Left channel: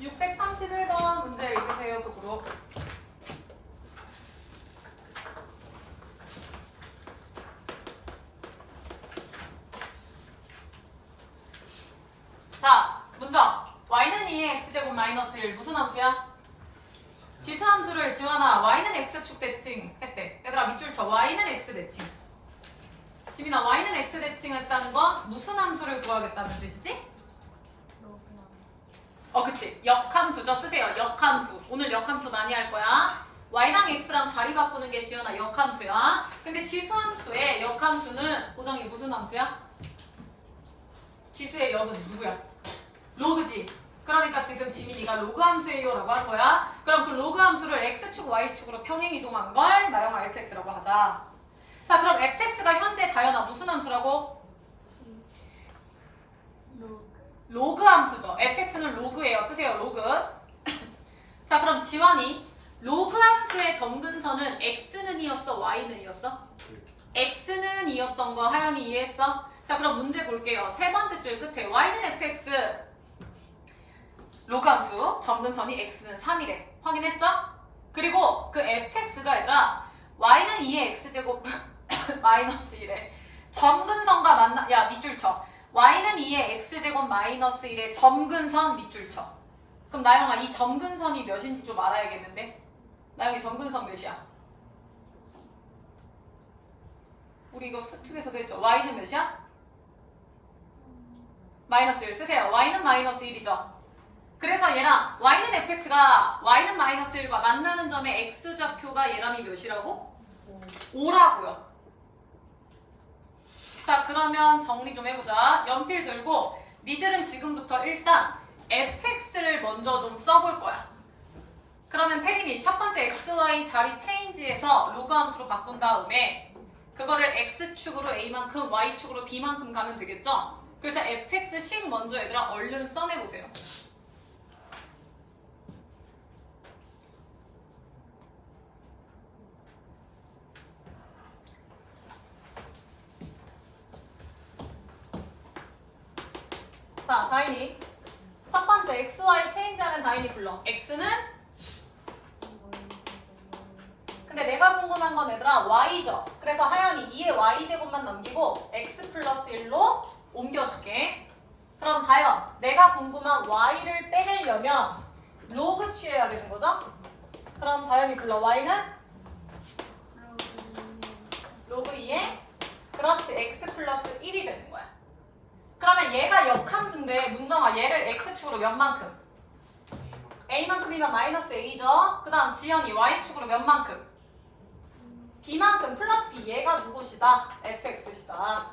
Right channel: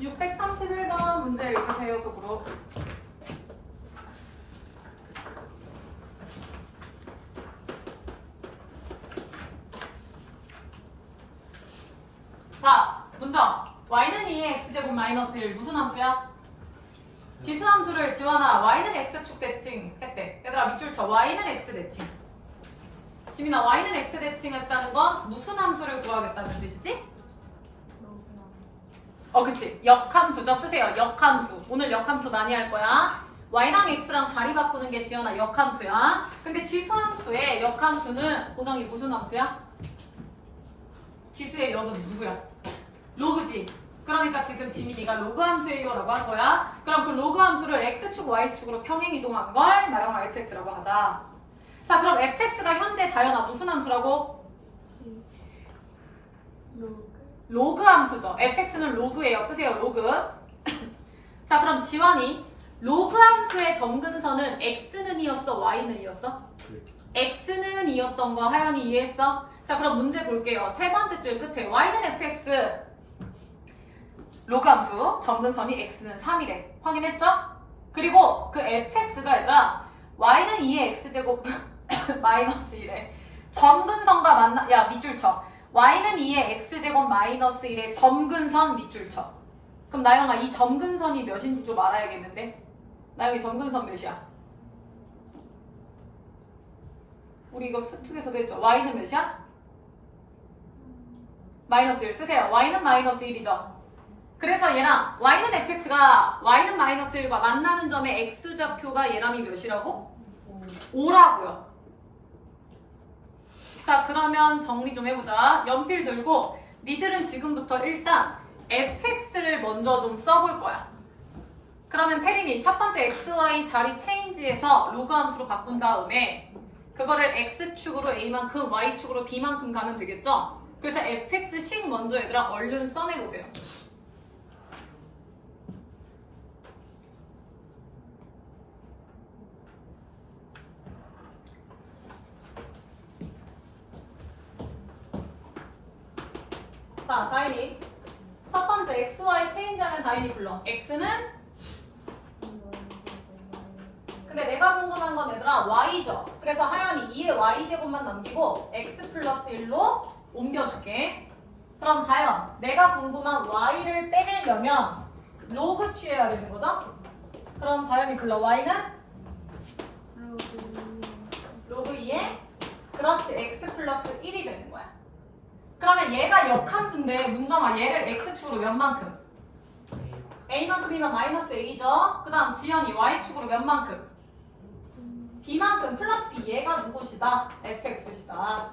631번 문제 읽으세요, 속으로. 자, 문장. y는 2의 x제곱 마이너스 1 무슨 함수야? 지수함수를 지원아 y는 x축 대칭 했대. 얘들아 밑줄 쳐. y는 x 대칭. 지민아 y는 x 대칭 했다는 건 무슨 함수를 구하겠다는 뜻이지? 그치. 역함수죠. 쓰세요. 역함수. 오늘 역함수 많이 할 거야. y랑 x랑 자리 바꾸는 게 지연아 역함수야. 근데 지수함수의 역함수는 보정이 무슨 함수야? 지수의 역은 누구야? 로그지. 그러니까 지금 지민이가 로그 함수예요 라고 할 거야. 그럼 그 로그 함수를 x축, y축으로 평행 이동한 걸 나영아 fx라고 하자. 자, 그럼 fx가 현재 다연아 무슨 함수라고? 로그 함수죠. fx는 로그예요. 쓰세요. 로그. 자, 그럼 지환이 로그 함수의 점근선은 x는 이었어? y는 이었어? x는 이었던 거 하연이 이해했어? 자, 그럼 문제 볼게요. 세 번째 줄 끝에 y는 fx 로그 함수 점근선이 x는 3이래. 확인했죠? 그리고 그 fx가 아니라 y는 2의 x제곱 마이너스 1에 점근선과 만나 야 밑줄 쳐. y는 2의 x제곱 마이너스 1의 점근선 밑줄 쳐. 그럼 나영아 이 점근선이 몇인지 좀 알아야겠는데. 나영이 점근선 몇이야? 우리 이거 특에서도 했죠. y는 몇이야? 마이너스 1 쓰세요. y는 마이너스 1이죠. 그래서 얘랑 y는 fx가 y는 마이너스 1과 만나는 점의 x좌표가 얘랑이 몇이라고? 5라고요. 자, 그러면 정리 좀 해보자. 연필 들고 니들은 지금부터 일단 fx를 먼저 좀 써볼 거야. 그러면 태림이 첫 번째 xy 자리 체인지에서 로그 함수로 바꾼 다음에 그거를 x축으로 a만큼 y축으로 b만큼 가면 되겠죠? 그래서 fx식 먼저 얘들아 얼른 써내보세요. 자, 다인이 첫 번째 xy 체인지하면 다인이 불러. x는 근데 내가 궁금한 건 얘들아 y죠. 그래서 하연이 2의 y제곱만 남기고 x 플러스 1로 옮겨줄게. 그럼 다현 내가 궁금한 y를 빼내려면 로그 취해야 되는 거죠? 그럼 다현이 불러. y는 로그 2에 그렇지 x 플러스 1이 되는 거야. 그러면 얘가 역함수인데 문정아 얘를 x축으로 몇 만큼? a만큼이면 마이너스 a죠. 그 다음 지연이 y축으로 몇 만큼? b만큼 플러스 b. 얘가 누구시다? fx시다.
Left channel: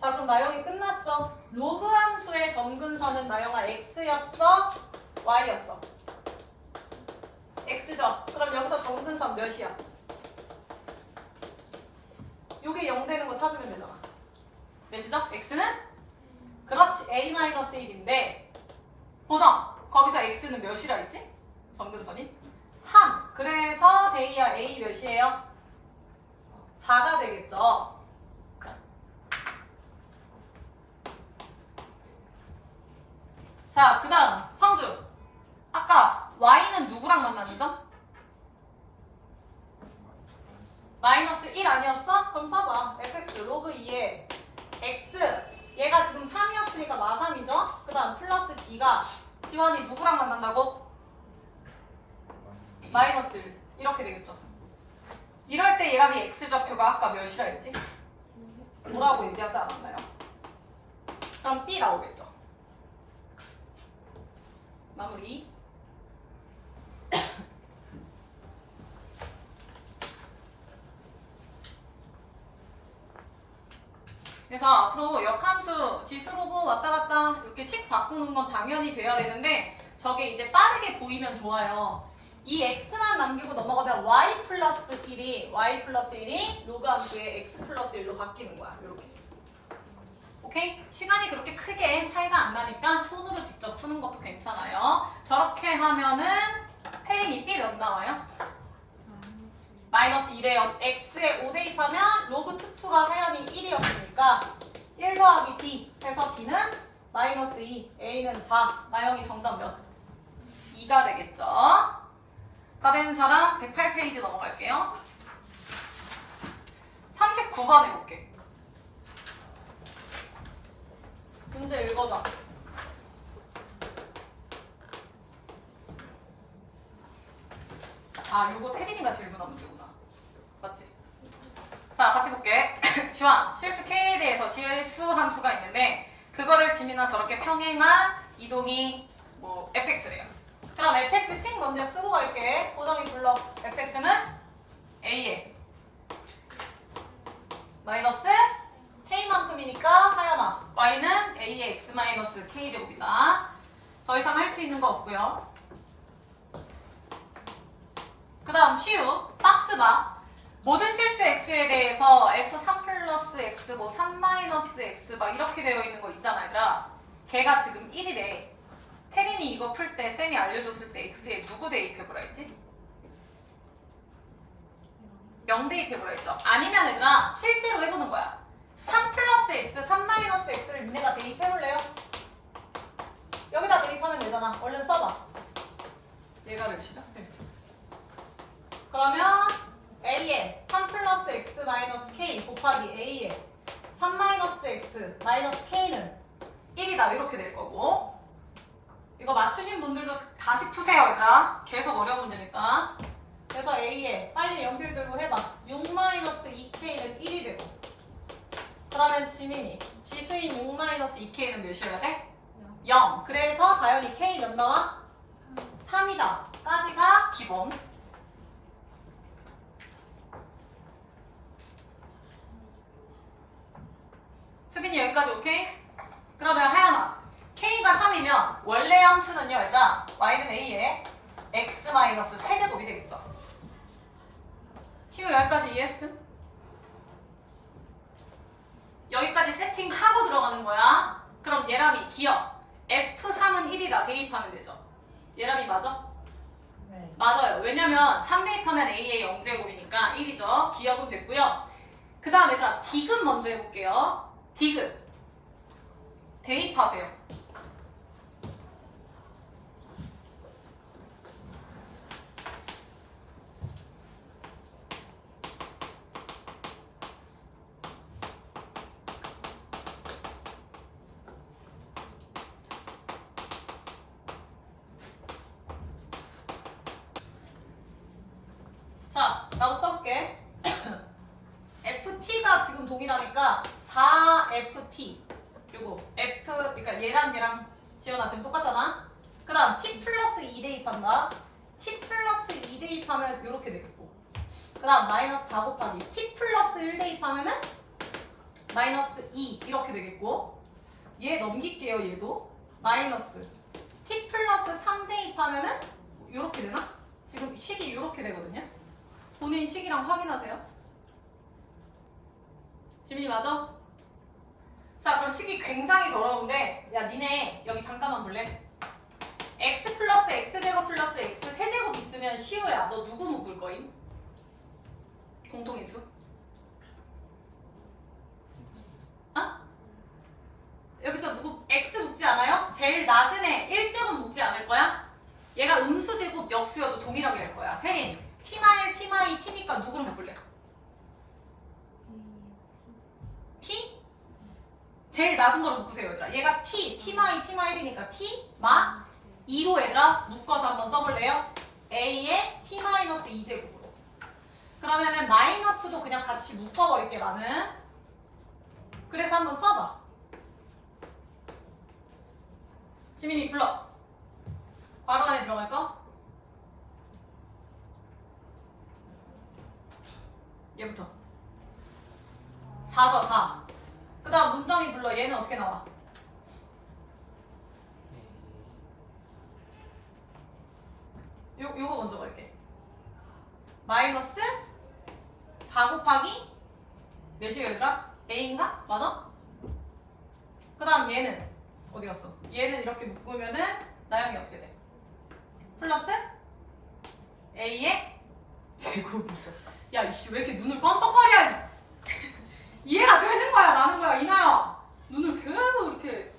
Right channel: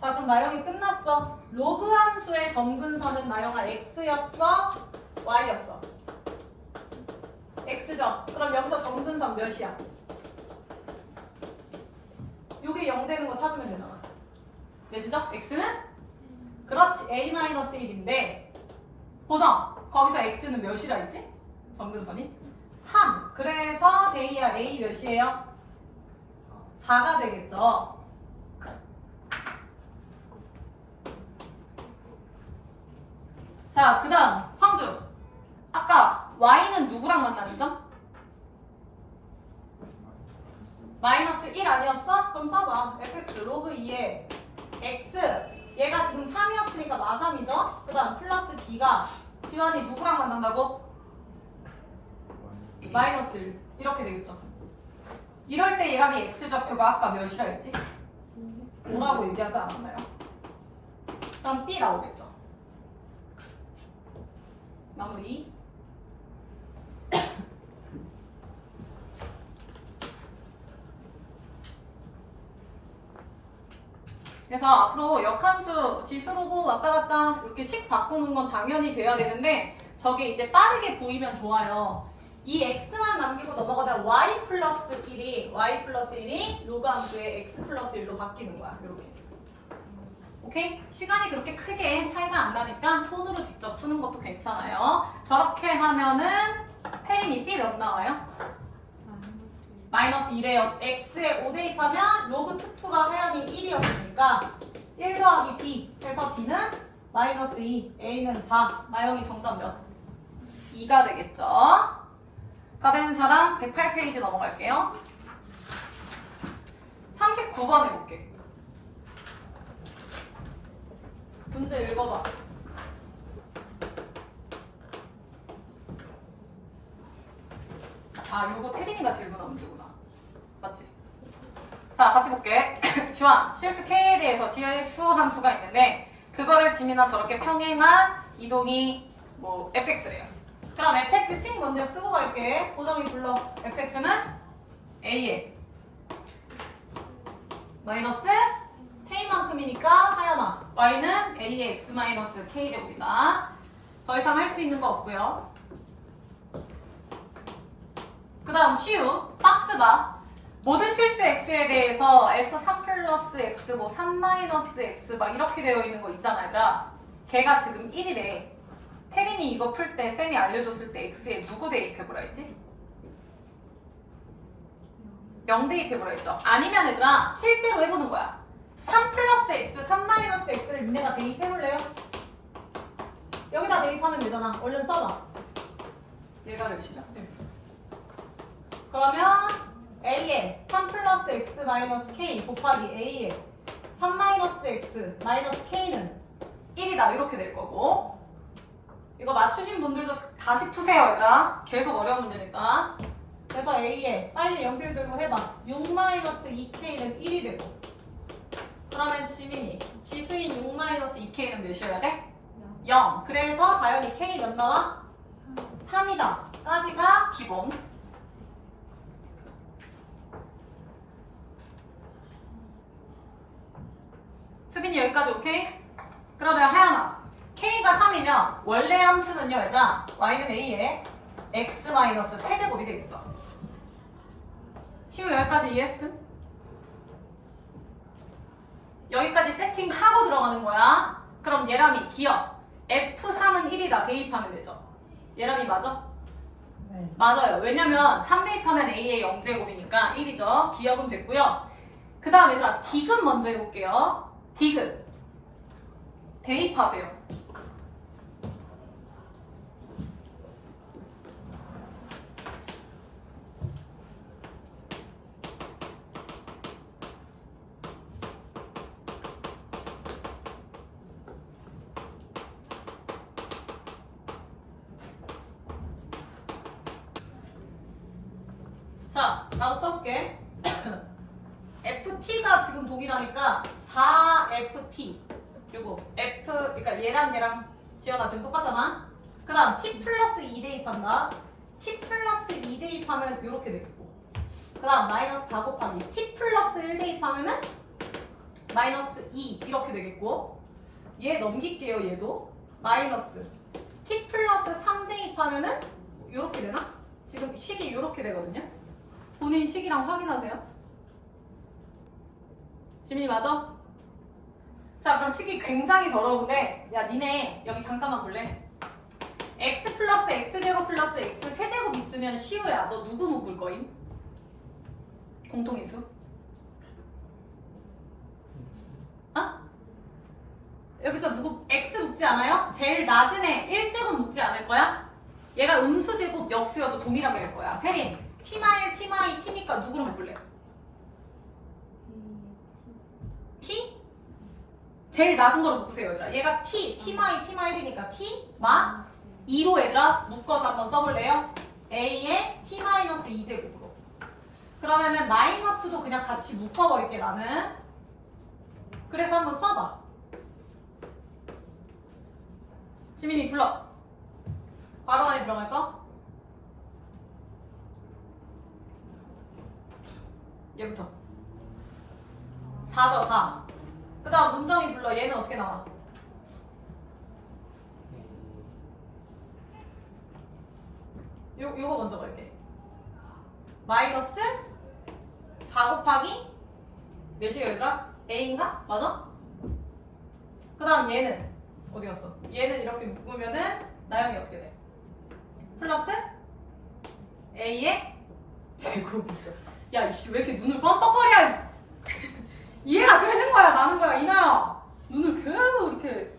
자, 그럼 나영이 끝났어. 로그 함수의 점근선은 나영아 x였어? y였어? x죠. 그럼 여기서 점근선 몇이야? 요게 0 되는 거 찾으면 되잖아. 몇이죠? x는? 그렇지. a-1인데 보정. 거기서 x는 몇이라 했지? 점근선이? 3. 그래서 데이야 a 몇이에요? 4가 되겠죠. 자, 그 다음 성준. 아까 y는 누구랑 만나는 점? 마이너스 1 아니었어? 그럼 써봐. fx 로그 2에 x 얘가 지금 3이었으니까 마3이죠? 그 다음 플러스 b가 지환이 누구랑 만난다고? 마이너스 1 이렇게 되겠죠. 이럴 때 얘랑이 x좌표가 아까 몇이라 했지? 5라고 얘기하지 않았나요? 그럼 b 나오겠죠. 마무리. 그래서 앞으로 역함수 지수로고 왔다 갔다 이렇게 식 바꾸는 건 당연히 돼야 되는데 저게 이제 빠르게 보이면 좋아요. 이 x만 남기고 넘어가다 y 플러스 1이 로그 함수의 x 플러스 1로 바뀌는 거야. 이렇게. 오케이? 시간이 그렇게 크게 차이가 안 나니까 손으로 직접 푸는 것도 괜찮아요. 저렇게 하면은 혜린이 b 몇 나와요? 마이너스 1에요. x에 5 대입하면 로그 특수가 하연이 1이었으니까 1 더하기 b 해서 b는 마이너스 2, A는 4. 나영이 정답 몇? 2가 되겠죠? 다 된 사람 108페이지 넘어갈게요. 39번 해볼게. 문제 읽어봐. 아, 요거 태린이가 질문한 문제구나. 맞지? 자, 같이 볼게. 지원, 실수 K에 대해서 질수 함수가 있는데 그거를 지민아 저렇게 평행한 이동이 뭐 fx래요. 그럼 fx씩 먼저 쓰고 갈게. 고정이 불러. fx는 a에 마이너스 k만큼이니까 하연아. y는 a의 x 마이너스 k제곱이다. 더 이상 할 수 있는 거 없고요. 그 다음 시우 박스바. 모든 실수 x에 대해서 f3 플러스 x, 뭐 3 마이너스 x 막 이렇게 되어 있는 거 있잖아, 얘들아. 걔가 지금 1이래. 태린이 이거 풀 때 쌤이 알려줬을 때 x에 누구 대입해보라 했지? 0 대입해보라 했죠? 아니면 얘들아 실제로 해보는 거야. 3 플러스 x, 3 마이너스 x를 니네가 대입해볼래요? 여기다 대입하면 되잖아. 얼른 써봐. 얘가 몇이죠? 네. 그러면 a에 3 플러스 x 마이너스 k 곱하기 a에 3 마이너스 x 마이너스 k는 1이다. 이렇게 될 거고. 이거 맞추신 분들도 다시 푸세요, 얘들아. 계속 어려운 문제니까. 그래서 a에 빨리 연필 들고 해봐. 6 마이너스 2k는 1이 되고. 그러면 지민이 지수인 6 마이너스 2k는 몇이어야 돼? 0. 그래서 다현이 k 몇 나와? 3이다. 까지가 기본. 수빈이 여기까지 오케이? 그러면 하연아 k가 3이면 원래 함수는요 얘들아 y는 a에 x 마이너스 세제곱이 되겠죠. 시우 여기까지 이해했음? 여기까지 세팅하고 들어가는 거야. 그럼 얘람이 기억 f3은 1이다 대입하면 되죠. 얘람이 맞아? 네. 맞아요. 왜냐면 3 대입하면 a의 0제곱이니까 1이죠. 기억은 됐고요. 그 다음 얘들아 디귿 먼저 해볼게요. 디귿 대입하세요. 자, 나도 써볼게. ft가 지금 동일하니까 4ft 그리고 f, 그러니까 얘랑 지연아 지금 똑같잖아. 그 다음 t 플러스 2 대입한다. t 플러스 2 대입하면 이렇게 되겠고, 그 다음 마이너스 4 곱하기 t 플러스 1 대입하면은 마이너스 2 이렇게 되겠고, 얘 넘길게요. 얘도 마이너스 t 플러스 3 대입하면은 이렇게 되나? 지금 식이 이렇게 되거든요. 본인 식이랑 확인하세요. 지민이 맞아? 자, 그럼 식이 굉장히 더러운데, 야 니네 여기 잠깐만 볼래? x 플러스 x제곱 플러스 x 세제곱 있으면 시우야 너 누구 묶을 거임? 공통인수? 어? 여기서 누구 x 묶지 않아요? 제일 낮은 애 1제곱 묶지 않을 거야? 얘가 음수제곱 역수여도 동일하게 될 거야. 혜린 t마일 t마이 t니까 누구를 묶을래? t? 제일 낮은 거로 묶으세요 얘들아. 얘가 t, t마이 t마일이니까 t, 마 2로 얘들아 묶어서 한번 써볼래요? a에 t-2제곱으로. 그러면은 마이너스도 그냥 같이 묶어버릴게 나는. 그래서 한번 써봐. 지민이 불러. 괄호 안에 들어갈 거? 얘부터 4죠 4. 그 다음 문정이 불러. 얘는 어떻게 나와? 요거 먼저 갈게. 마이너스 4 곱하기 몇이에요 얘들아? a인가? 맞아? 그 다음 얘는 어디 갔어? 얘는 이렇게 묶으면은 나영이 어떻게 돼? 플러스 a의 제곱이죠. 야 이씨 왜 이렇게 눈을 껌뻑거려. 이해가 되는 거야 마는 거야 이나야. 눈을 계속 이렇게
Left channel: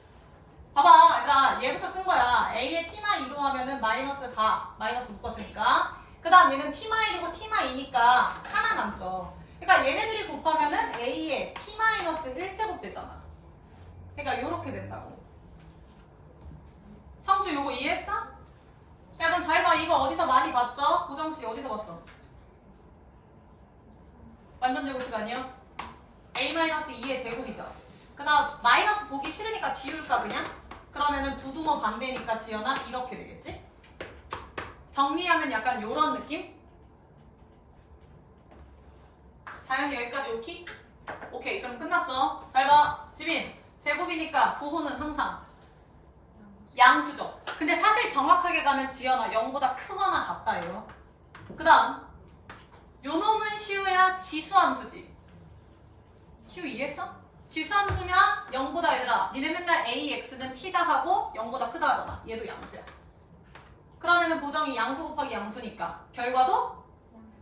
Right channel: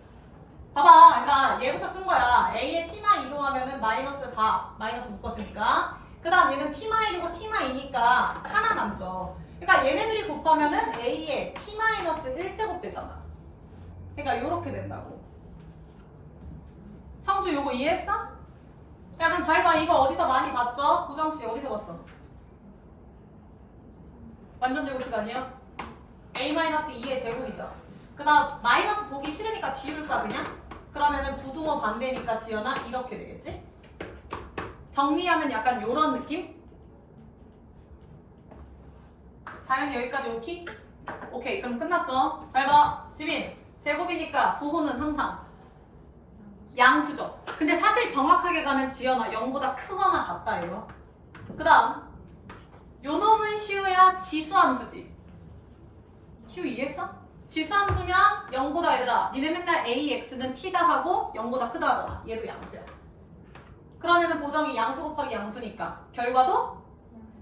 봐봐 얘들아 얘부터 쓴 거야. A에 T-2로 하면은 마이너스 4 마이너스 묶었으니까 그 다음 얘는 T-1이고 T-2니까 하나 남죠. 그러니까 얘네들이 곱하면은 A에 T-1제곱 되잖아. 그러니까 요렇게 된다고. 성주 요거 이해했어? 야 그럼 잘 봐. 이거 어디서 많이 봤죠? 구정씨 어디서 봤어? 완전 제곱식 아니야? A-2의 제곱이죠. 그 다음 마이너스 보기 싫으니까 지울까 그냥? 그러면은 부등호 반대니까 지연아 이렇게 되겠지? 정리하면 약간 요런 느낌? 당연히 여기까지 오케이? 오케이 그럼 끝났어. 잘 봐. 지민 제곱이니까 부호는 항상 양수죠. 근데 사실 정확하게 가면 지연아 0보다 크거나 같다예요. 그 다음 요 놈은 시우야 지수함수지. 시우 이해했어? 지수함수면 0보다 얘들아 니네 맨날 AX는 T다 하고 0보다 크다 하잖아. 얘도 양수야. 그러면은 보정이 양수 곱하기 양수니까 결과도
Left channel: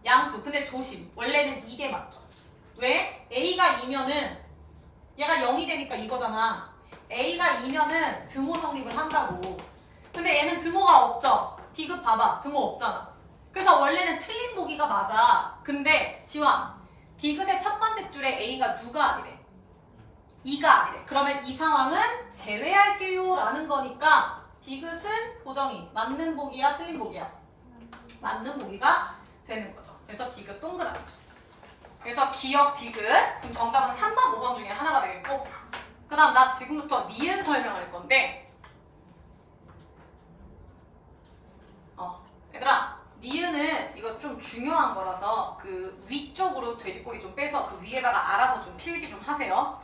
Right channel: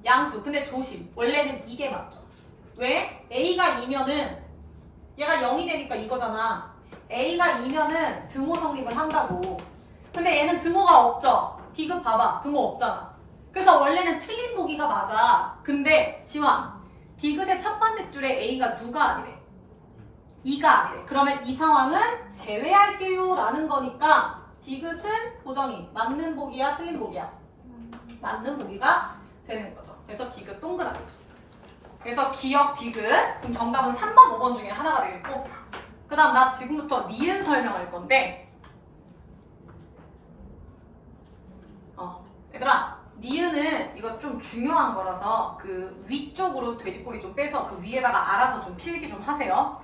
양수. 근데 조심 원래는 이게 맞죠. 왜? A가 2면은 얘가 0이 되니까 이거잖아. A가 2면은 등호 성립을 한다고. 근데 얘는 등호가 없죠. D급 봐봐. 등호 없잖아. 그래서 원래는 틀린 보기가 맞아. 근데 지환 D급의 첫 번째 줄에 A가 누가 아니래? 2가 아니래. 그러면 이 상황은 제외할게요 라는 거니까 D급은 보정이 맞는 보기야 틀린 보기야? 맞는 보기가 되는 거죠. 그래서 D급 동그라미죠. 그래서 기억 D급. 그럼 정답은 3번, 5번 중에 하나가 되겠고 그 다음 나 지금부터 니은 설명할 건데 얘들아 니은은 이거 좀 중요한 거라서 그 위쪽으로 돼지꼬리 좀 빼서 그 위에다가 알아서 좀 필기 좀 하세요.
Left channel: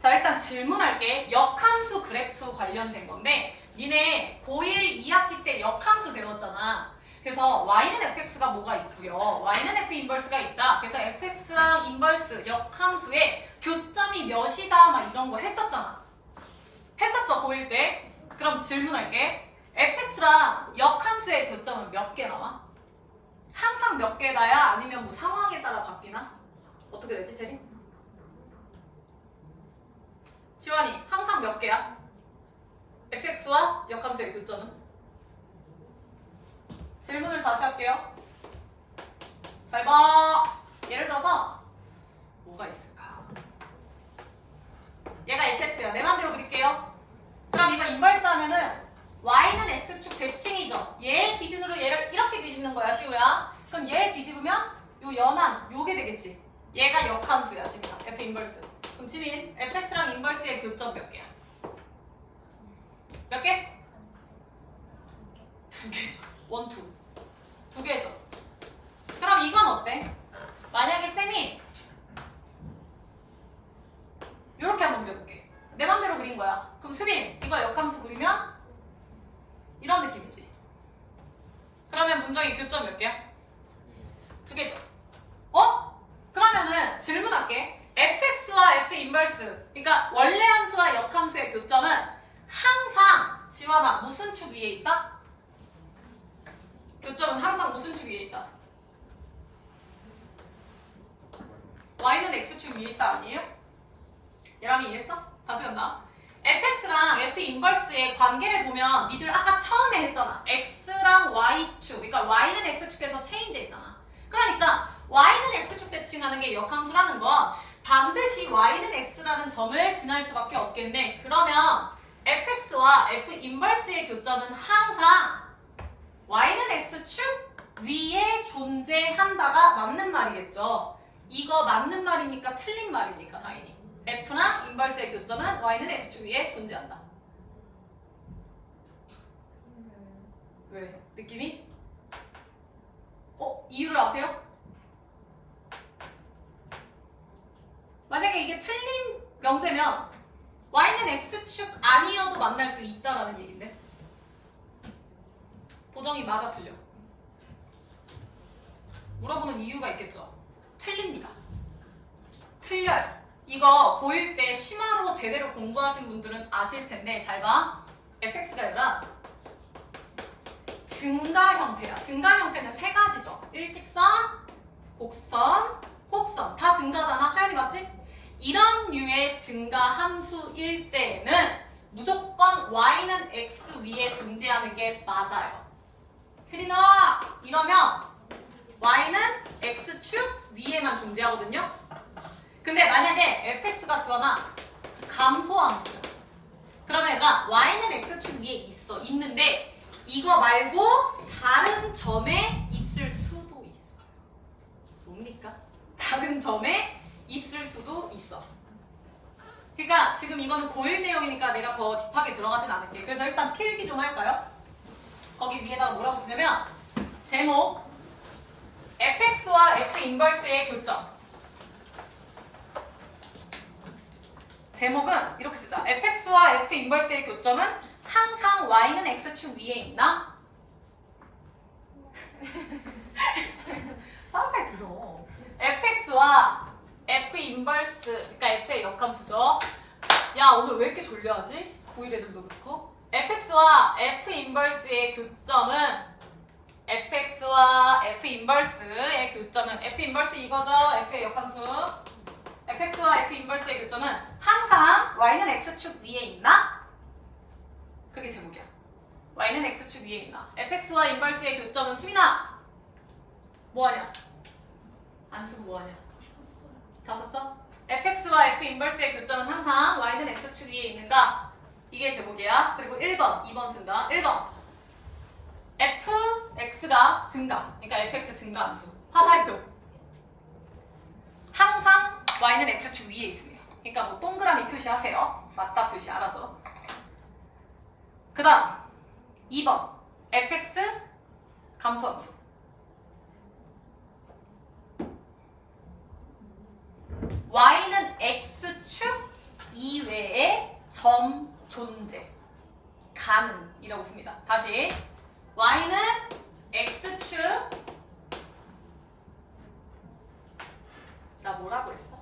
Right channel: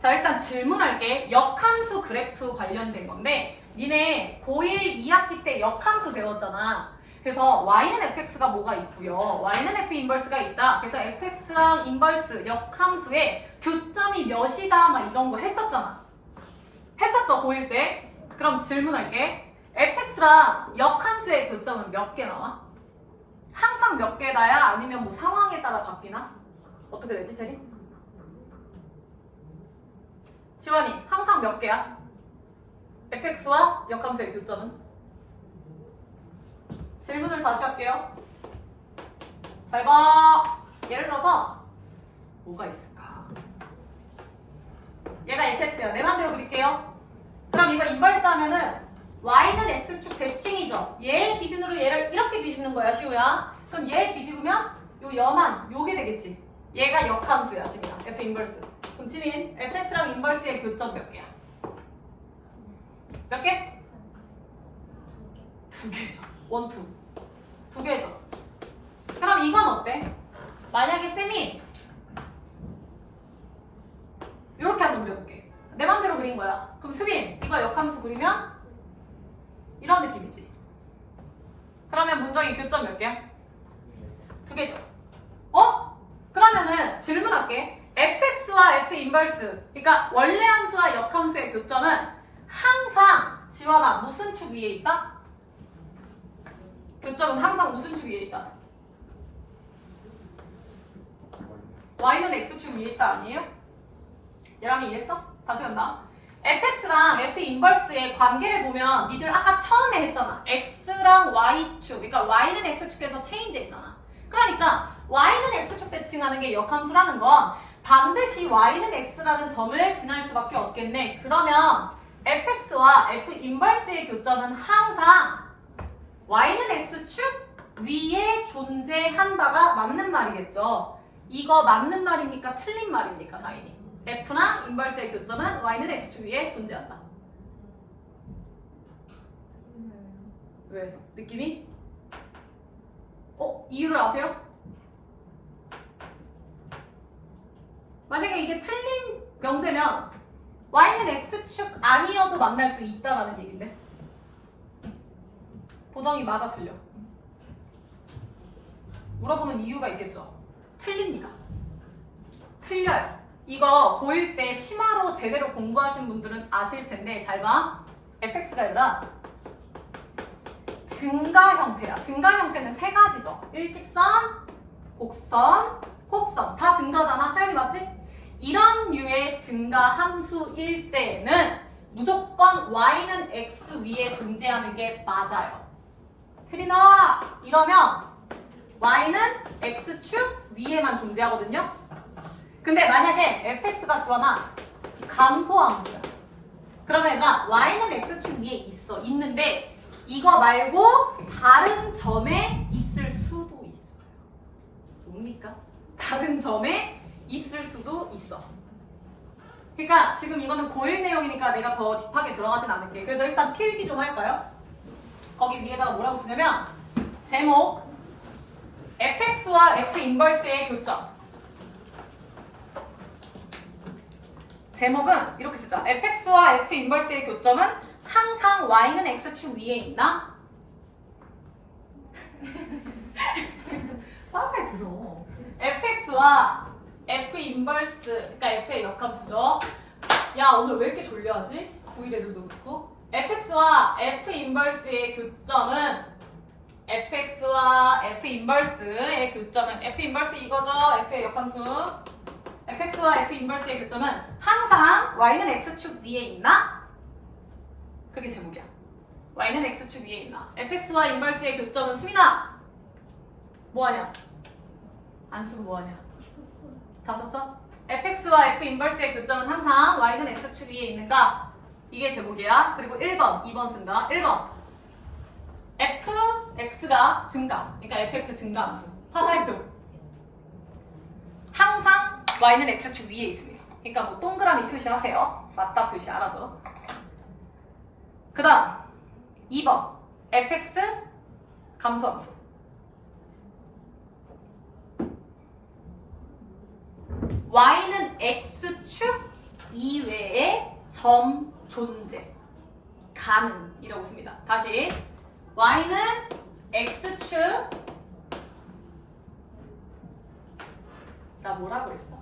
자 일단 질문할게. 역함수 그래프 관련된 건데 니네 고1 2학기 때 역함수 배웠잖아. 그래서 y는 fx가 뭐가 있고요. y는 f 인버스가 있다. 그래서 fx랑 인버스 역함수의 교점이 몇이다 막 이런 거 했었잖아. 했었어 고1 때. 그럼 질문할게. fx랑 역함수의 교점은 몇 개 나와? 항상 몇 개나야? 아니면 뭐 상황에 따라 바뀌나? 어떻게 되지 대리? 지원이 항상 몇 개야? fx와 역함수의 교점은? 질문을 다시 할게요. 잘 봐. 예를 들어서 뭐가 있을까? 얘가 fx야. 내 맘대로 그릴게요. 그럼 이거 인버스 하면은 y는 x축 대칭이죠. 얘 기준으로 얘를 이렇게 뒤집는 거야 시우야. 그럼 얘 뒤집으면 요 연한 요게 되겠지. 얘가 역함수야 지민아. f 인버스. 그럼 지민 fx랑 인버스의 교점 몇 개야? 몇 개? 2개죠. 1, 2. 2개죠. 그럼 이건 어때? 만약에 쌤이 이렇게 한번 그려볼게. 내 맘대로 그린 거야. 그럼 수빈 이거 역함수 그리면 이런 느낌이지. 그러면 문정이 교점 몇 개야? 2개죠. 그러면은 질문할게. fx와 f 인버스 그러니까 원래 함수와 역함수의 교점은 항상 지원아 무슨 축 위에 있다? 교점은 항상 무슨 축 위에 있다? y는 x축 위에 있다 아니에요? 얘랑 이해했어? 다시 간다. fx랑 f 인버스의 관계를 보면 니들 아까 처음에 했잖아. x랑 y축 그러니까 y는 x축에서 체인지했잖아. 그러니까 y는 x축 대칭하는 게 역함수라는 건 반드시 y는 x라는 점을 지날 수밖에 없겠네. 그러면 fx와 f 인버스의 교점은 항상 y는 x축 위에 존재한다가 맞는 말이겠죠. 이거 맞는 말입니까? 틀린 말입니까? 당연히. f랑 인버스의 교점은 y는 x축 위에 존재한다. 왜? 느낌이? 이유를 아세요? 만약에 이게 틀린 명제면 y는 x축 아니어도 만날 수 있다라는 얘긴데 보정이 맞아 틀려? 물어보는 이유가 있겠죠. 틀립니다. 틀려요. 이거 고1 때 심화로 제대로 공부하신 분들은 아실 텐데 잘 봐. fx가 아니라 증가 형태야. 증가 형태는 세 가지죠. 일직선, 곡선, 곡선. 다 증가잖아. 하연이 맞지? 이런 류의 증가 함수일 때는 무조건 y는 x 위에 존재하는 게 맞아요. 혜린아 이러면 y는 x축 위에만 존재하거든요. 근데 만약에 fx가 지원아 감소함수야. 그러면 얘들아 y는 x축 위에 있는데 이거 말고 다른 점에 있을 수도 있어요. 뭡니까? 다른 점에 있을 수도 있어. 그러니까 지금 이거는 고1 내용이니까 내가 더 딥하게 들어가진 않을게. 그래서 일단 필기 좀 할까요? 거기 위에다가 뭐라고 쓰냐면 제목 fx와 f 인버스의 교점. 제목은 이렇게 쓰자. fx와 f 인버스의 교점은 항상 y는 x축 위에 있나? 빨리 들어. fx와 f 인버스, 그러니까 f의 역함수죠. 야 오늘 왜 이렇게 졸려하지? 고1 애들도 그렇고. fx와 f 인버스의 교점은 fx와 f 인버스의 교점은 f 인버스 이거죠. f의 역함수. fx와 f 인버스의 교점은 항상 y는 x축 위에 있나? 그게 제목이야. y는 x축 위에 있나? fx와 인버스의 교점은 수민아 뭐하냐? 안 쓰고 뭐하냐? 다 썼어? fx와 f 인버스의 교점은 항상 y는 x축 위에 있는가? 이게 제목이야. 그리고 1번, 2번 쓴다. 1번 fx가 증가, 그러니까 fx 증가함수 화살표. 항상 y는 x축 위에 있습니다. 그러니까 뭐 동그라미 표시하세요. 맞다 표시 알아서. 그 다음 2번 fx 감소함수. y는 x축 이외의 점 존재 가능이라고 씁니다. 다시 y는 x축 나 뭐라고 했어?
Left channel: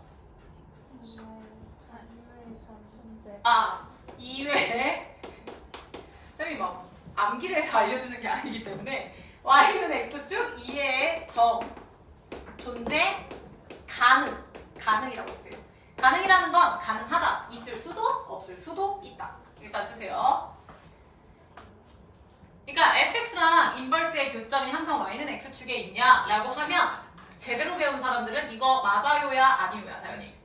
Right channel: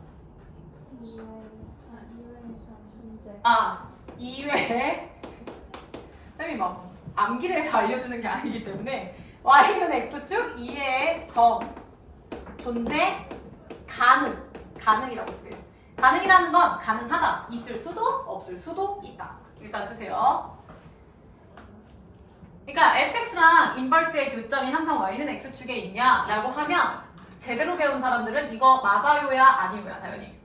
이외에 쌤이 막 암기를 해서 알려주는 게 아니기 때문에 y는 x축 이외의 점 존재 가능이라고 써요. 가능이라는 건 가능하다. 있을 수도 없을 수도 있다. 일단 쓰세요. 그러니까 fx랑 인버스의 교점이 항상 y는 x축에 있냐라고 하면 제대로 배운 사람들은 이거 맞아요야 아니요야 당연히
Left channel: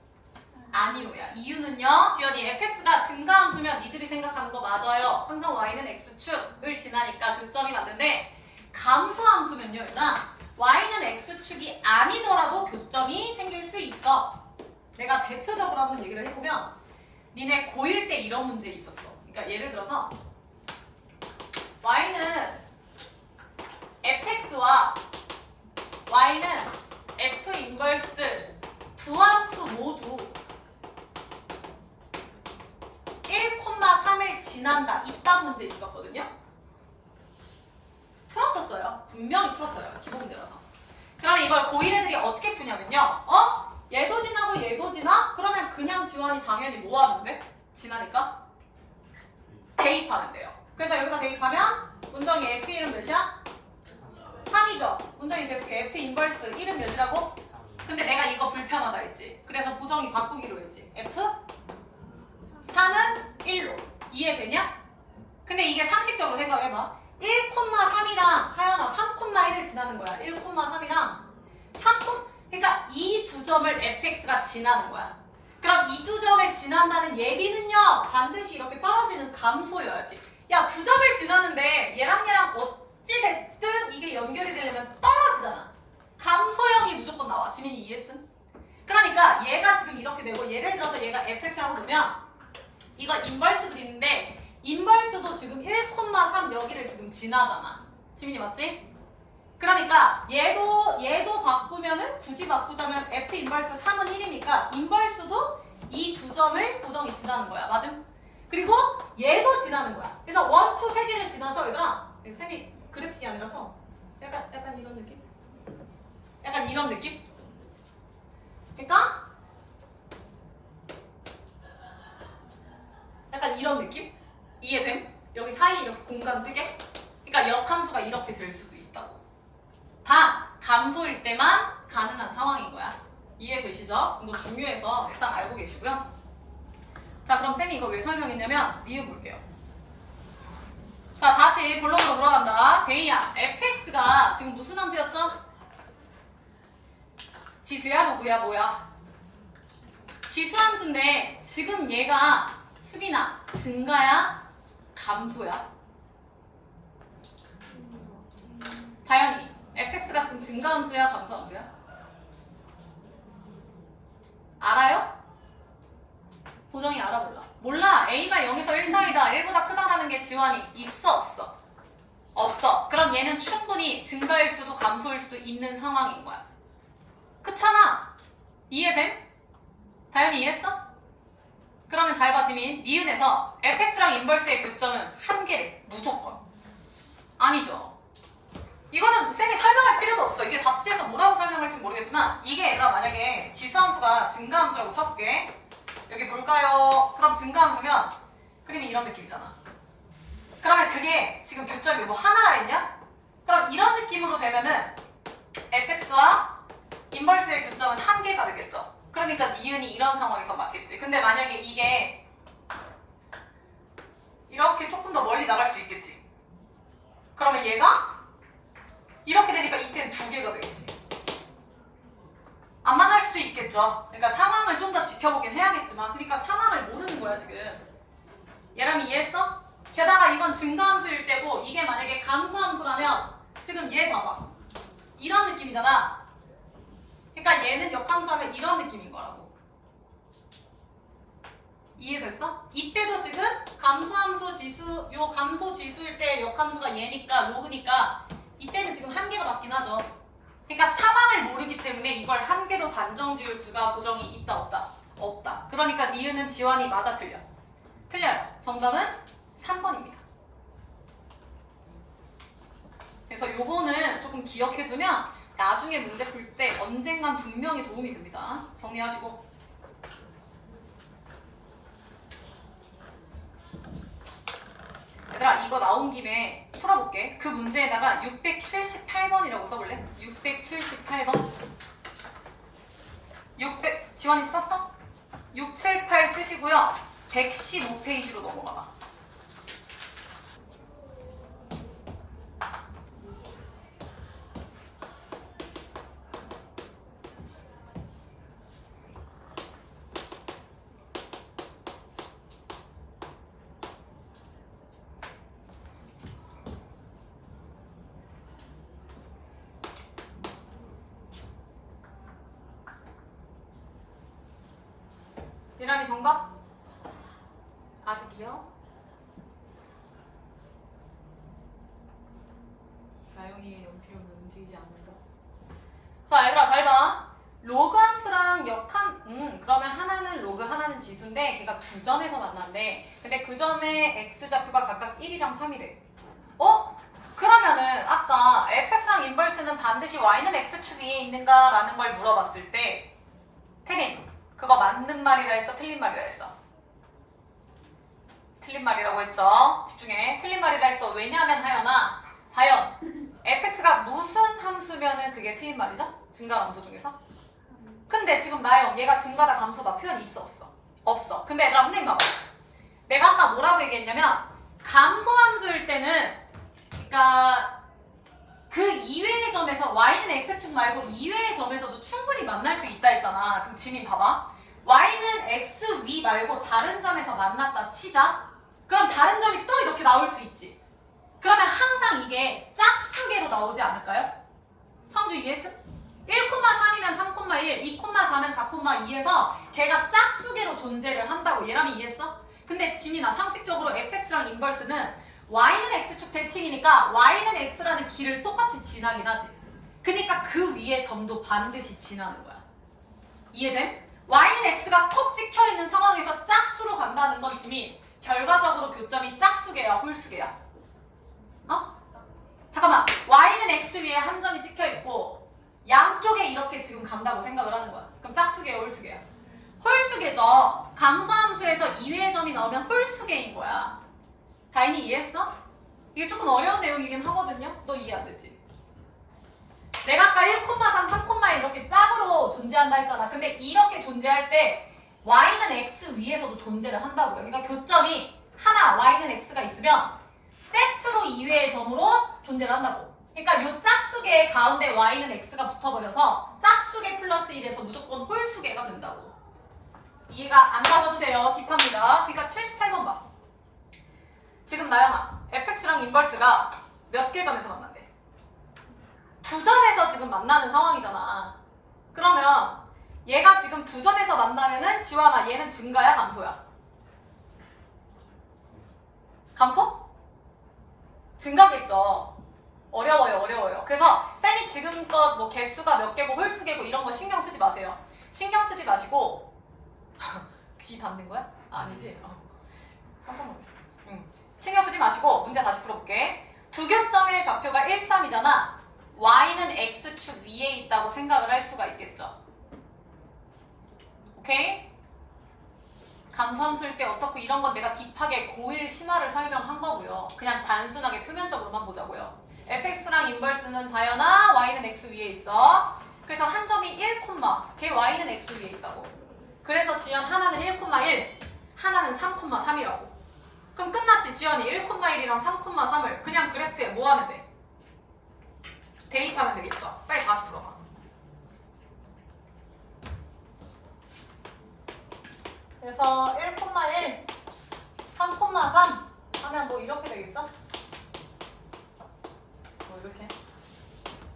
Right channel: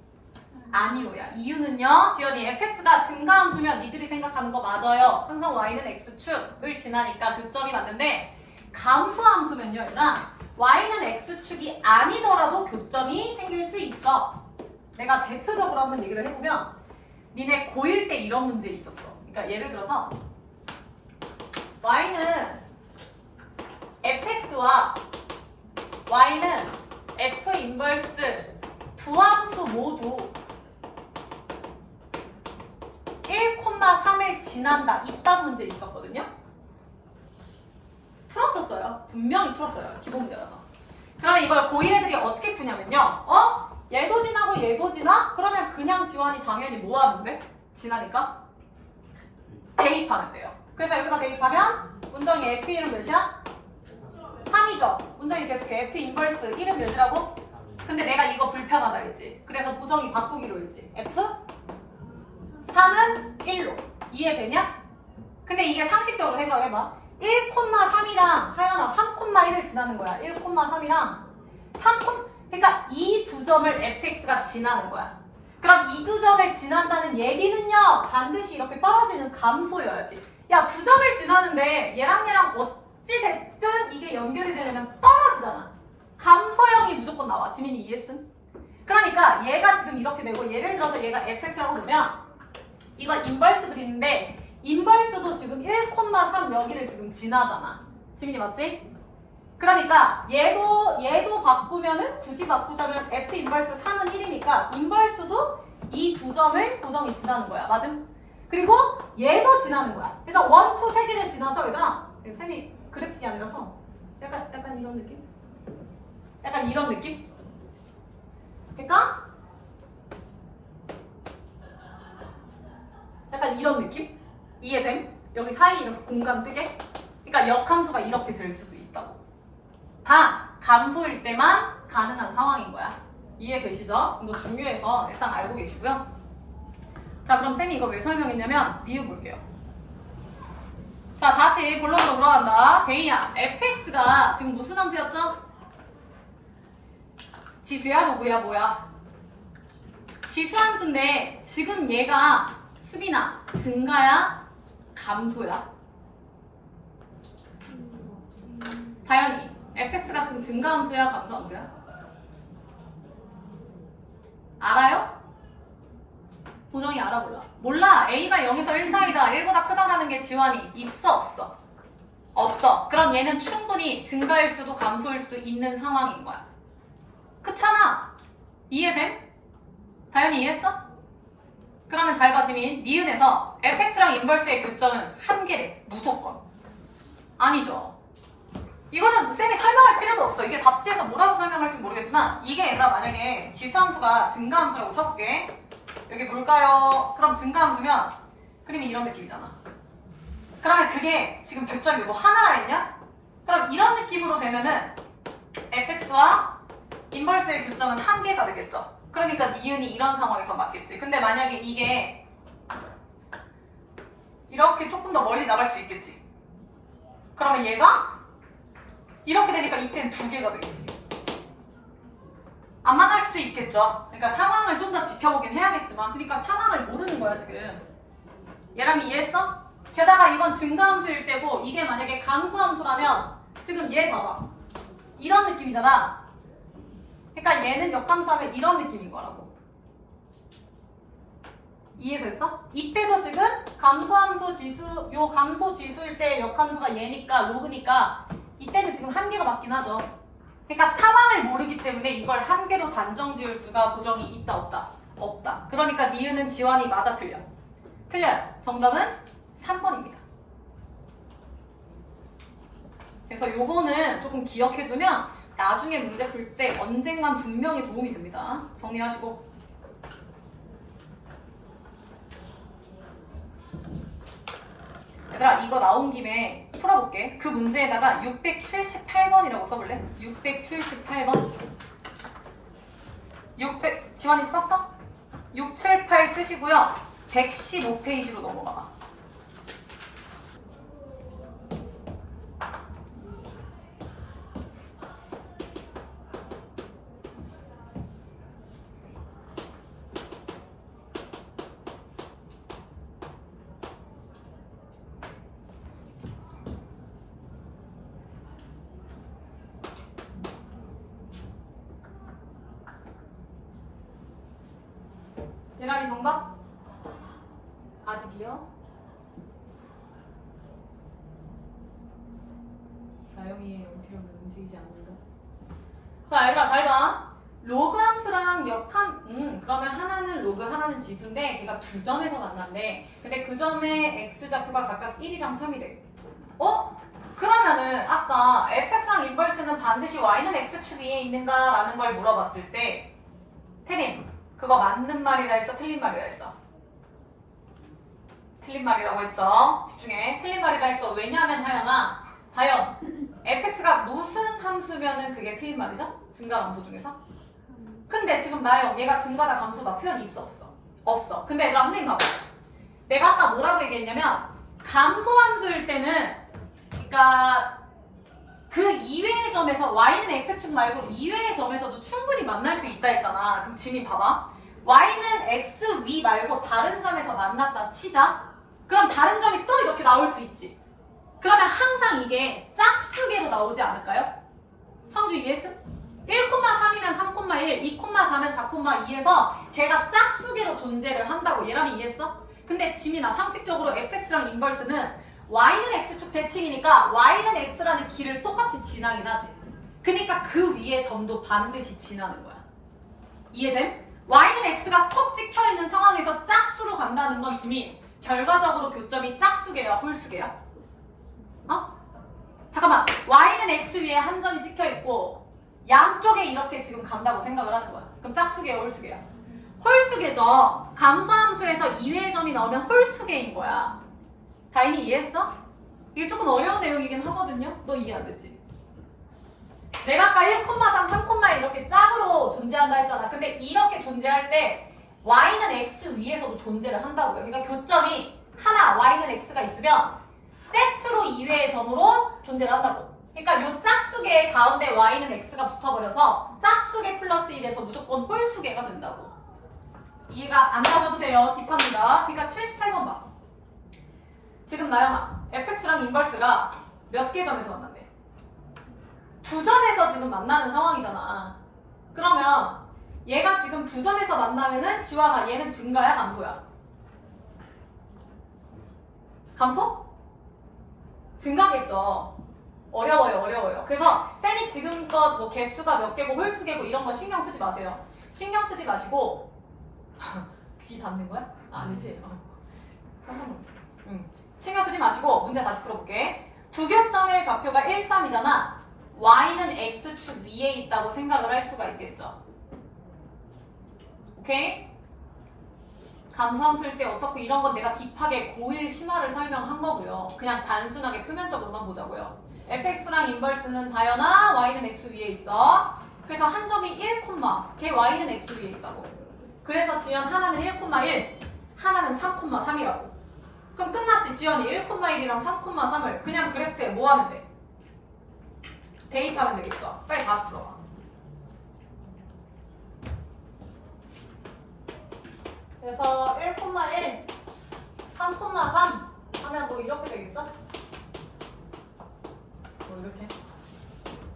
아니요야. 이유는요 지연이 fx가 증가함수면 니들이 생각하는 거 맞아요. 항상 y는 x축을 지나니까 교점이 맞는데 감소함수면요 얘들아 y는 x축이 아니더라도 교점이 생길 수 있어. 내가 대표적으로 한번 얘기를 해보면 니네 고1 때 이런 문제 있었어. 그러니까 예를 들어서 y는 fx와 y는 f 인버스 두 함수 모두 1,3을 지난다. 이딴 문제 있었거든요. 풀었었어요. 분명히 풀었어요. 기본 문제라서. 그러면 이걸 고1 애들이 어떻게 푸냐면요. 얘도 지나고 얘도 지나? 그러면 그냥 지원이 당연히 뭐 하면 돼? 지나니까? 대입하면 돼요. 그래서 여기서 대입하면 문정이 F1은 몇이야? 3이죠. 문정이 계속 F 인버스 1은 몇이라고? 근데 내가 이거 불편하다 했지. 그래서 부정이 바꾸기로 했지. F 3은 1로. 이해되냐? 근데 이게 상식적으로 생각해봐. 1,3이랑 하연아 3,1을 지나는 거야. 1,3이랑 3, 그러니까 이 두 점을 fx가 지나는 거야. 그럼 이 두 점을 지난다는 얘기는요. 반드시 이렇게 떨어지는 감소여야지. 야, 두 점을 지나는데 얘랑 어찌 됐든 이게 연결이 되려면 떨어지잖아. 감소형이 무조건 나와. 지민이 이해했음? 그러니까 얘가 지금 이렇게 되고 예를 들어서 얘가 fx라고 놓으면 이거 인버스 그리는데 인버스도 지금 1,3 여기를 지금 지나잖아. 지민이 맞지? 그러니까 얘도 바꾸면은 굳이 바꾸자면 f 인버스 3은 1이니까 인버스도 이 두 점을 고정이 지나는 거야. 맞음? 그리고 얘도 지나는 거야. 그래서 1, 2, 3개를 지나서 얘들아 쌤이 그래픽이 아니라서 약간 이런 느낌? 약간 이런 느낌? 그러니까 약간 이런 느낌? 이해됨? 여기 사이 이렇게 공간 뜨게? 그러니까 역함수가 이렇게 될 수도 있다고. 다 감소일 때만 가능한 상황인 거야. 이해되시죠? 이거 중요해서 일단 알고 계시고요. 자, 그럼 쌤이 이거 왜 설명했냐면 이유 볼게요. 자, 다시 본론으로 돌아간다. 베이야, fx가 지금 무슨 함수였죠? 지수야, 로그야, 뭐야? 지수함수인데 지금 얘가 수빈아 증가야? 감소야? 다현이 fx가 지금 증가함수야? 감소함수야? 알아요? 보정이 알아 몰라? 몰라. a가 0에서 1 사이다. 1보다 크다라는 게 지원이 있어 없어? 없어. 그럼 얘는 충분히 증가일 수도 감소일 수도 있는 상황인 거야. 그렇잖아. 이해돼? 다현이 이해했어? 그러면 잘 봐, 지민. 니은에서 fx랑 인버스의 교점은 한계래. 무조건. 아니죠. 이거는 쌤이 설명할 필요도 없어. 이게 답지에서 뭐라고 설명할지 모르겠지만 이게 얘들아 만약에 지수함수가 증가함수라고 쳐볼게. 여기 뭘까요? 그럼 증가함수면 그림이 이런 느낌이잖아. 그러면 그게 지금 교점이 뭐 하나라 했냐? 그럼 이런 느낌으로 되면은 fx와 인버스의 교점은 한계가 되겠죠. 그러니까 니은이 이런 상황에서 맞겠지. 근데 만약에 이게 이렇게 조금 더 멀리 나갈 수 있겠지. 그러면 얘가 이렇게 되니까 이때는 두 개가 되겠지. 안 만날 수도 있겠죠. 그러니까 상황을 좀 더 지켜보긴 해야겠지만 그러니까 상황을 모르는 거야 지금. 얘람이 이해했어? 게다가 이건 증가함수일 때고 이게 만약에 감소함수라면 지금 얘 봐봐. 이런 느낌이잖아. 그러니까 얘는 역함수하면 이런 느낌인 거라고. 이해됐어? 이때도 지금 감소함수 지수, 요 감소 지수일 때 역함수가 얘니까 로그니까 이때는 지금 한계가 맞긴 하죠. 그러니까 상황을 모르기 때문에 이걸 한계로 단정 지을 수가 보정이 있다 없다? 없다. 그러니까 니은은 지원이 맞아 틀려? 틀려요. 정답은 3번입니다. 그래서 요거는 조금 기억해두면 나중에 문제 풀 때 언젠간 분명히 도움이 됩니다. 정리하시고. 얘들아 이거 나온 김에 풀어볼게. 그 문제에다가 678번이라고 써볼래? 678번. 지원이 썼어? 678 쓰시고요. 115페이지로 넘어가봐. 예람이 정답? 아직이요? 나영이의 연필은 움직이지 않는다. 자 얘들아 잘 봐. 로그 함수랑 그러면 하나는 로그 하나는 지수인데 걔가 두 점에서 만난대. 근데 그 점의 x좌표가 각각 1이랑 3이래. 그러면은 아까 fx랑 인버스는 반드시 y는 x축 위에 있는가 라는 걸 물어봤을 때 태림 그거 맞는 말이라 했어? 틀린 말이라 했어? 틀린 말이라고 했죠? 집중해. 틀린 말이라 했어. 왜냐하면 하연아 과연 fx가 무슨 함수면은 그게 틀린 말이죠? 증가 함수 중에서? 근데 지금 나영 얘가 증가다 감소다 표현이 있어 없어? 없어. 근데 얘들아 선생님 봐봐. 내가 아까 뭐라고 얘기했냐면 감소함수일 때는 그러니까 그 이외의 점에서 y는 x축 말고 이외의 점에서도 충분히 만날 수 있다 했잖아. 그럼 지민 봐봐. y는 x 위 말고 다른 점에서 만났다 치자. 그럼 다른 점이 또 이렇게 나올 수 있지. 그러면 항상 이게 짝수계로 나오지 않을까요? 성주 이해했어? 1,3이면 3,1, 2,4면 4,2에서 걔가 짝수계로 존재를 한다고. 얘라면 이해했어? 근데 지민아 상식적으로 fx랑 인버스는 y는 x축 대칭이니까 y는 x라는 길을 똑같이 지나긴 하지. 그러니까 그 위에 점도 반드시 지나는 거야. 이해돼? y는 x가 콕 찍혀있는 상황에서 짝수로 간다는 건 지민 결과적으로 교점이 짝수계야 홀수계야? 잠깐만 y는 x 위에 한 점이 찍혀있고 양쪽에 이렇게 지금 간다고 생각을 하는 거야. 그럼 짝수계야 홀수계야? 홀수계죠. 감소함수에서 이외의 점이 나오면 홀수계인 거야. 다인이 이해했어? 이게 조금 어려운 내용이긴 하거든요. 너 이해 안 됐지? 내가 아까 1,3, 3,1 이렇게 짝으로 존재한다 했잖아. 근데 이렇게 존재할 때 y는 x 위에서도 존재를 한다고요. 그러니까 교점이 하나 y는 x가 있으면 세트로 이외의 점으로 존재를 한다고. 그러니까 요 짝수계 가운데 y는 x가 붙어버려서 짝수계 플러스 1에서 무조건 홀수계가 된다고. 이해가 안 가셔도 돼요. 딥합니다. 그러니까 78번 봐. 지금 나영아 fx랑 인버스가 몇 개 점에서 만난대? 두 점에서 지금 만나는 상황이잖아. 그러면 얘가 지금 두 점에서 만나면은 지환아 얘는 증가야 감소야? 감소? 증가겠죠. 어려워요. 그래서 쌤이 지금껏 뭐 개수가 몇 개고 홀수개고 이런 거 신경 쓰지 마세요. 신경 쓰지 마시고 귀 닫는 거야? 아니지? 깜짝 놀랐어. 신경 쓰지 마시고 문제 다시 풀어볼게. 두 교점의 좌표가 1, 3이잖아. y는 x축 위에 있다고 생각을 할 수가 있겠죠. 오케이? 감소함수일 때 어떻고 이런 건 내가 딥하게 고1 심화를 설명한 거고요. 그냥 단순하게 표면적으로만 보자고요. fx랑 인버스는 다연아 y는 x 위에 있어. 그래서 한 점이 1, 걔 y는 x 위에 있다고. 그래서 지연 하나는 1,1, 하나는 3,3이라고. 그럼 끝났지. 지연이 1,1이랑 3,3을 그냥 그래프에 뭐 하면 돼? 대입하면 되겠죠. 빨리 다시 풀어봐. 그래서 1,1, 3,3 하면 뭐 이렇게 되겠죠? 뭐 이렇게.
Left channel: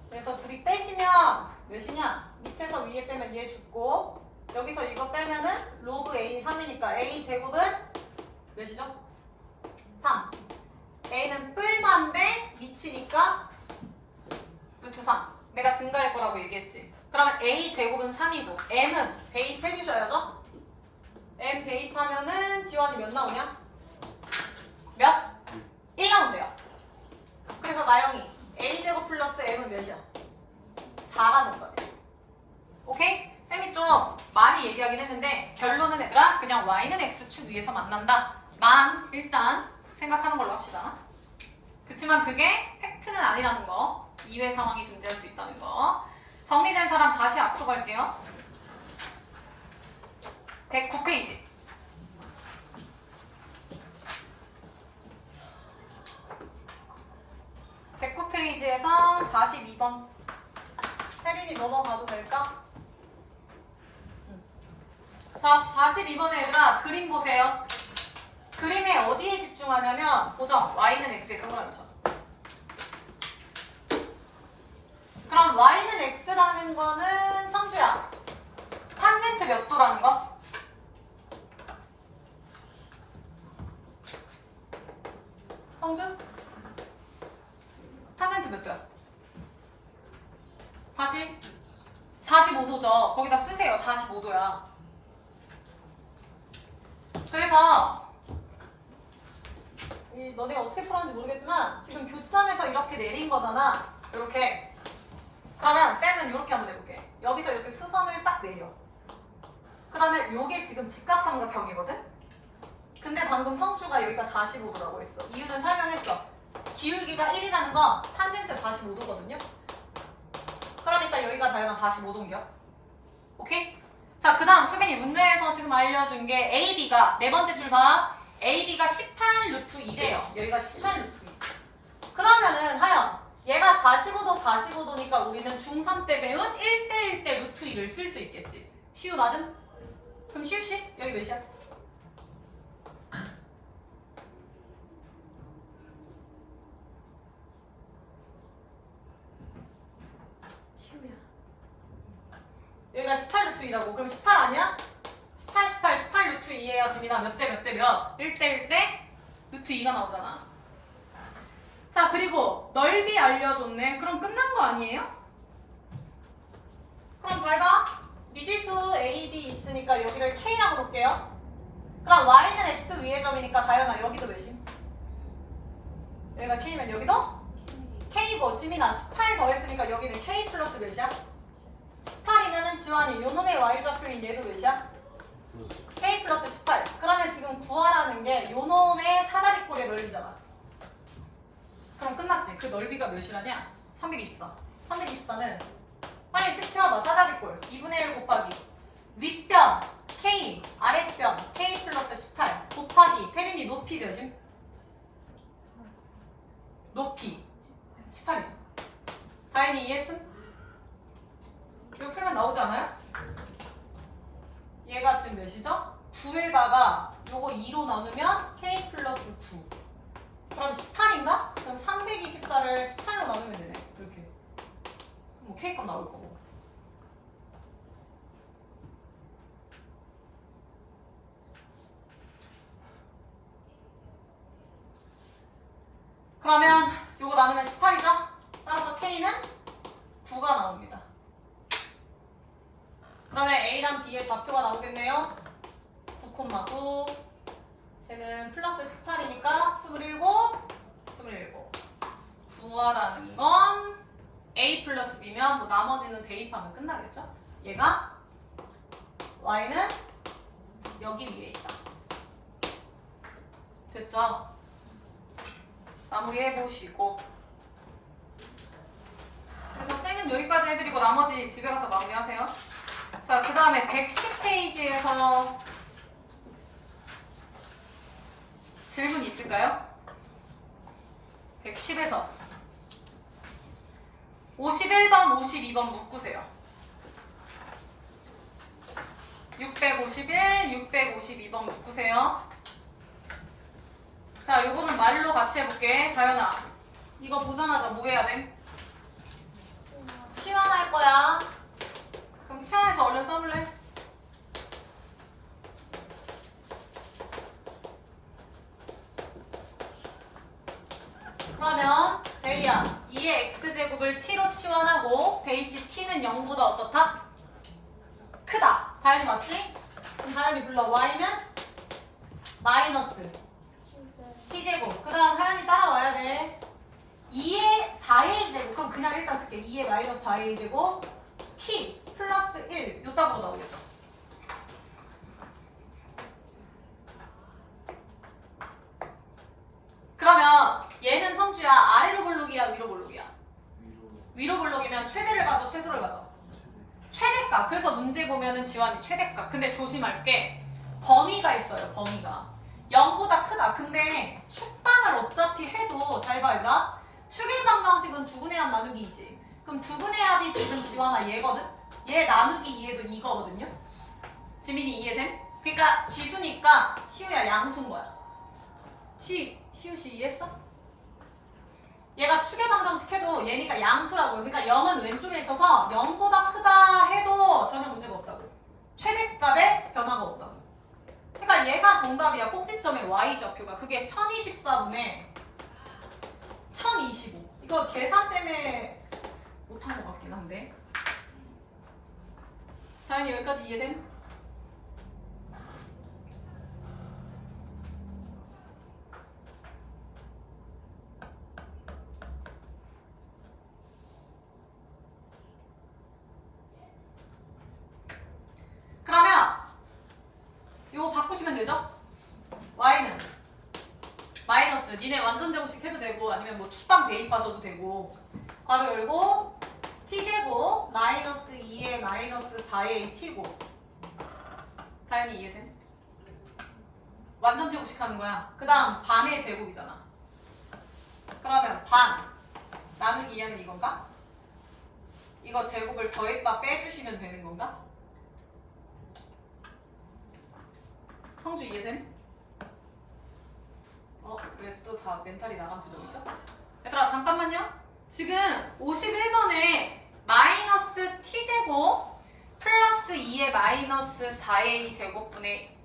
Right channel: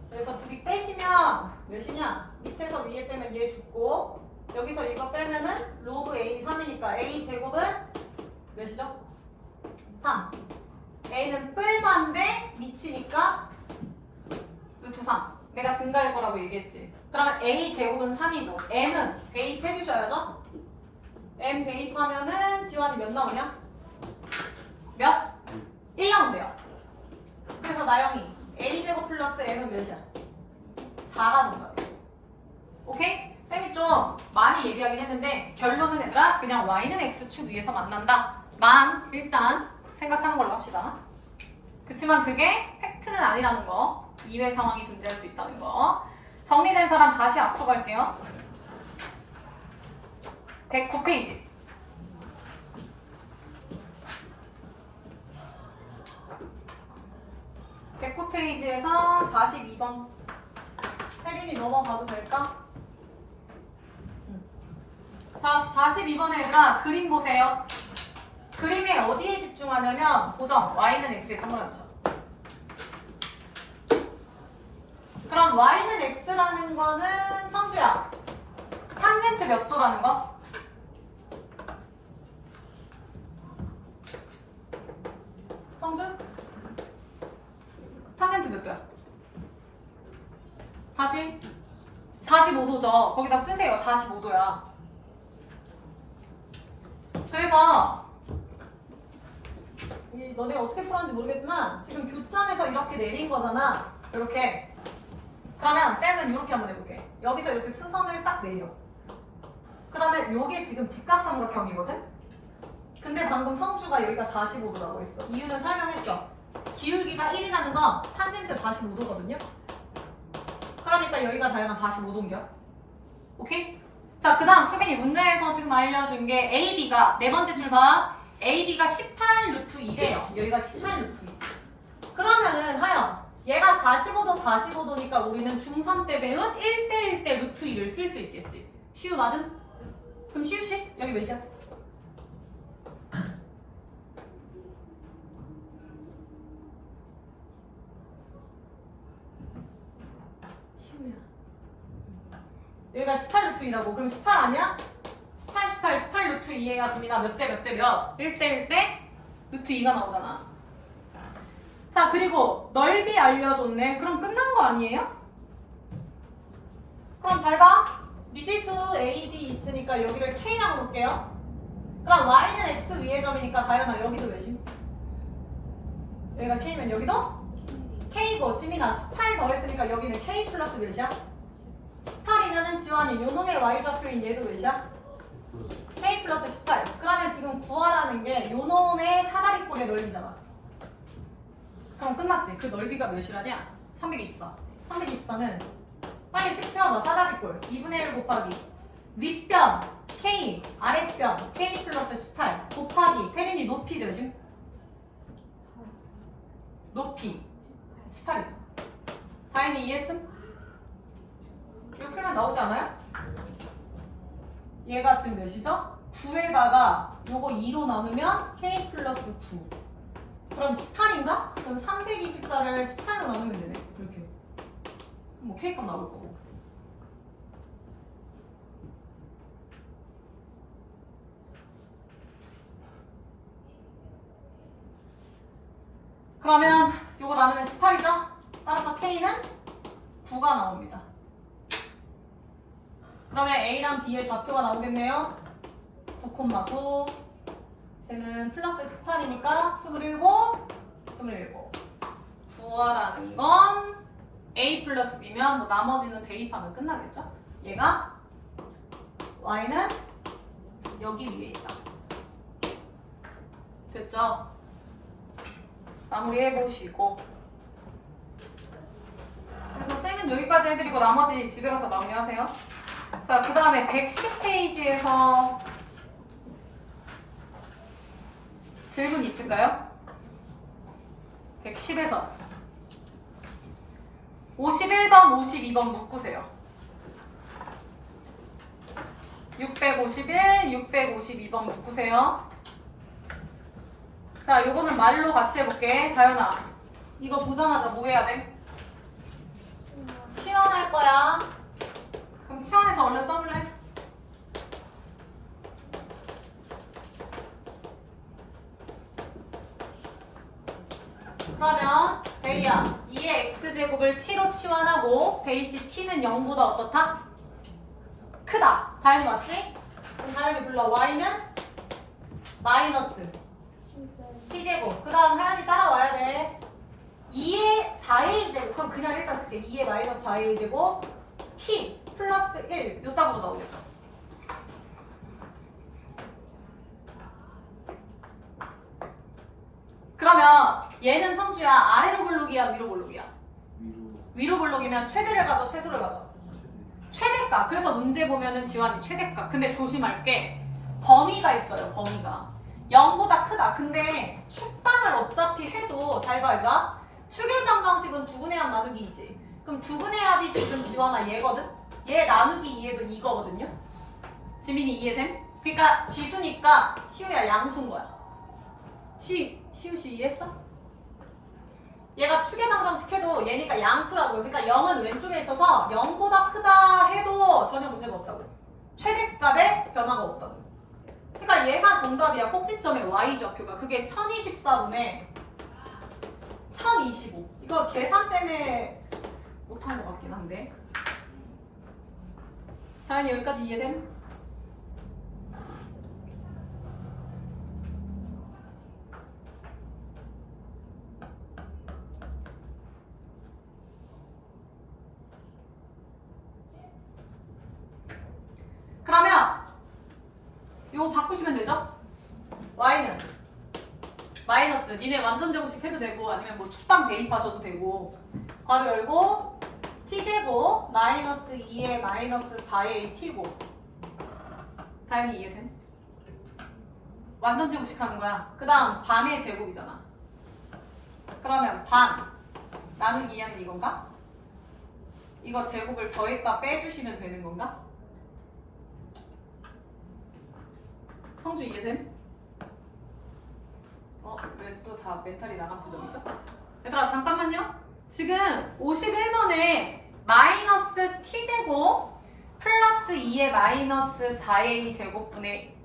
그래서 둘이 빼시면 몇이냐? 밑에서 위에 빼면 얘 죽고 여기서 이거 빼면은 로그 a 3이니까 a 제곱은 몇이죠? 3. a는 뿔만데 미치니까 루트 3. 내가 증가할 거라고 얘기했지. 그러면 a 제곱은 3이고 m은 대입해 주셔야죠? m 대입하면은 지환이 몇 나오냐? 몇? 1 나온대요. 그래서 나영이 a 제곱 플러스 m은 몇이야? 4가 정답이야. 오케이? 쌤이 좀 많이 얘기하긴 했는데 결론은 얘들아 그냥 y는 x축 위에서 만난다 만 일단 생각하는 걸로 합시다. 그치만 그게 팩트는 아니라는 거. 이외 상황이 존재할 수 있다는 거. 정리된 사람 다시 앞으로 갈게요. 109페이지. 109페이지에서 42번. 혜린이 넘어가도 될까? 자, 42번에 얘들아 그림 보세요. 그림에 어디에 집중하냐면 고정 y는 x에 동그라미 쳐. 그럼 y는 x라는 거는 성주야 탄젠트 몇 도라는 거? 성주? 탄젠트 몇 도야? 다시 45도죠. 거기다 쓰세요. 45도야. 그래서 너네가 어떻게 풀었는지 모르겠지만 지금 교점에서 이렇게 내린 거잖아. 이렇게. 그러면 쌤은 이렇게 한번 해볼게. 여기서 이렇게 수선을 딱 내려. 그러면 이게 지금 직각삼각형이거든? 근데 방금 성주가 여기가 45도라고 했어. 이유는 설명했어. 기울기가 1이라는 건 탄젠트 45도거든요? 그러니까 여기가 다양한 45도인겨. 오케이? 자, 그 다음 수빈이 문제에서 지금 알려준 게 AB가 네 번째 줄 봐. AB가 18 루트 2래요. 여기가 18 루트 2. 그러면은 하연 얘가 45도 45도니까 우리는 중3 때 배운 1대1 대 루트 2를 쓸 수 있겠지. 시우 맞음? 그럼 시우씨 여기 몇이야? 시우야 여기가 18 루트 2라고. 그럼 18 아니야? 18 루트 2에야 지민아 몇 대 몇 대 몇? 1대1 대 루트 2가 나오잖아. 자, 그리고 넓이 알려줬네. 그럼 끝난 거 아니에요? 그럼 잘 봐. 미지수 A, B 있으니까 여기를 K라고 놓을게요. 그럼 Y는 X 위의 점이니까 다현아 여기도 몇임? 여기가 K면 여기도? K고 지민아 18 더했으니까 여기는 K 플러스 몇이야? 18이면은 지환이 요놈의 Y좌표인 얘도 몇이야? K 플러스 18. 그러면 지금 구하라는 게 요놈의 사다리꼴의 넓이잖아. 그럼 끝났지. 그 넓이가 몇이라냐? 324. 324는 빨리 식 세워봐. 사다리꼴 2분의 1 곱하기 윗변 K 아랫변 K 플러스 18 곱하기 태린이 높이 몇임? 높이 18이죠. 다인이 이해했음? 이거 풀면 나오지 않아요? 얘가 지금 몇이죠? 9에다가 요거 2로 나누면 K 플러스 9. 그럼 18인가? 그럼 324를 18로 나누면 되네. 이렇게. 뭐 K값 나올 거고. 그러면 요거 나누면 18이죠? 따라서 K는 9가 나옵니다. 그러면 A랑 B의 좌표가 나오겠네요. 9,9. 쟤는 플러스 18이니까 27. 구하라는 건 A 플러스 B면 뭐 나머지는 대입하면 끝나겠죠? 얘가 Y는 여기 위에 있다. 됐죠? 마무리해보시고. 그래서 쌤은 여기까지 해드리고 나머지 집에 가서 마무리하세요. 자, 그 다음에 110페이지에서 질문 있을까요? 110에서 51번, 52번 묶으세요. 651, 652번 묶으세요. 자, 요거는 말로 같이 해볼게. 다현아, 이거 보자마자 뭐 해야 돼? 치환할 거야. 그럼 치환해서 얼른 써볼래? 그러면 베이야, 2의 x제곱을 t로 치환하고 대시 t는 0보다 어떻다? 크다. 다현이 맞지? 그럼 다현이 불러. y는 마이너스 t제곱. 그 다음 하연이 따라와야 돼. 2의 4의 1제곱. 그럼 그냥 일단 쓸게. 2의 마이너스 4의 1제곱 t 플러스 1. 요 답으로 나오겠죠. 그러면 얘는 성주야 아래로 볼록이야 위로 볼록이야? 위로 볼록이면 최대를 가져 최소를 가져? 최대값. 그래서 문제 보면은 지환이 최대값. 근데 조심할 게 범위가 있어요. 범위가 0보다 크다. 근데 축방을 어차피 해도 잘 봐 얘들아. 축의 방정식은 두분의 합 나누기 2지. 그럼 두분의 합이 지금 지환아 얘거든? 얘 나누기 2에도 이거거든요. 지민이 이해됨? 그러니까 지수니까 시우야 양수인 거야. 시우씨 이해했어? 얘가 축의 방정식 해도 얘니까 양수라고요. 그러니까 0은 왼쪽에 있어서 0보다 크다 해도 전혀 문제가 없다고. 최대값에 변화가 없다고. 그러니까 얘가 정답이야. 꼭지점의 y좌표가. 그게 1024분의 1025. 이거 계산 때문에 못한 것 같긴 한데. 다현이 여기까지 이해됨? 그러면 이거 바꾸시면 되죠? y는 마이너스 니네 완전 제곱식 해도 되고 아니면 뭐 축방 대입하셔도 되고 괄호 열고 t제곱 마이너스 2의 마이너스 4의 t고. 다현이 이해돼? 완전 제곱식 하는 거야. 그 다음 반의 제곱이잖아. 그러면 반 나누기 2하면 이건가? 이거 제곱을 더했다 빼주시면 되는 건가? 성주 이해됨? 왜 또 다 멘탈이 나간 표정이죠? 얘들아 잠깐만요. 지금 51번에 마이너스 t제곱 플러스 2의 마이너스 4a 제곱분의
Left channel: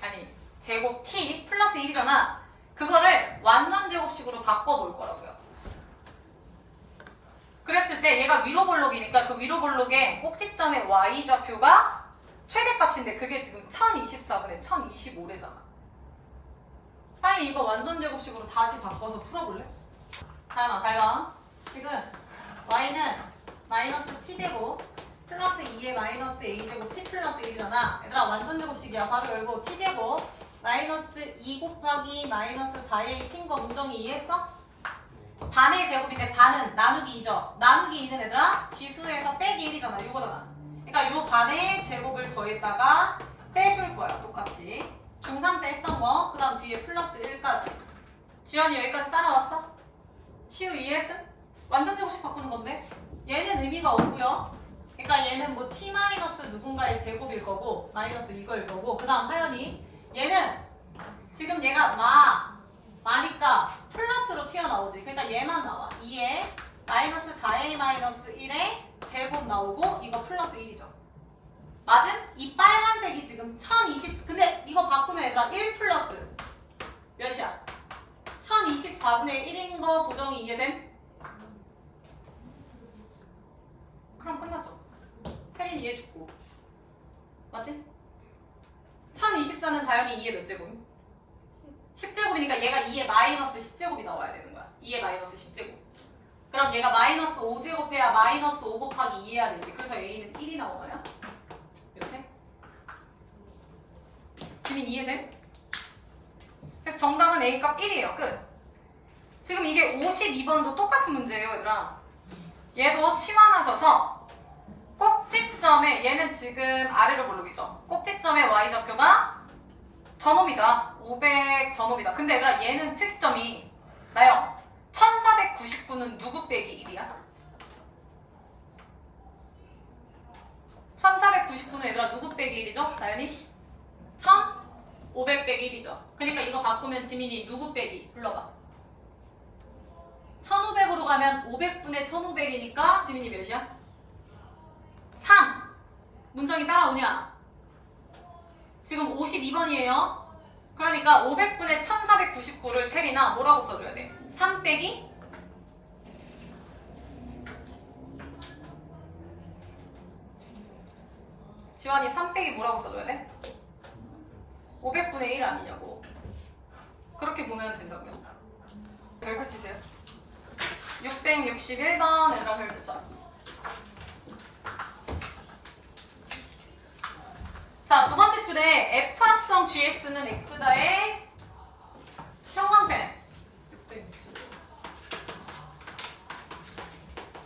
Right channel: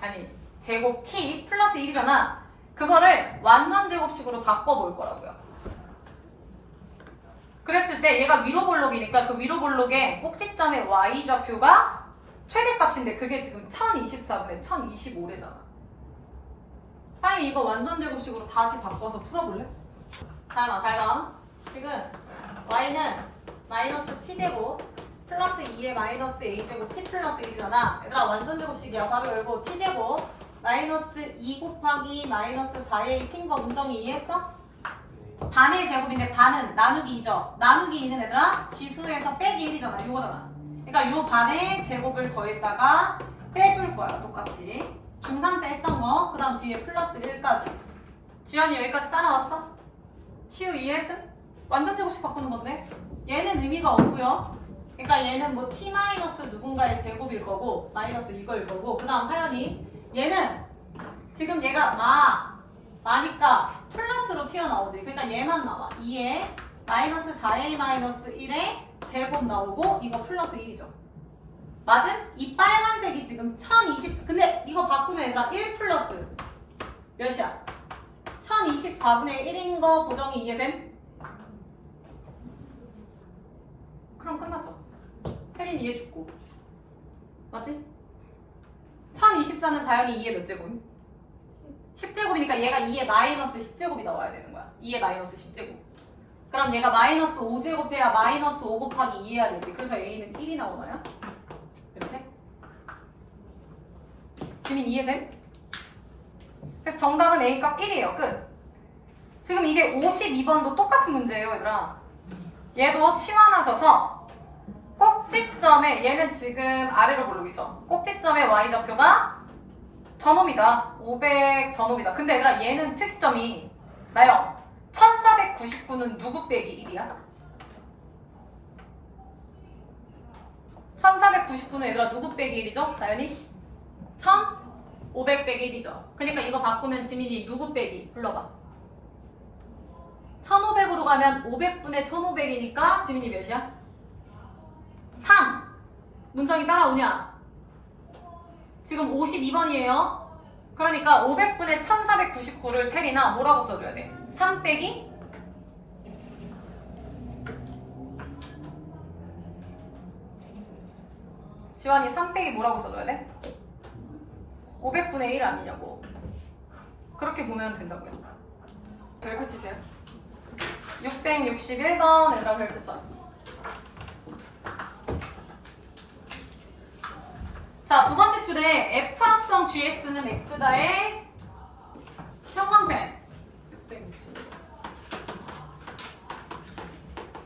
아니 제곱 t 플러스 1이잖아. 그거를 완전 제곱식으로 바꿔볼 거라고요. 그랬을 때 얘가 위로 볼록이니까 그 위로 볼록의 꼭지점의 y좌표가 최대값인데 그게 지금 1024분의 1025래잖아. 빨리 이거 완전 제곱식으로 다시 바꿔서 풀어볼래? 다현아 잘 봐. 지금 y는 마이너스 t제곱 플러스 2의 마이너스 a제곱 t 플러스 1이잖아. 얘들아 완전 제곱식이야. 바로 열고 t제곱 마이너스 2 곱하기 마이너스 4의 t인 거 문정이 이해했어? 반의 제곱인데 반은 나누기 2죠. 나누기 2는 얘들아 지수에서 빼기 1이잖아. 요거잖아. 그러니까 요 반의 제곱을 더했다가 빼줄 거야 똑같이. 중3 때 했던 거, 그 다음 뒤에 플러스 1까지. 지연이 여기까지 따라왔어? 시우 이해했어? 완전 제곱식 바꾸는 건데 얘는 의미가 없고요. 그러니까 얘는 뭐 t 마이너스 누군가의 제곱일 거고 마이너스 이거일 거고, 그 다음 하연이 얘는 지금 얘가 마니까 플러스로 튀어나오지. 그러니까 얘만 나와. 2에 마이너스 4a 마이너스 1에 제곱 나오고 이거 플러스 1이죠. 맞음? 이 빨간색이 지금 1020. 근데 이거 바꾸면 얘들아 1 플러스 몇이야? 1024분의 1인 거 보정이 이해됨? 그럼 끝났죠. 혜린 이해 죽고. 맞지? 1024는 다영이 2의 몇 제곱임? 10제곱이니까 얘가 2의 마이너스 10제곱이 나와야 되는 거야. 2의 마이너스 10제곱. 그럼 얘가 마이너스 5제곱 해야 마이너스 5 곱하기 2 해야 되지. 그래서 a는 1이 나오나요? 이렇게? 지민 이해됨? 그래서 정답은 a값 1이에요. 끝. 지금 이게 52번도 똑같은 문제예요, 얘들아. 얘도 치환하셔서 꼭지점에, 얘는 지금 아래로 볼록이죠. 꼭지점에 y좌표가 전홈이다. 500 전홈이다. 근데 얘들아 얘는 특점이 나요. 1499는 누구 빼기 1이야? 1499는 얘들아 누구 빼기 1이죠? 나연이? 1500 빼기 1이죠. 그러니까 이거 바꾸면 지민이 누구 빼기? 불러봐. 1500으로 가면 500분의 1500이니까 지민이 몇이야? 3. 문정이 따라오냐? 지금 52번이에요. 그러니까 500분의 1499를 테리나 뭐라고 써줘야 돼? 3 빼기 지환이 3 빼기 뭐라고 써줘야 돼? 500분의 1 아니냐고. 그렇게 보면 된다고요. 별표 치세요. 661번 얘들아 별표 쳐. 자, 두 번째 줄에 F합성 GX는 X다의 형광펜. 661.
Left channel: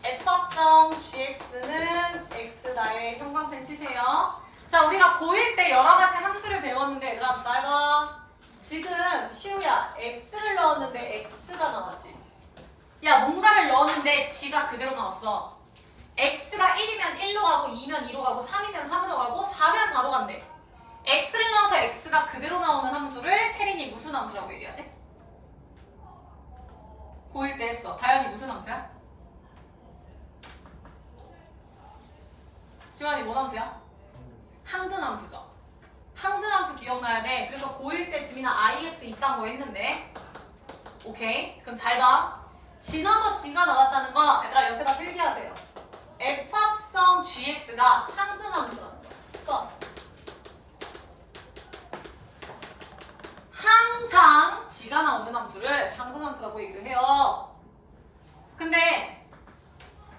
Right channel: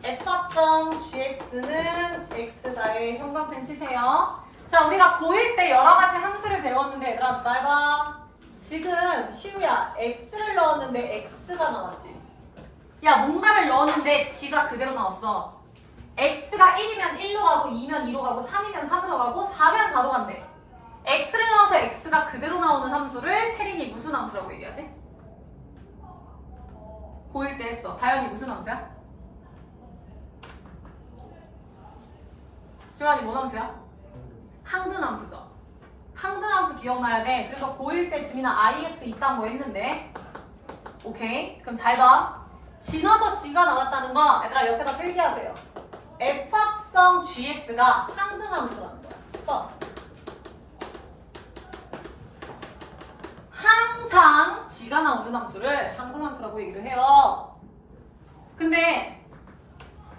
F합성 GX는 X다의 형광펜 치세요. 자, 우리가 고1 때 여러 가지 함수를 배웠는데 얘들아 잘 봐. 지금 시우야 X를 넣었는데 X가 나왔지. 야, 뭔가를 넣었는데 G가 그대로 나왔어. X가 1이면 1로 가고 2면 2로 가고 3이면 3으로 가고 4면 4로 간대. X를 넣어서 X가 그대로 나오는 함수를 태린이 무슨 함수라고 얘기하지? 고1 때 했어. 다영이 무슨 함수야? 지환이 뭔 함수야? 항등함수죠. 항등함수 기억나야 돼. 그래서 고1 때 지민아 IX 이딴 거 했는데 오케이? 그럼 잘 봐. 지나서 G가 나왔다는 거 얘들아 옆에다 필기하세요. F합성 GX가 상등함수라는 거야. 그래서 항상 G가 나오는 함수를 항등함수라고 얘기를 해요. 근데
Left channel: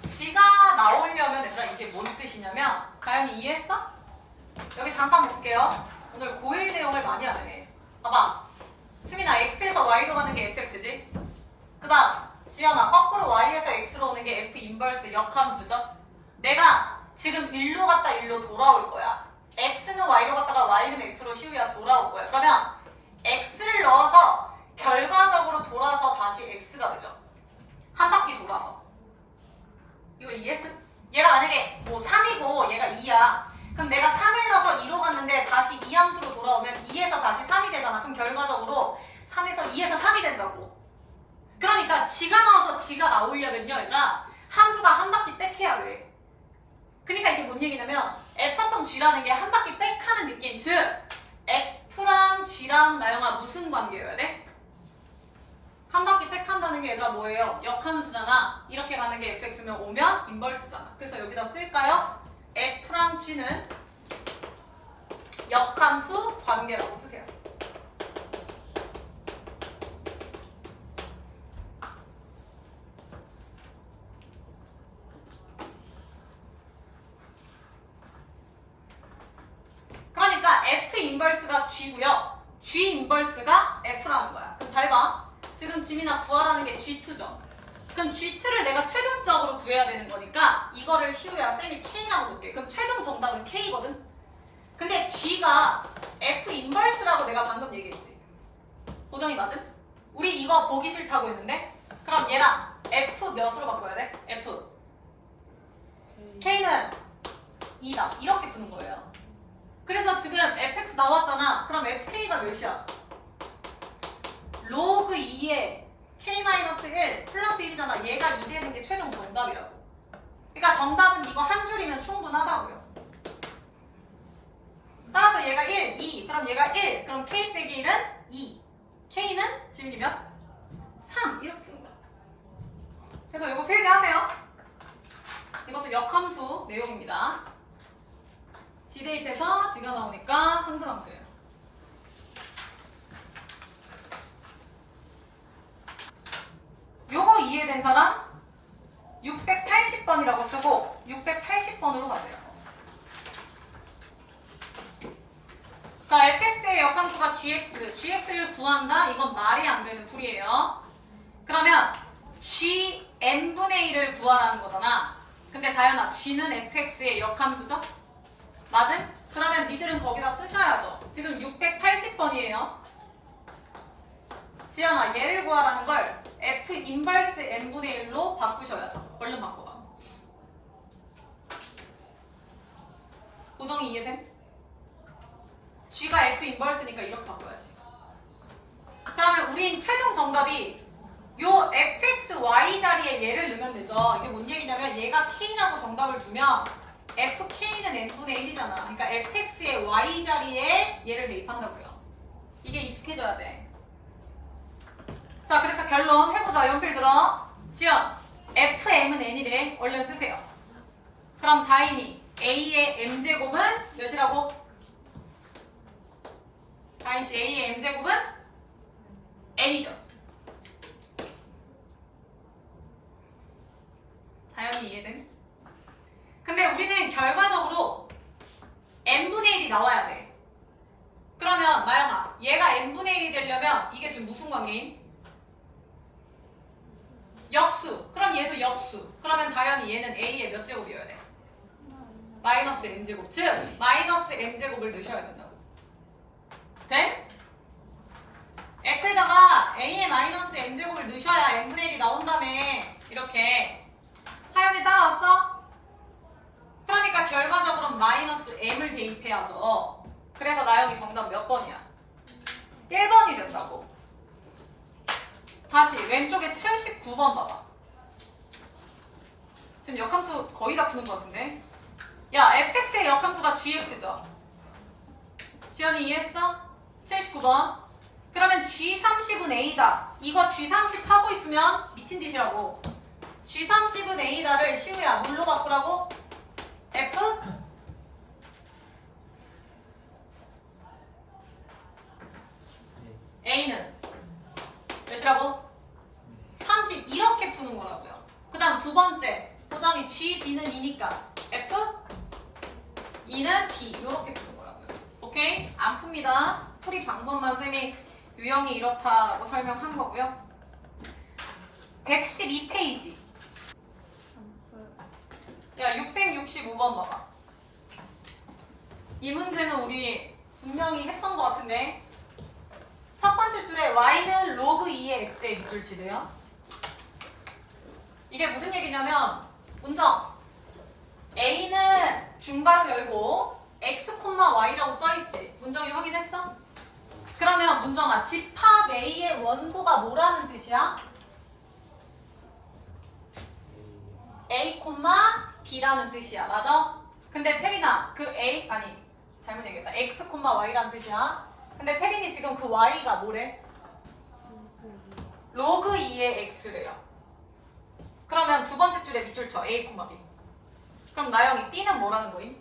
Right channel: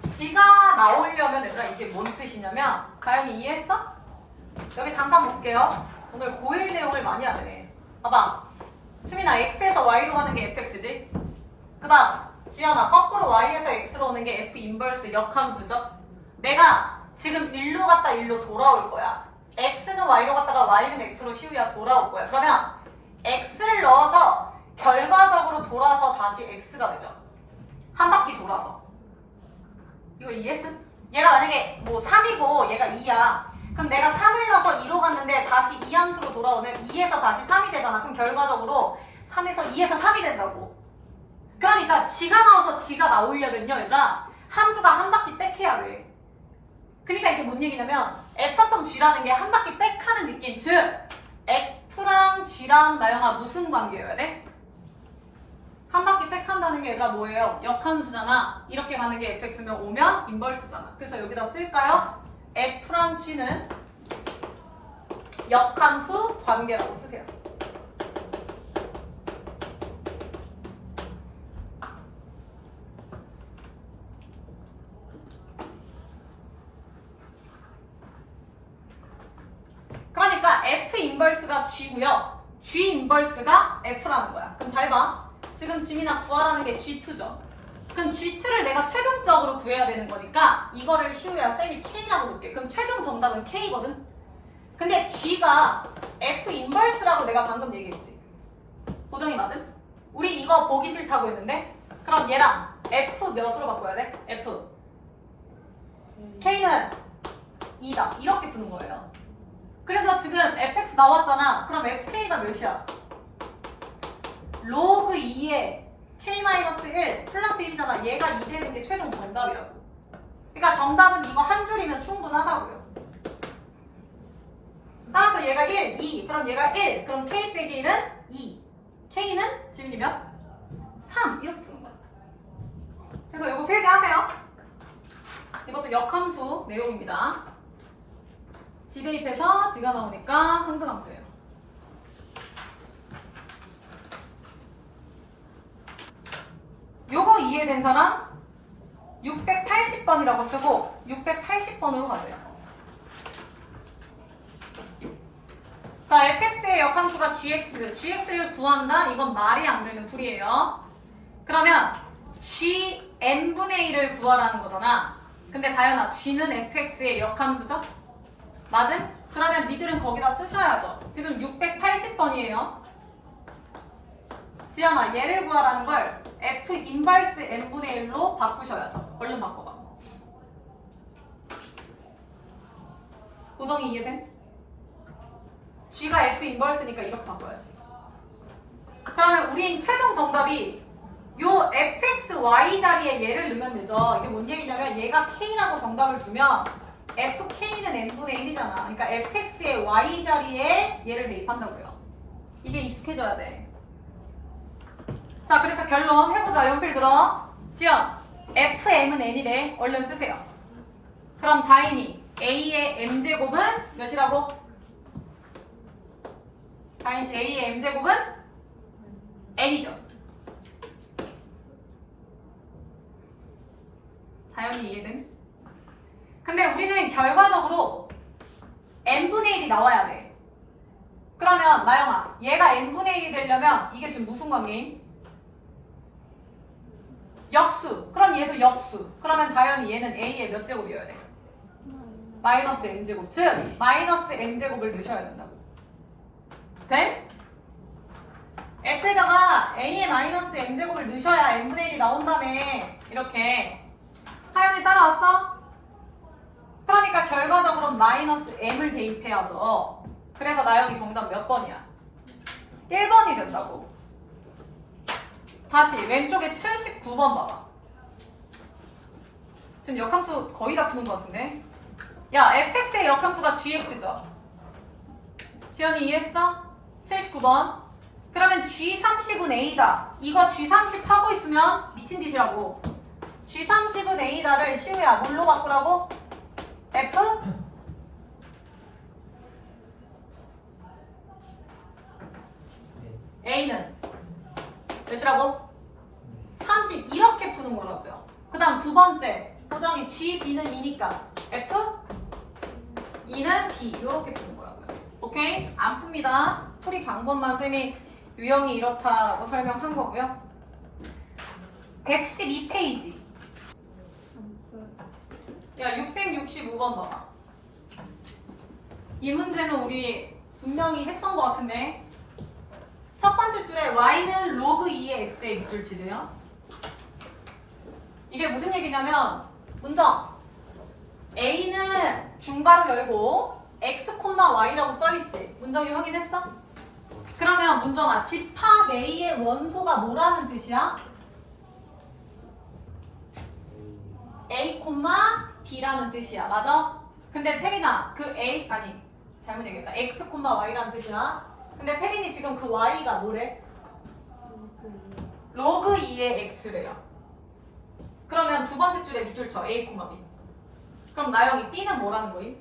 G가 나오려면 얘들아 이게 뭔 뜻이냐면 다영이 이해했어? 여기 잠깐 볼게요. 오늘 고1 내용을 많이 하네. 봐봐. 수민아 X에서 Y로 가는 게 FX지? 그 다음 지연아 거꾸로 Y에서 X로 오는 게 F 인버스 역함수죠? 내가 지금 1로 갔다 1로 돌아올 거야. X는 Y로 갔다가 Y는 X로 시우야 돌아올 거야. 그러면 X를 넣어서 결과적으로 돌아서 다시 X가 되죠. 한 바퀴 돌아서. 이거 이해했어? 얘가 만약에 뭐 3이고 얘가 2야. 그럼 내가 3을 넣어서 2로 갔는데 다시 2함수로 돌아오면 2에서 다시 3이 되잖아. 그럼 결과적으로 3에서 2에서 3이 된다고. 그러니까 G가 나와서 G가 나오려면요 얘들아 함수가 한 바퀴 빽해야 돼. 그러니까 이게 뭔 얘기냐면 F합성 G라는 게 한 바퀴 빽하는 느낌. 즉 F랑 G랑 나영아 무슨 관계여야 돼? 한 바퀴 빽한다는 게 얘들아 뭐예요? 역함수잖아. 이렇게 가는 게 fx면 오면 인버스잖아. 그래서 여기다 쓸까요? F랑 G는 역함수 관계라고 쓰세요. 그러니까 F 인버스가 G고요. G 인버스가 F라는 거야. 그럼 잘 봐. 지금 지민아 구하라는 게 G2죠. 그럼 G2를 내가 최종적으로 구해야 되는 거니까 이거를 시우야 쌤이 K라고 놓을게. 그럼 최종 정답은 K거든? 근데 G가 F 인버스라고 내가 방금 얘기했지. 보정이 맞음? 우리 이거 보기 싫다고 했는데 그럼 얘랑 F 몇으로 바꿔야 돼? F K는 2다. 이렇게 푸는 거예요. 그래서 지금 fx 나왔잖아. 그럼 fk가 몇이야? 로그 2에 k-1 플러스 1이잖아. 얘가 2 되는 게 최종 정답이라고. 그러니까 정답은 이거 한 줄이면 충분하다고요. 따라서 얘가 1, 2. 그럼 얘가 1. 그럼 k 빼기 1은 2. k는 지민이 몇? 3. 이렇게 푸는 거야. 그래서 이거 필기하세요. 이것도 역함수 내용입니다. 지 대입해서 지가 나오니까 항등함수예요. 요거 이해된 사람 680번이라고 쓰고 680번으로 가세요. 자, fx의 역함수가 gx를 구한다? 이건 말이 안 되는 풀이에요. 그러면 g n분의 1을 구하라는 거잖아. 근데 다현아, g는 fx의 역함수죠? 맞음? 그러면 니들은 거기다 쓰셔야죠. 지금 680번이에요. 지연아, 얘를 구하라는 걸 f 인버스 n분의 1로 바꾸셔야죠. 얼른 바꿔봐. 고정이 이해됨? g가 f 인버스니까 이렇게 바꿔야지. 그러면 우린 최종 정답이 요 fx, y 자리에 얘를 넣으면 되죠. 이게 뭔 얘기냐면 얘가 k라고 정답을 주면 fk는 n분의 1이잖아. 그러니까 fx의 y 자리에 얘를 대입한다고요. 이게 익숙해져야 돼. 자, 그래서 결론 해보자. 연필 들어. 지연, fm은 n이래. 얼른 쓰세요. 그럼 다인이 a의 m제곱은 몇이라고? 다인씨, a의 m제곱은 n이죠. 다현이 이해됨? 근데 우리는 결과적으로 n분의 1이 나와야 돼. 그러면 나영아, 얘가 n분의 1이 되려면 이게 지금 무슨 관계임? 역수. 그럼 얘도 역수. 그러면 다현이 얘는 a의 몇 제곱이어야 돼? 마이너스 m제곱. 즉 마이너스 m제곱을 넣으셔야 된다고. 돼? f에다가 a의 마이너스 m제곱을 넣으셔야 n분의 1이 나온다며. 이렇게. 하연이 따라왔어? 그러니까 결과적으로 마이너스 m을 대입해야죠. 그래서 나영이 정답 몇 번이야? 1번이 된다고. 다시 왼쪽에 79번 봐봐. 지금 역함수 거의 다 푸는 것 같은데? 야, fx의 역함수가 gx죠? 지연이 이해했어? 79번. 그러면 g30은 a다. 이거 g30 하고 있으면 미친 짓이라고. g30은 a다를 시우야 뭘로 바꾸라고? f? a는 몇이라고? 30 이렇게 푸는 거라고요. 그 다음 두 번째 보정이 g, b는 2니까 f? 2는 b 이렇게 푸는 거라고요. 오케이? 안 풉니다. 풀이 방법만 쌤이 유형이 이렇다라고 설명한 거고요. 112페이지. 야, 665번 봐봐. 이 문제는 우리 분명히 했던 것 같은데 첫 번째 줄에 y는 로그 2의 x의 밑줄 치세요. 이게 무슨 얘기냐면 문정 a는 중괄호 열고 x, y라고 써있지. 문정이 확인했어? 그러면 문정아, 집합 a의 원소가 뭐라는 뜻이야? a, b라는 뜻이야. 맞아? 근데 태린아, 그 a, 아니 잘못 얘기했다. x, y라는 뜻이야. 근데 태린이 지금 그 y가 뭐래? 로그 2의 x래요. 그러면 두 번째 줄에 밑줄 쳐. a, b. 그럼 나영이 b는 뭐라는 거임?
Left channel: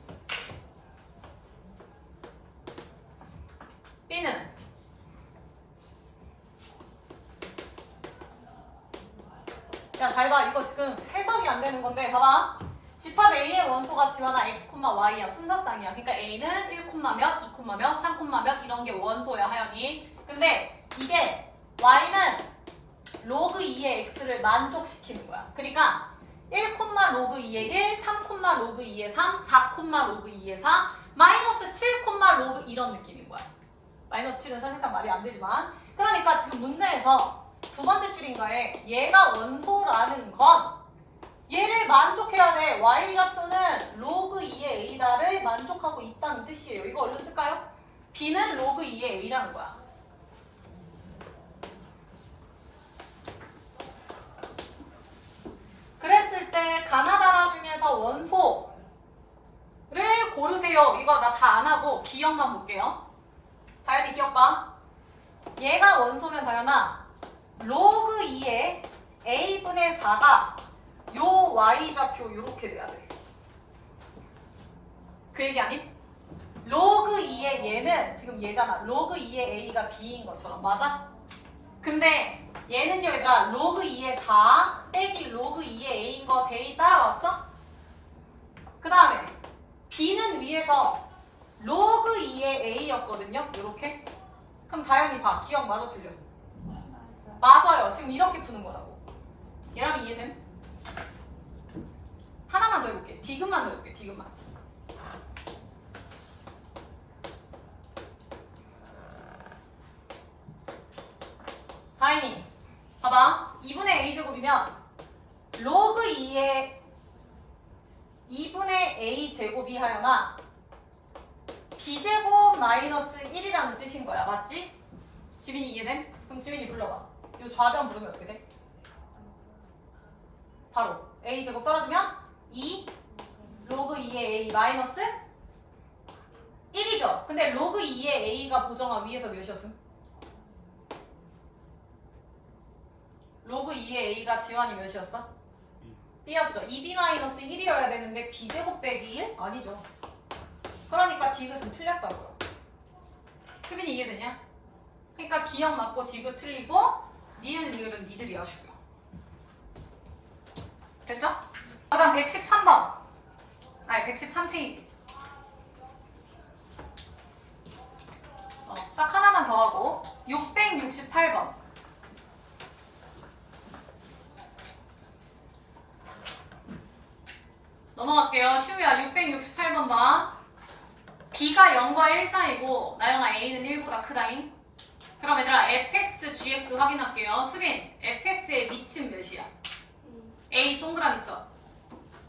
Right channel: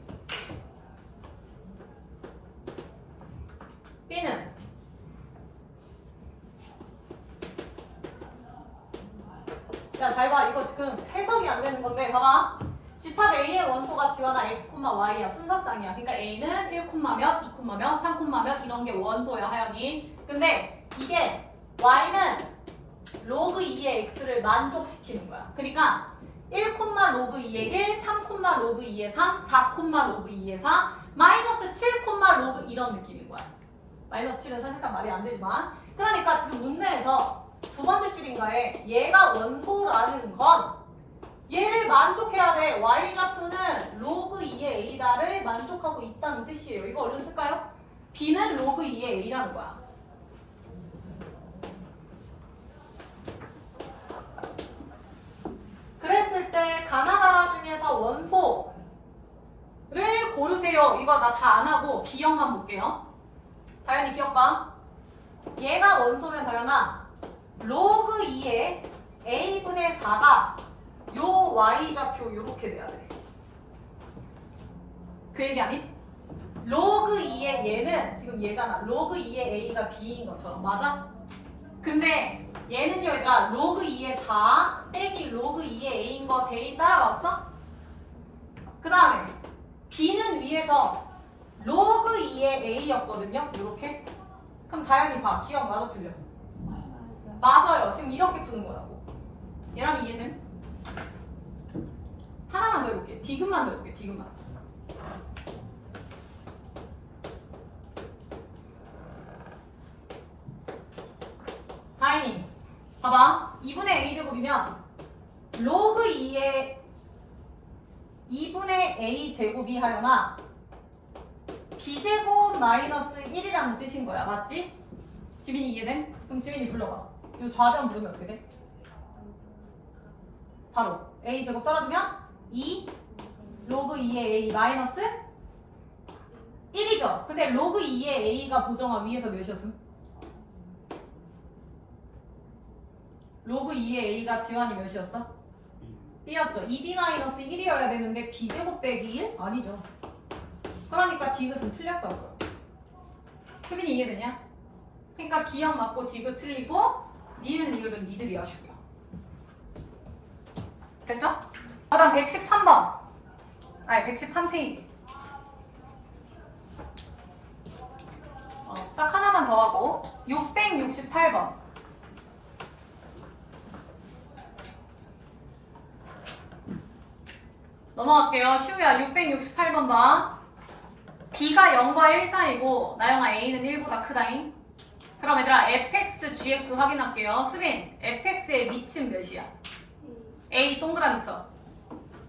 b는 야, 잘 봐. 이거 지금 해석이 안 되는 건데 봐봐. 집합 A의 원소가 지원아 x, y야. 순서상이야. 그러니까 A는 1, 몇, 2, 몇, 3, 몇 이런 게 원소야, 하연이. 근데 이게 y는 로그 2의 x를 만족시키는 거야. 그러니까 1, 로그 2의 1, 3, 로그 2의 3, 4, 로그 2의 4, 마이너스 7, 로그 이런 느낌인 거야. 마이너스 7은 사실상 말이 안 되지만 그러니까 지금 문제에서 두 번째 줄인가에 얘가 원소라는 건 얘를 만족해야 돼. y좌표는 로그 2의 a다를 만족하고 있다는 뜻이에요. 이거 얼른 쓸까요? b는 로그 2의 a라는 거야. 그랬을 때 가나다라 중에서 원소를 고르세요. 이거 나 다 안 하고 기억만 볼게요. 다현이 기억 봐. 얘가 원소면 다현아 로그 2의 a분의 4가 요 y좌표 요렇게 돼야 돼. 그 얘기 아니? 로그 2의 얘는 지금 얘잖아. 로그 2의 a가 b인 것처럼 맞아? 근데 얘는요 얘들아 로그 2의 4 빼기 로그 2의 a인 거 대입 따라왔어? 그 다음에 b는 위에서 로그 2의 a였거든요. 요렇게. 그럼 다현이 봐. 기억 맞아 틀려? 맞아요. 지금 이렇게 푸는 거라고. 얘랑 이해됨? 하나만 더 해볼게. 디귿만 더 해볼게. 디귿만. 다인이 봐봐. 2분의 a제곱이면 로그 2의 2분의 a제곱이 하여나 b제곱 마이너스 1이라는 뜻인 거야. 맞지? 지민이 이해됨? 그럼 지민이 불러봐. 이 좌변 부르면 어떻게 돼? 바로 a제곱 떨어지면 2 로그 2의 a 마이너스 1이죠. 근데 로그 2의 a가 보정아 위에서 몇이었음? 로그 2의 a가 지환이 몇이었어? b였죠. 2b-1이어야 되는데 b제곱 빼기 1? 아니죠. 그러니까 디귿은 틀렸다고요. 수빈이 이해되냐? 그러니까 기억 맞고 디귿 틀리고 니은 리을은 니들이 하시고요. 됐죠? 그 다음 113번. 아니 113페이지. 딱 하나만 더 하고 668번. 넘어갈게요. 시우야 668번 봐. b가 0과 1 사이고 나영아 a는 1보다 크다잉. 그럼 얘들아 fx, gx 확인할게요. 수빈 fx의 미친 몇이야? a 동그라미 쳐.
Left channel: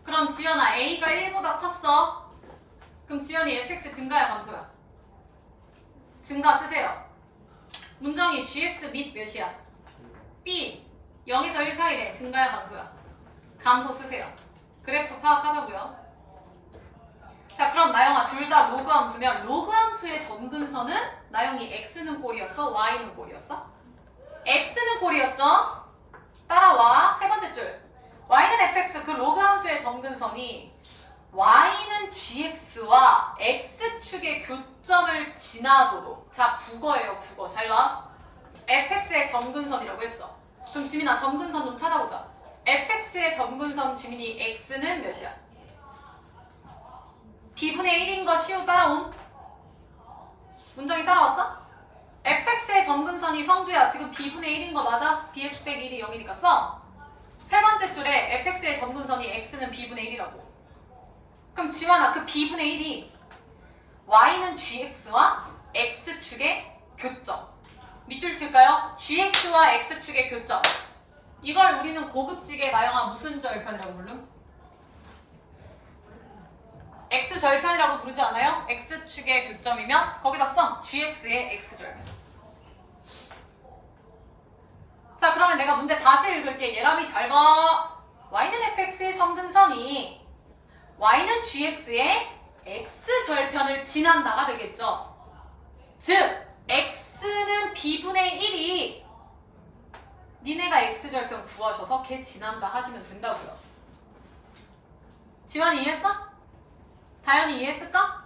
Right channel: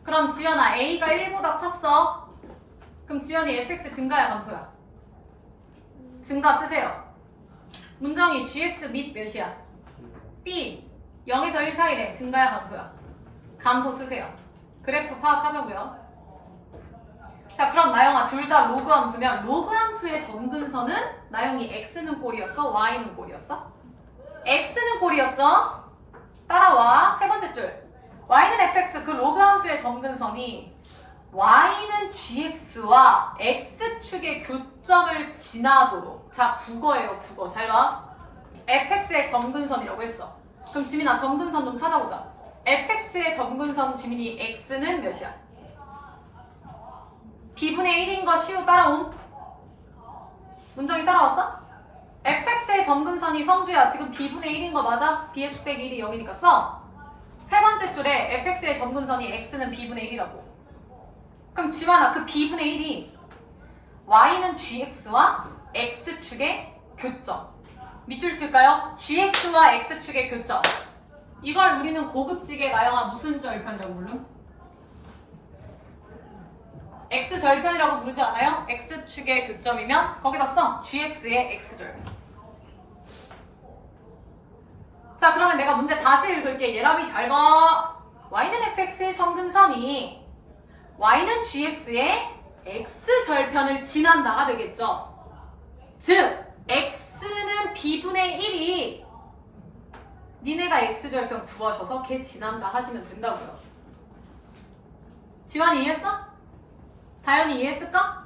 그럼 지연아 a가 1보다 컸어. 그럼 지연이 fx 증가야 감소야? 증가 쓰세요. 문정이 gx 및 몇이야? b 0에서 1 사이래. 증가야 감소야? 감소 쓰세요. 그래프 파악하자고요. 자 그럼 나영아 둘 다 로그 함수면 로그 함수의 점근선은 나영이 x는 꼴이었어? y는 꼴이었어? x는 꼴이었죠? 따라와. 세 번째 줄. y는 fx 그 로그 함수의 점근선이 y는 gx와 x축의 교점을 지나도록. 자 국어예요 국어. 잘 봐. fx의 점근선이라고 했어. 그럼 지민아 점근선 좀 찾아보자. fx의 점근선 지민이 x는 몇이야? b분의 1인 거 시우 따라옴? 문정이 따라왔어? fx의 점근선이 성주야. 지금 b분의 1인 거 맞아? bx 빼기 1이 0이니까 써. 세 번째 줄에 fx의 점근선이 x는 b분의 1이라고. 그럼 지환아 그 b분의 1이 y는 gx와 x축의 교점. 밑줄 칠까요? gx와 x축의 교점. 이걸 우리는 고급지게 나영아 무슨 절편이라고 부름? x절편이라고 부르지 않아요? x축의 교점이면 거기다 써. gx의 x절편. 자 그러면 내가 문제 다시 읽을게. 예람이 잘 봐. y는 fx의 점근선이 y는 gx의 x절편을 지난다가 되겠죠. 즉 x는 b분의 1이 니네가 x절편 구하셔서 걔 지난다 하시면 된다고요. 지환이 이해했어? 다현이 이해했을까?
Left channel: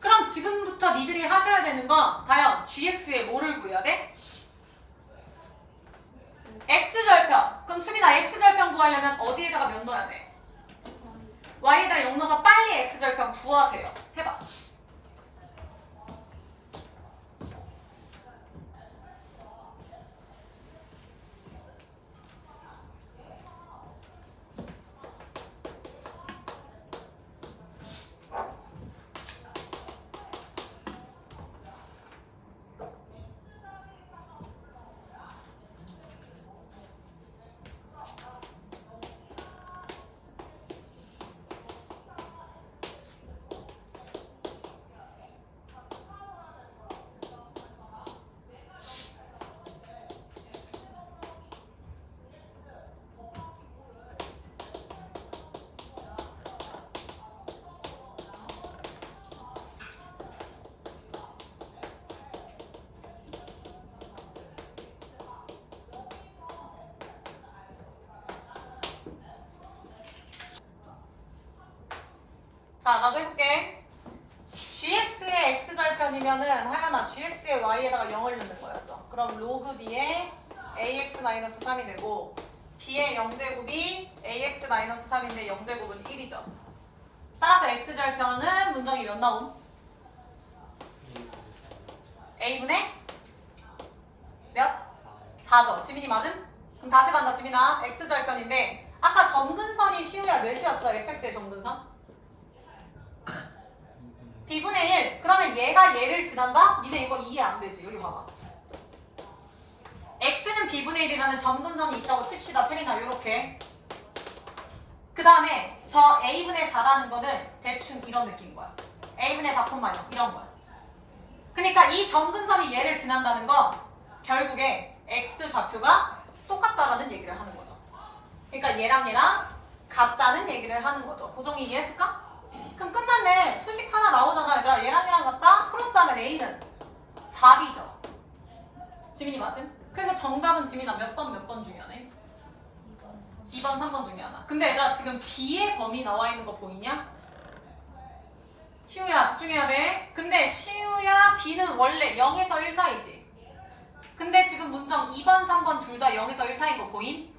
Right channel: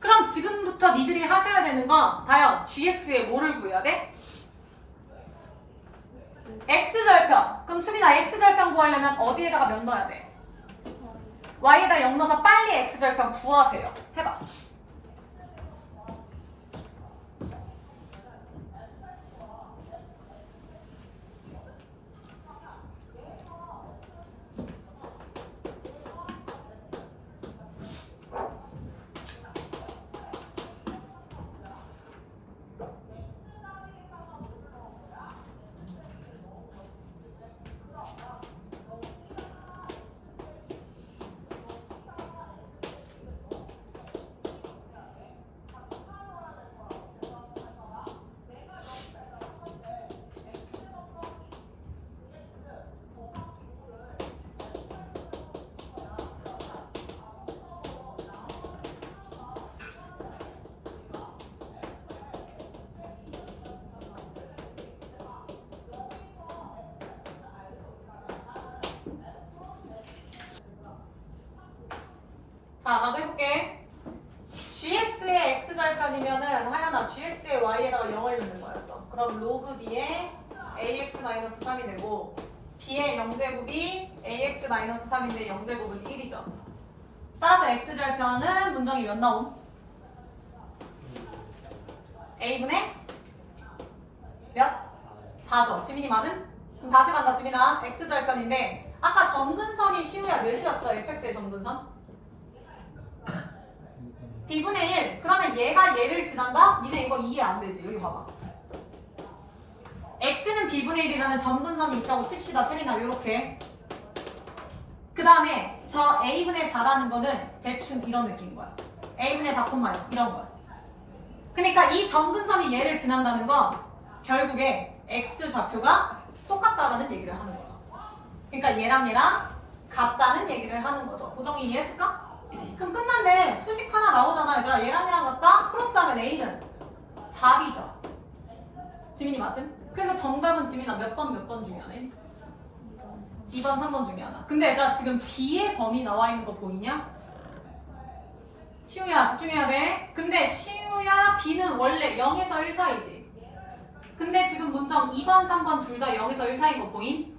그럼 지금부터 니들이 하셔야 되는 건 다현, gx의 뭐를 구해야 돼? x절편. 그럼 수빈아 x절편 구하려면 어디에다가 몇 넣어야 돼? y에다 0 넣어서 빨리 x절편 구하세요. 해봐. 자, 나도 해볼게. gx의 x절편이면은 하연아 gx의 y에다가 0을 넣는 거였어. 그럼 로그 b의 ax-3이 되고 b의 0제곱이 ax-3인데 0제곱은 1이죠. 따라서 x절편은 문정이 몇 나옴? a분의 몇? 4죠. 지민이 맞음? 그럼 다시 간다 지민아. x절편인데 아까 점근선이 시우야 몇이었어? fx의 점근선? b분의 1. 그러면 얘가 얘를 지난다? 니네 이거 이해 안 되지. 여기 봐봐. x는 b분의 1이라는 점근선이 있다고 칩시다. 테리나 요렇게. 그 다음에 저 a분의 4라는 거는 대충 이런 느낌인 거야. a분의 4,0 이런 거야. 그러니까 이 점근선이 얘를 지난다는 건 결국에 x 좌표가 똑같다라는 얘기를 하는 거죠. 그러니까 얘랑 같다는 얘기를 하는 거죠. 고정이 이해했을까? 그럼 끝났네. 수식 하나 나오잖아. 얘들아 얘랑 같다? 플러스하면 a는 4b죠. 지민이 맞음? 그래서 정답은 지민아 몇 번 중에 하네? 2번, 3번 중에 하나. 근데 얘들아 지금 b의 범위 나와 있는 거 보이냐? 시우야 집중해야 돼. 근데 시우야 b는 원래 0에서 1 사이지. 근데 지금 문정 2번, 3번 둘 다 0에서 1 사이인 거 보임?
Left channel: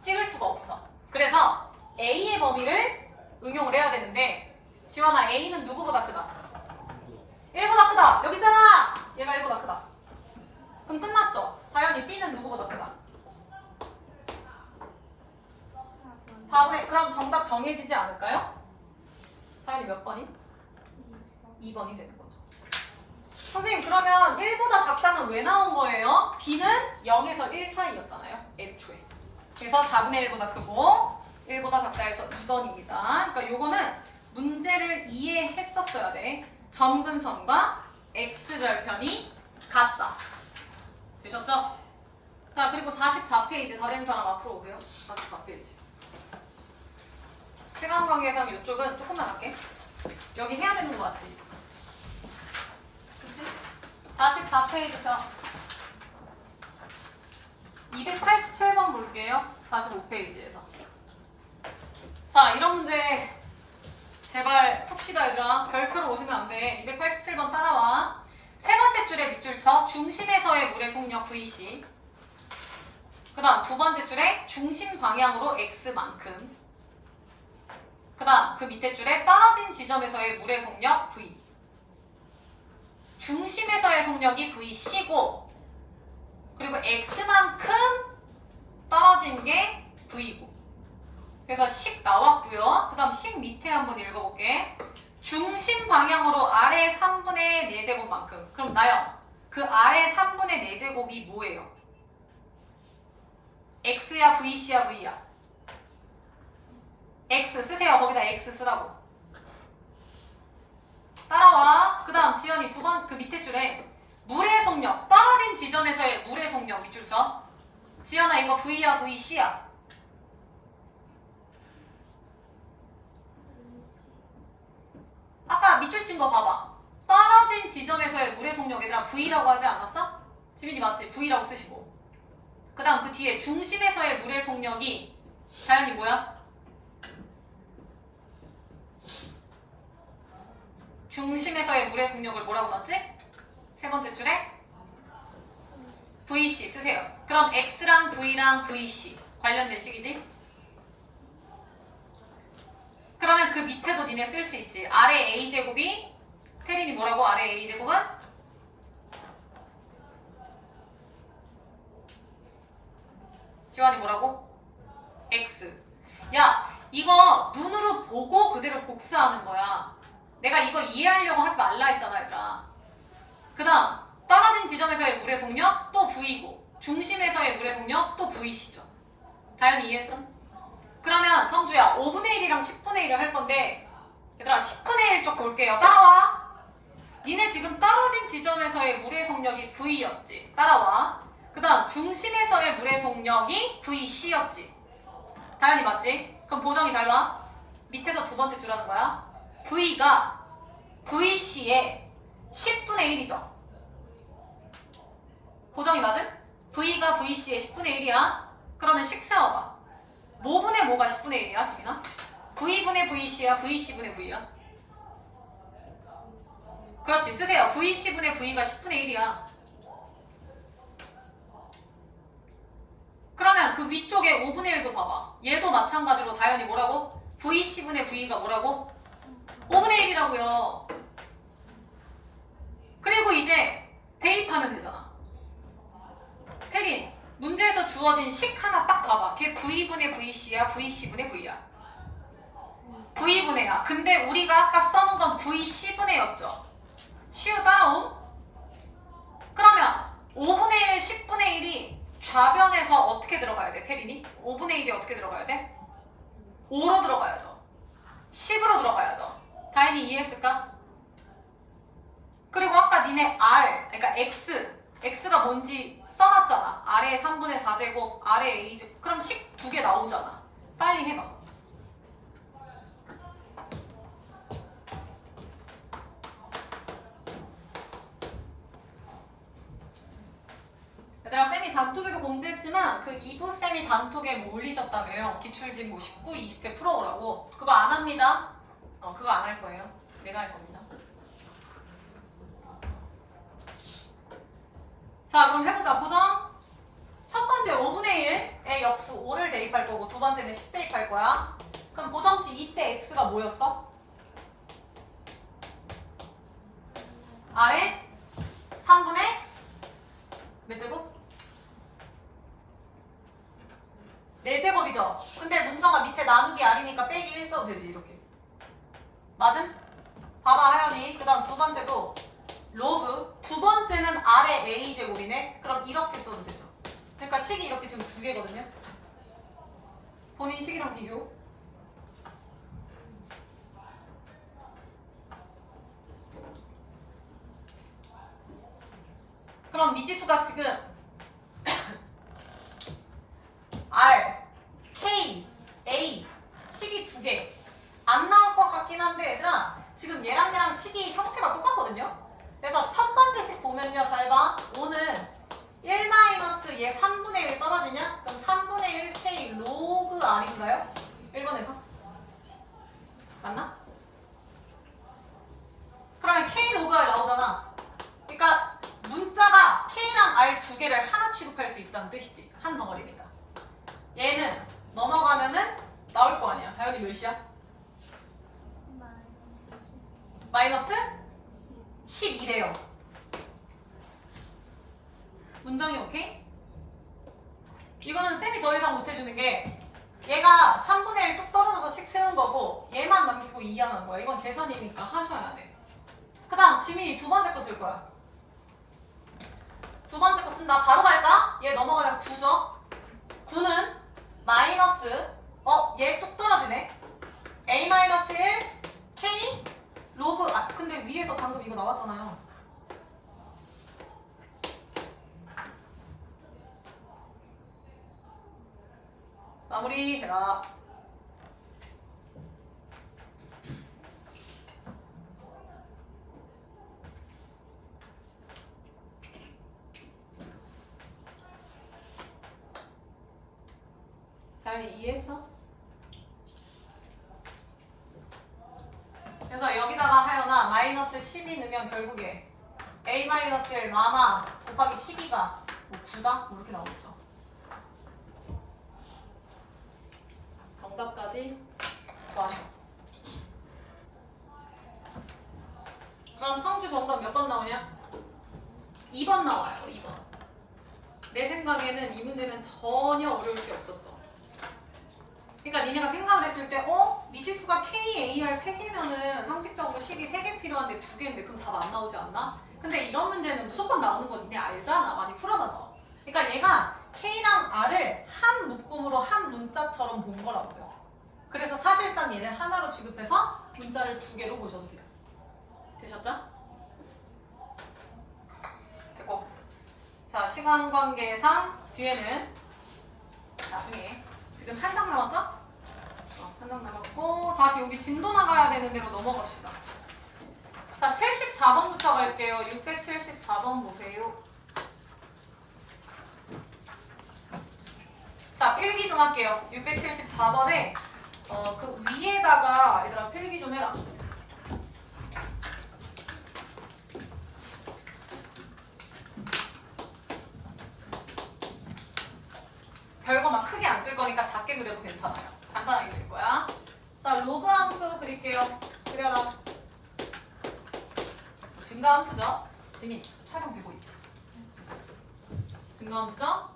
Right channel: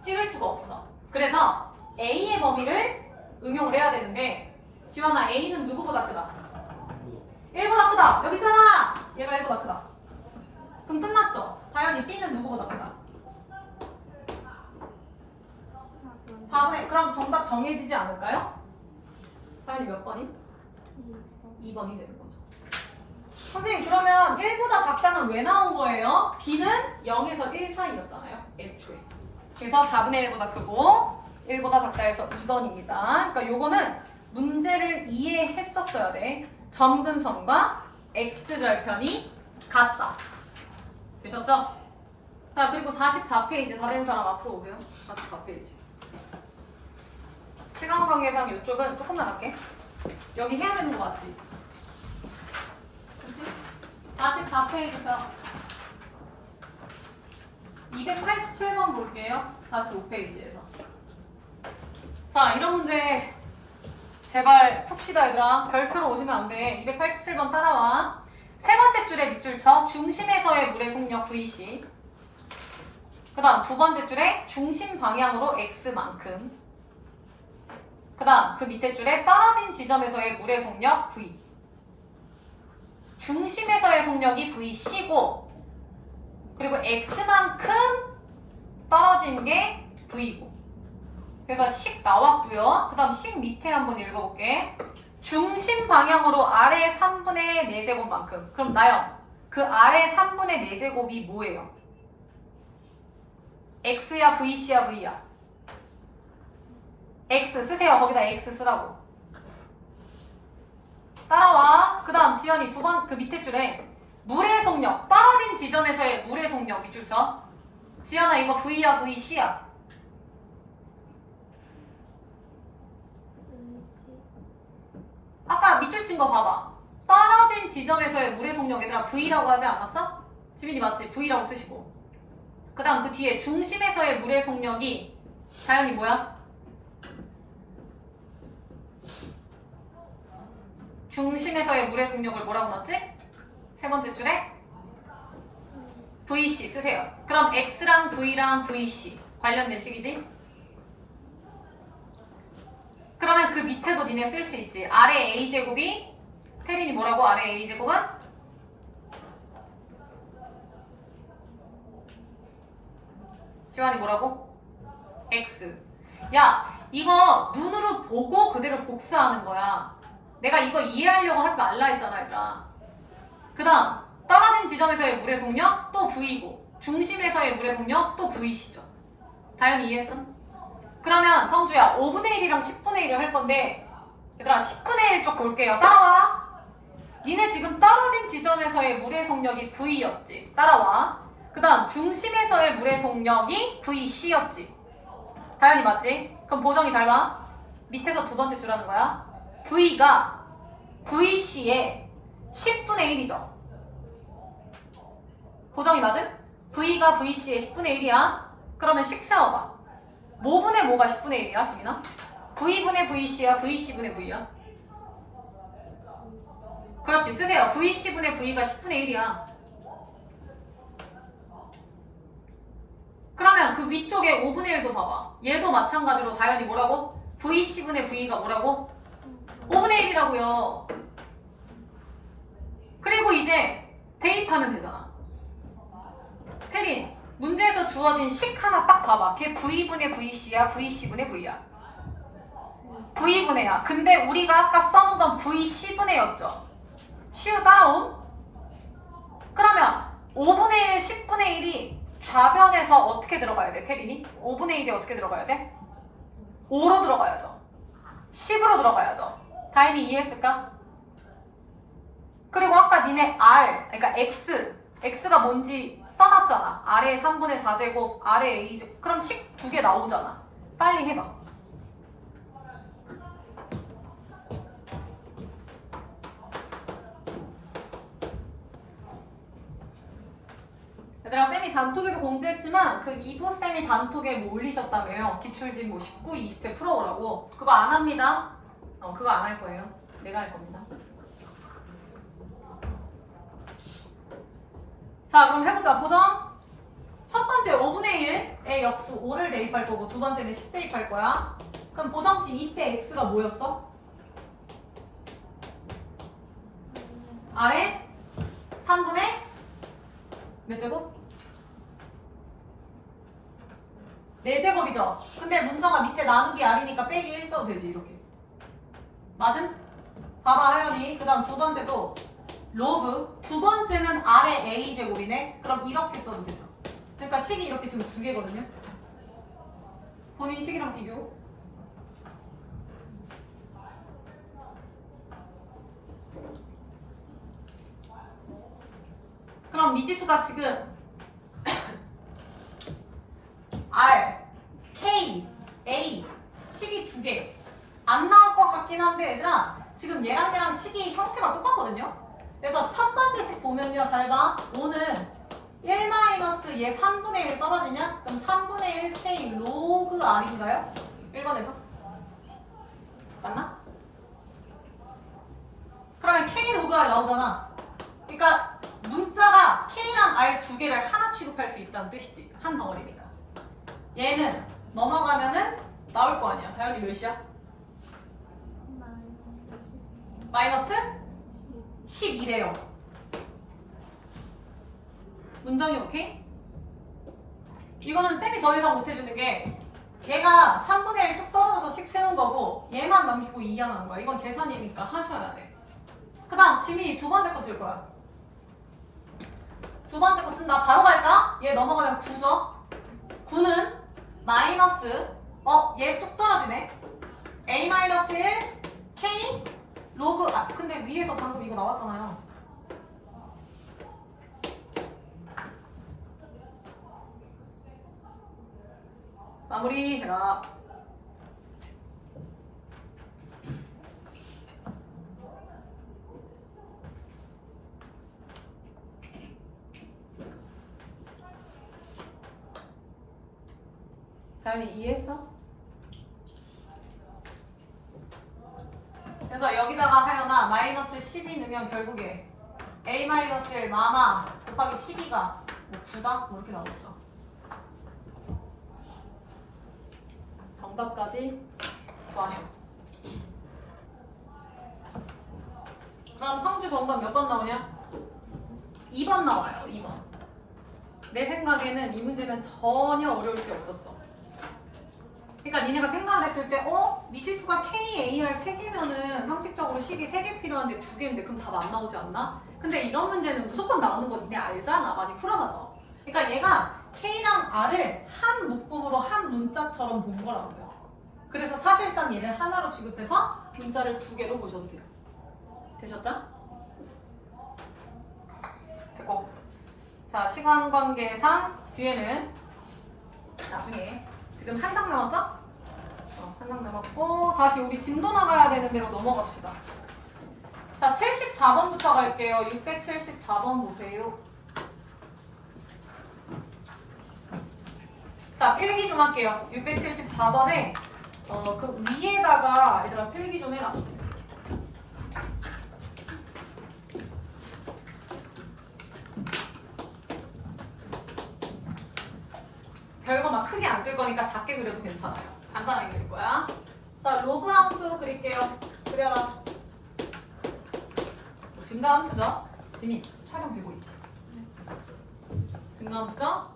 찍을 수가 없어. 그래서 a의 범위를 응용을 해야 되는데 지원아 a는 누구보다 크다? 1보다 크다. 여기 있잖아. 얘가 1보다 크다. 그럼 끝났죠? 다현이 b는 누구보다 크다? 4분의 그럼 정답 정해지지 않을까요? 다현이 몇 번이? 2번이 되는 거죠. 선생님 그러면 1보다 작다는 왜 나온 거예요? b는 0에서 1 사이였잖아요. 애초에. 그래서 4분의 1보다 크고 1보다 작다 해서 2번입니다. 그러니까 요거는 문제를 이해했었어야 돼. 점근선과 x절편이 같다. 되셨죠? 자 그리고 44페이지 다 된 사람 앞으로 오세요. 44페이지. 시간관계상 이쪽은 조금만 할게. 여기 해야 되는 거 맞지? 그치? 44페이지 편 287번 볼게요. 45페이지에서. 자 이런 문제 제발 풉시다 얘들아. 별표로 오시면 안 돼. 287번 따라와. 세 번째 줄에 밑줄 쳐. 중심에서의 물의 속력 VC. 그 다음 두 번째 줄에 중심 방향으로 X만큼. 그 다음 그 밑에 줄에 떨어진 지점에서의 물의 속력 V. 중심에서의 속력이 VC고 그리고 X만큼 떨어진 게 V고. 그래서 식 나왔고요. 그 다음 식 밑에 한번 읽어볼게. 중심 방향으로 아래 3분의 4제곱만큼. 그럼 나영, 그 아래 3분의 4제곱이 뭐예요? X야 VC야 V야? X 쓰세요. 거기다 X 쓰라고. 따라와. 그 다음 지연이 두 번 그 밑에 줄에 물의 속력, 떨어진 지점에서의 물의 속력 밑줄 쳐. 지연아 이거 V야 VC야? 아까 밑줄 친 거 봐봐. 떨어진 지점에서의 물의 속력 얘들아 V라고 하지 않았어? 지민이 맞지? V라고 쓰시고. 그 다음 그 뒤에 중심에서의 물의 속력이 다현이 뭐야? 중심에서의 물의 속력을 뭐라고 넣었지? 세 번째 줄에 VC 쓰세요. 그럼 X랑 V랑 VC 관련된 식이지? 그러면 그 밑에도 니네 쓸 수 있지. 아래 A제곱이 태린이 뭐라고? 아래 A제곱은? 지환이 뭐라고? X. 야 이거 눈으로 보고 그대로 복사하는 거야. 내가 이거 이해하려고 하지 말라 했잖아 얘들아. 그 다음 떨어진 지점에서의 물의 속력 또 V고 중심에서의 물의 속력 또 VC죠. 다현이 이해했어? 그러면 성주야 5분의 1이랑 10분의 1을 할 건데 얘들아 10분의 1 쪽 볼게요. 따라와. 니네 지금 떨어진 지점에서의 물의 속력이 V였지. 따라와. 그 다음 중심에서의 물의 속력이 VC였지. 다현이 맞지? 그럼 보정이 잘 봐. 밑에서 두 번째 줄 하는 거야. V가 VC의 10분의 1이죠. 보정이 맞음? V가 VC의 10분의 1이야. 그러면 식 세워봐. 뭐분의 뭐가 10분의 1이야 지민아? V분의 VC야 VC분의 V야? 그렇지, 쓰세요. VC분의 V가 10분의 1이야. 그러면 그 위쪽에 5분의 1도 봐봐. 얘도 마찬가지로 당연히 뭐라고? VC분의 V가 뭐라고? 5분의 1이라고요. 그리고 이제 대입하면 되잖아. 태린, 문제에서 주어진 식 하나 딱 봐봐. 걔 V분의 VC야, VC분의 V야? V분의 야. 근데 우리가 아까 써놓은 건 VC분의 였죠. 시우 따라옴? 그러면 5분의 1, 10분의 1이 좌변에서 어떻게 들어가야 돼, 태린이? 5분의 1이 어떻게 들어가야 돼? 5로 들어가야죠. 10으로 들어가야죠. 다인이 이해했을까? 그리고 아까 니네 R, 그러니까 X가 뭔지 써놨잖아. 아래에 3분의 4제곱, 아래에 A제곱. 그럼 식 2개 나오잖아. 빨리 해봐. 얘들아, 쌤이 단톡에도 공지했지만 그 2부 쌤이 단톡에 뭐 올리셨다며요. 기출집 뭐 19, 20회 풀어오라고. 그거 안 합니다. 그거 안 할 거예요. 내가 할 겁니다. 자, 그럼 해보자. 보정. 첫 번째 5분의 1의 역수 5를 대입할 거고, 두 번째는 10 대입할 거야. 그럼 보정식 이때 x가 뭐였어? 아래 3분의 몇 제곱? 4제곱이죠. 근데 문정아 밑에 나누기 R이니까 빼기 1 써도 되지, 이렇게. 맞음? 봐봐, 하연이. 그 다음 두 번째도 로그. 두 번째는 R의 A제곱이네. 그럼 이렇게 써도 되죠. 그러니까 식이 이렇게 지금 2개거든요. 본인 식이랑 비교. 그럼 미지수가 지금 R, K, A 식이 2개. 안 나올 것 같긴 한데 얘들아, 지금 얘랑 식이 형태가 똑같거든요. 그래서 첫 번째 식 보면요, 잘 봐. 5는 1-얘 3분의 1 떨어지냐? 그럼 3분의 1 K 로그 R인가요? 1번에서? 맞나? 그러면 K 로그 R 나오잖아. 그러니까 문자가 K랑 R 2개를 하나 취급할 수 있다는 뜻이지. 한 덩어리니까. 얘는 넘어가면은 나올 거 아니야. 다현이 몇이야? 마이너스 12래요. 문정이 오케이? 이거는 쌤이 더 이상 못해주는 게 얘가 3분의 1 뚝 떨어져서 식 세운 거고 얘만 남기고 2하는 거야. 이건 계산이니까 하셔야 돼. 그 다음 지민이 두 번째 거 쓸 거야. 두 번째 거 쓴다. 바로 갈까? 얘 넘어가면 9죠? 9는 마이너스 얘 뚝 떨어지네. A-1 K 로그 근데 위에서 방금 이거 나왔잖아요. 마무리해라. 다현이 이해했어? 그래서 여기다가 하여나 마이너스 12 넣으면 결국에 A-1 마마 곱하기 12가 뭐 9다? 뭐 이렇게 나오겠죠. 정답까지 구하시오. 그럼 성주 정답 몇 번 나오냐? 2번 나와요. 2번. 내 생각에는 이 문제는 전혀 어려울 게 없었어. 그러니까 니네가 생각을 했을 때 미지수가 K, A, R 3개면은 상식적으로 식이 3개 필요한데 2개인데 그럼 답 안 나오지 않나? 근데 이런 문제는 무조건 나오는 거 니네 알잖아. 많이 풀어놔서. 그러니까 얘가 K랑 R을 한 묶음으로 한 문자처럼 본 거라고요. 그래서 사실상 얘를 하나로 취급해서 문자를 2개로 보셔도 돼요. 되셨죠? 됐고. 자, 시간 관계상 뒤에는 나중에 지금 한 장 남았죠? 한 장 남았고 다시 여기 진도 나가야 되는 대로 넘어갑시다. 자, 74번부터 갈게요. 674번 보세요. 자, 필기 좀 할게요. 674번에 그 위에다가 얘들아 필기 좀 해라. 별거 막 크게 안 쓸 거니까 작게 그려도 괜찮아요. 간단하게 그릴 거야. 자, 로그 함수 그릴게요. 그려라. 증가함수죠? 지민, 촬영 되고 있지? 증가함수죠?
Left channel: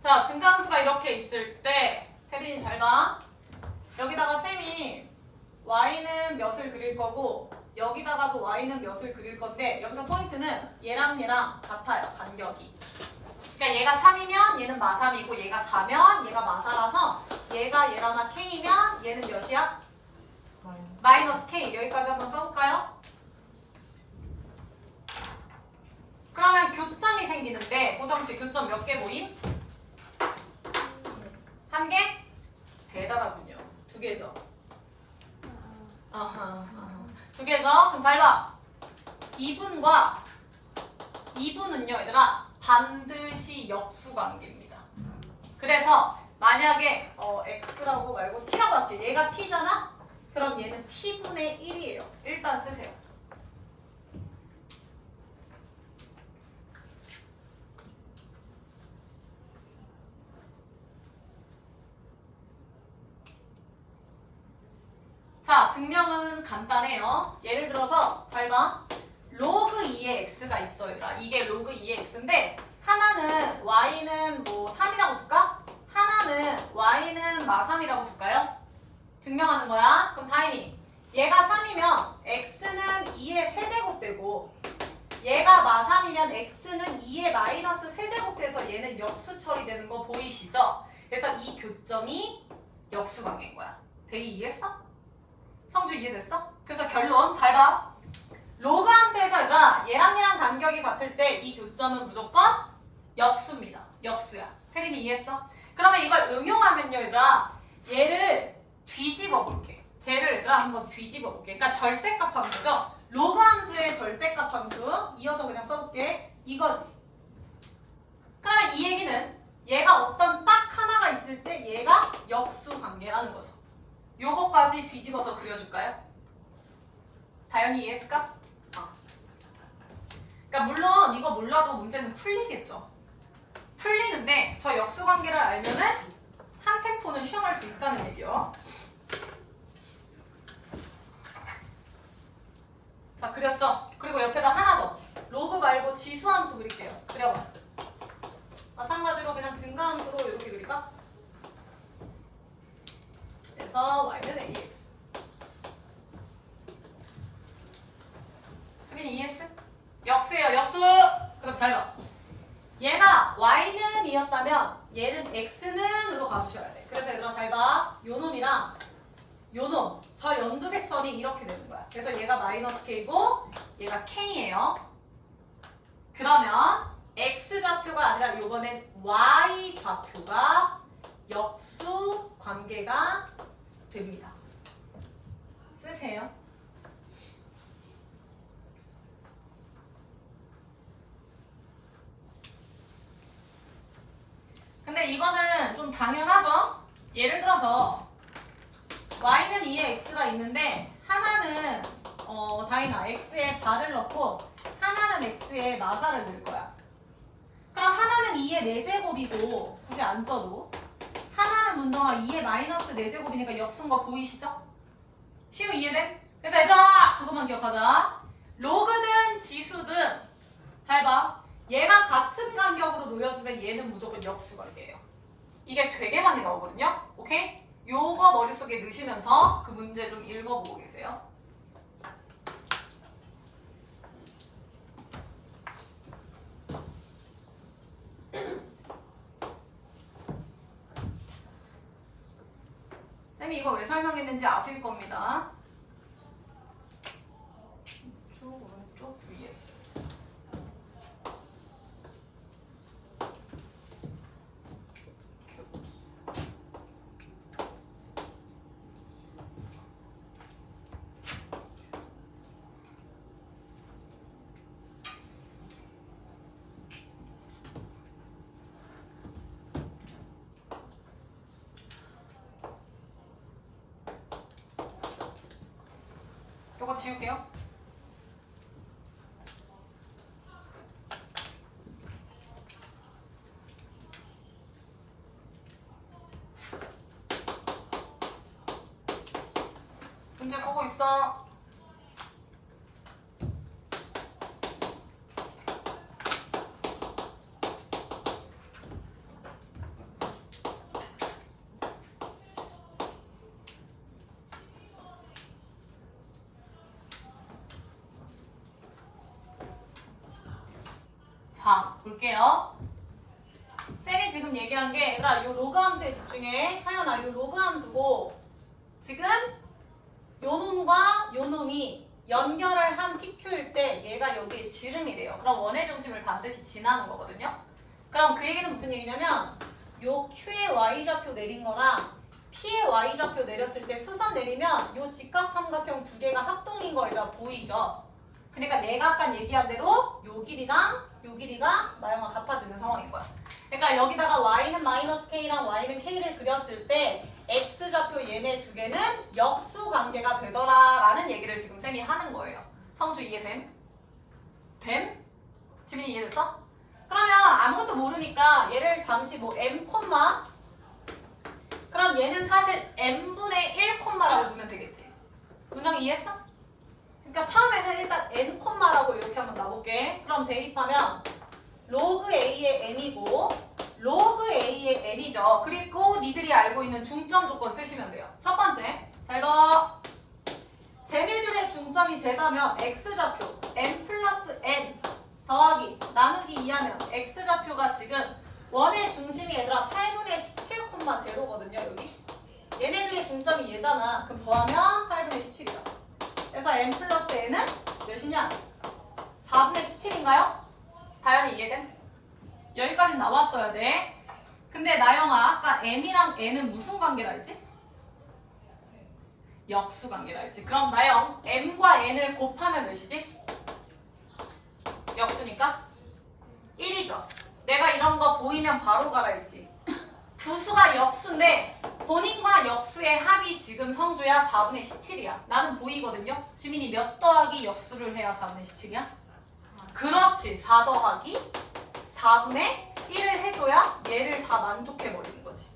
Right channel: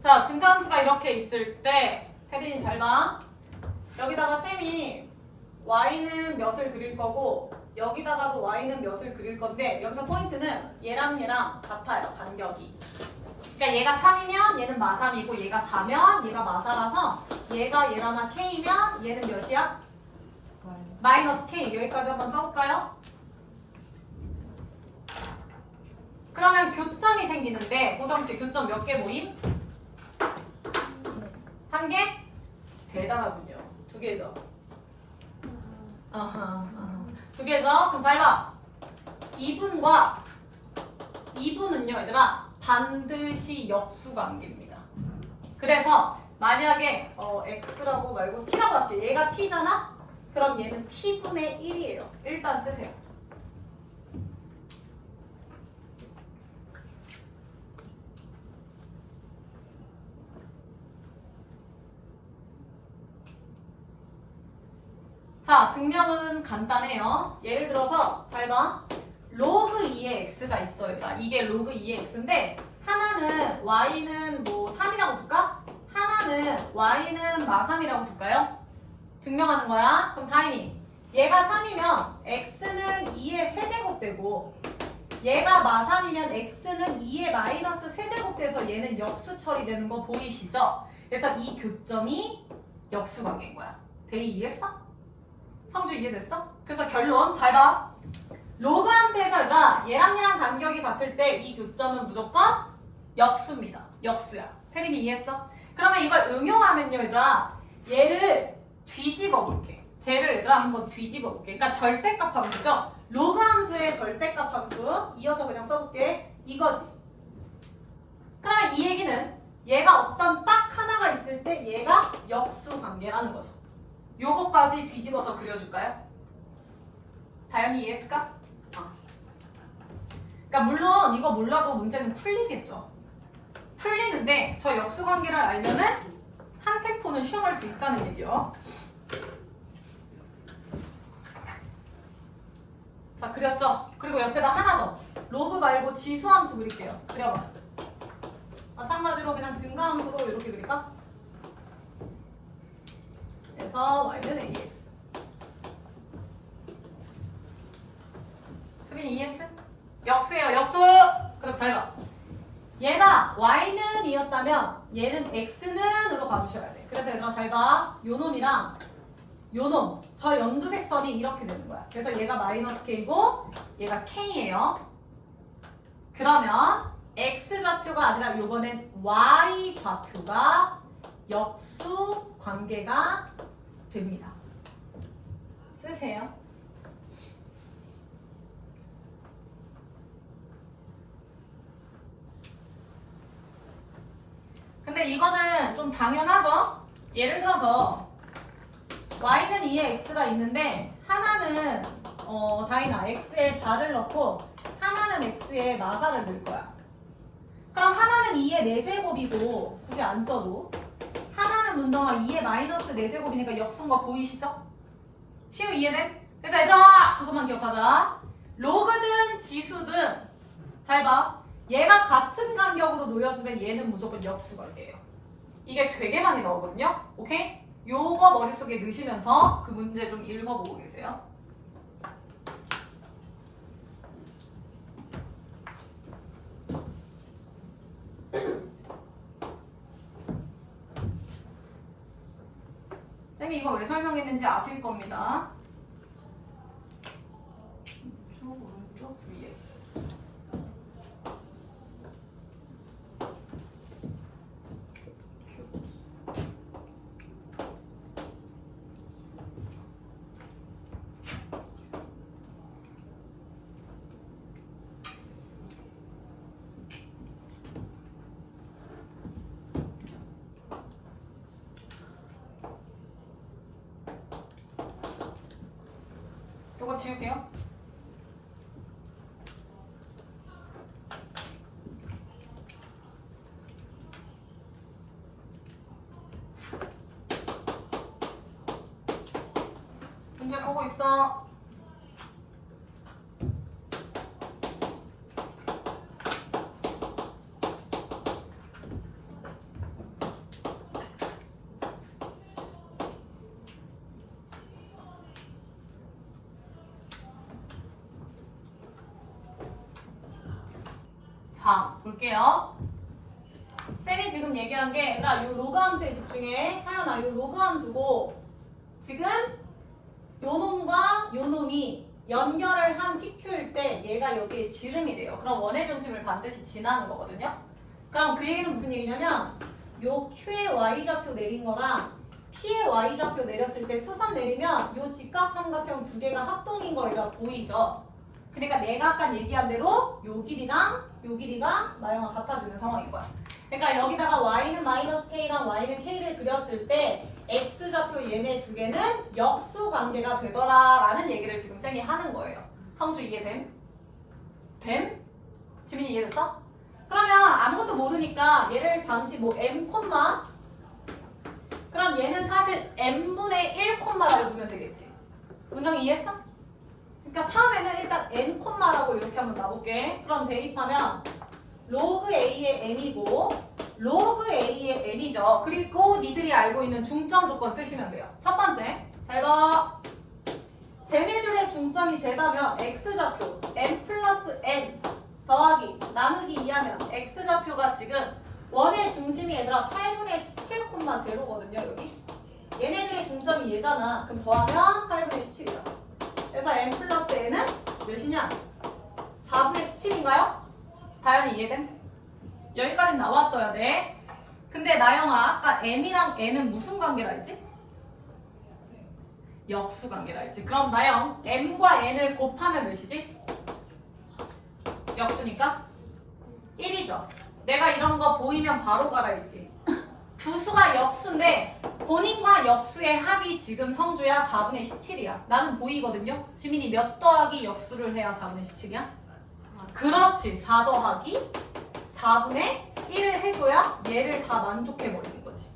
자, 증가함수가 이렇게 있을 때 혜린이 잘 봐. 여기다가 쌤이 y는 몇을 그릴 거고 여기다가도 y는 몇을 그릴 건데 여기서 포인트는 얘랑 같아요. 간격이. 그러니까 얘가 3이면 얘는 마3이고 얘가 4면 얘가 마4라서 얘가 얘랑 k이면 얘는 몇이야? 마이너스 k. 여기까지 한번 써볼까요? 그러면 교점이 생기는데 보정식 교점 몇 개 모임? 한 개? 대단하군요. 두 개죠. 두 개죠. 그럼 잘 봐. 2분은요 얘들아 반드시 역수관계입니다. 그래서 만약에 x라고 말고 t라고 할게. 얘가 t잖아? 그럼 얘는 t분의 1이에요. 일단 쓰세요. 자, 증명은 간단해요. 예를 들어서 잘 봐. 로그 2의 x가 있어 얘들아. 이게 로그 2의 x인데 하나는 y는 뭐 3이라고 둘까? 하나는 y는 마3이라고 둘까요? 증명하는 거야. 그럼 다인이 얘가 3이면 x는 2의 세제곱되고 얘가 마3이면 x는 2의 마이너스 세제곱돼서 얘는 역수 처리되는 거 보이시죠? 그래서 이 교점이 역수관계인 거야. 대이 이해했어? 성주 이해됐어? 그래서 결론 잘 봐. 로그 함수에서 얘랑 간격이 같을 때 이 교점은 무조건 역수입니다. 역수야. 태린이 이해했어? 그러면 이걸 응용하면요 얘들아 얘를 뒤집어 볼게. 쟤를 얘들아 한번 뒤집어 볼게. 그러니까 절대값 함수죠. 로그 함수의 절대값 함수 이어서 그냥 써볼게. 이거지. 그러면 이 얘기는 얘가 어떤 딱 하나가 있을 때 얘가 역수관계라는 거죠. 요거까지 뒤집어서 그려줄까요? 다영이 이해했을까? 그러니까 물론 이거 몰라도 문제는 풀리겠죠. 풀리는데 저 역수관계를 알면은 한 템포는 시험할 수 있다는 얘기요. 자, 그렸죠? 그리고 옆에다 하나 더. 로그 말고 지수함수 그릴게요. 그려봐. 마찬가지로 그냥 증가함수로 이렇게 그릴까? 그래서 y는 ax. 수빈이 ES? 역수예요, 역수! 그럼 잘 봐. 얘가 y는 이었다면 얘는 x는으로 가주셔야 돼. 그래서 얘들아 잘 봐. 요놈이랑 요놈, 저 연두색 선이 이렇게 되는 거야. 그래서 얘가 마이너스 k고 얘가 k예요. 그러면 x 좌표가 아니라 요번엔 y 좌표가 역수 관계가 됩니다. 쓰세요. 근데 이거는 좀 당연하죠? 예를 들어서 y는 2에 x가 있는데 하나는 다이나 x에 4를 넣고 하나는 x에 마4를 넣을 거야. 그럼 하나는 2의 4제곱이고 굳이 안 써도 하나는 문덩아 2의 마이너스 4제곱이니까 역수인 거 보이시죠? 시우 이해돼? 그래서 얘들아 그것만 기억하자. 로그든 지수든 잘 봐. 얘가 같은 간격으로 놓여주면 얘는 무조건 역수관계예요. 이게 되게 많이 나오거든요. 오케이? 요거 머릿속에 넣으시면서 그 문제 좀 읽어보고 계세요. 쌤이 이거 왜 설명했는지 아실 겁니다. 오른쪽 위에. 요거 지울게요. 문제 보고 있어. 자, 볼게요. 쌤이 지금 얘기한 게 얘들아 요 로그 함수에 집중해. 하연아 요 로그 함수고 지금 요 놈과 요 놈이 연결을 한 PQ일 때 얘가 여기에 지름이 돼요. 그럼 원의 중심을 반드시 지나는 거거든요. 그럼 그 얘기는 무슨 얘기냐면 요 Q의 Y좌표 내린 거랑 P의 Y좌표 내렸을 때 수선 내리면 요 직각삼각형 두 개가 합동인 거 얘들아 보이죠? 그러니까 내가 아까 얘기한 대로 요 길이랑 요 길이가 나영아 같아지는 상황인 거야. 그러니까 여기다가 y는 마이너스 k랑 y는 k를 그렸을 때 x좌표 얘네 두 개는 역수 관계가 되더라라는 얘기를 지금 쌤이 하는 거예요. 성주 이해됨? 됨? 지민이 이해됐어? 그러면 아무것도 모르니까 얘를 잠시 뭐 m 콤마 그럼 얘는 사실 m분의 1 콤마라고 두면 되겠지. 문장 이해했어? 그러니까 처음에는 일단 n 콤마라고 이렇게 한번 놔볼게. 그럼 대입하면 로그 a의 m이고 로그 a의 n이죠. 그리고 니들이 알고 있는 중점 조건 쓰시면 돼요. 첫 번째, 자 이거 쟤네들의 중점이 제다면 x좌표 m 플러스 n 더하기 나누기 2하면 x좌표가 지금 원의 중심이 얘들아 8분의 17,0거든요. 여기 얘네들의 중점이 얘잖아. 그럼 더하면 8분의 17이다. 그래서 m 플러스 n은 몇이냐? 4분의 17인가요? 다현이 이해됨? 여기까지 나왔어야 돼. 근데 나영아 아까 m이랑 n은 무슨 관계라 했지? 역수 관계라 했지. 그럼 나영 m과 n을 곱하면 몇이지? 역수니까 1이죠. 내가 이런 거 보이면 바로 가라 했지. 두 수가 역수인데 본인과 역수의 합이 지금 성주야 4분의 17이야. 나는 보이거든요. 지민이 몇 더하기 역수를 해야 4분의 17이야? 그렇지. 4 더하기 4분의 1을 해줘야 얘를 다 만족해버리는 거지.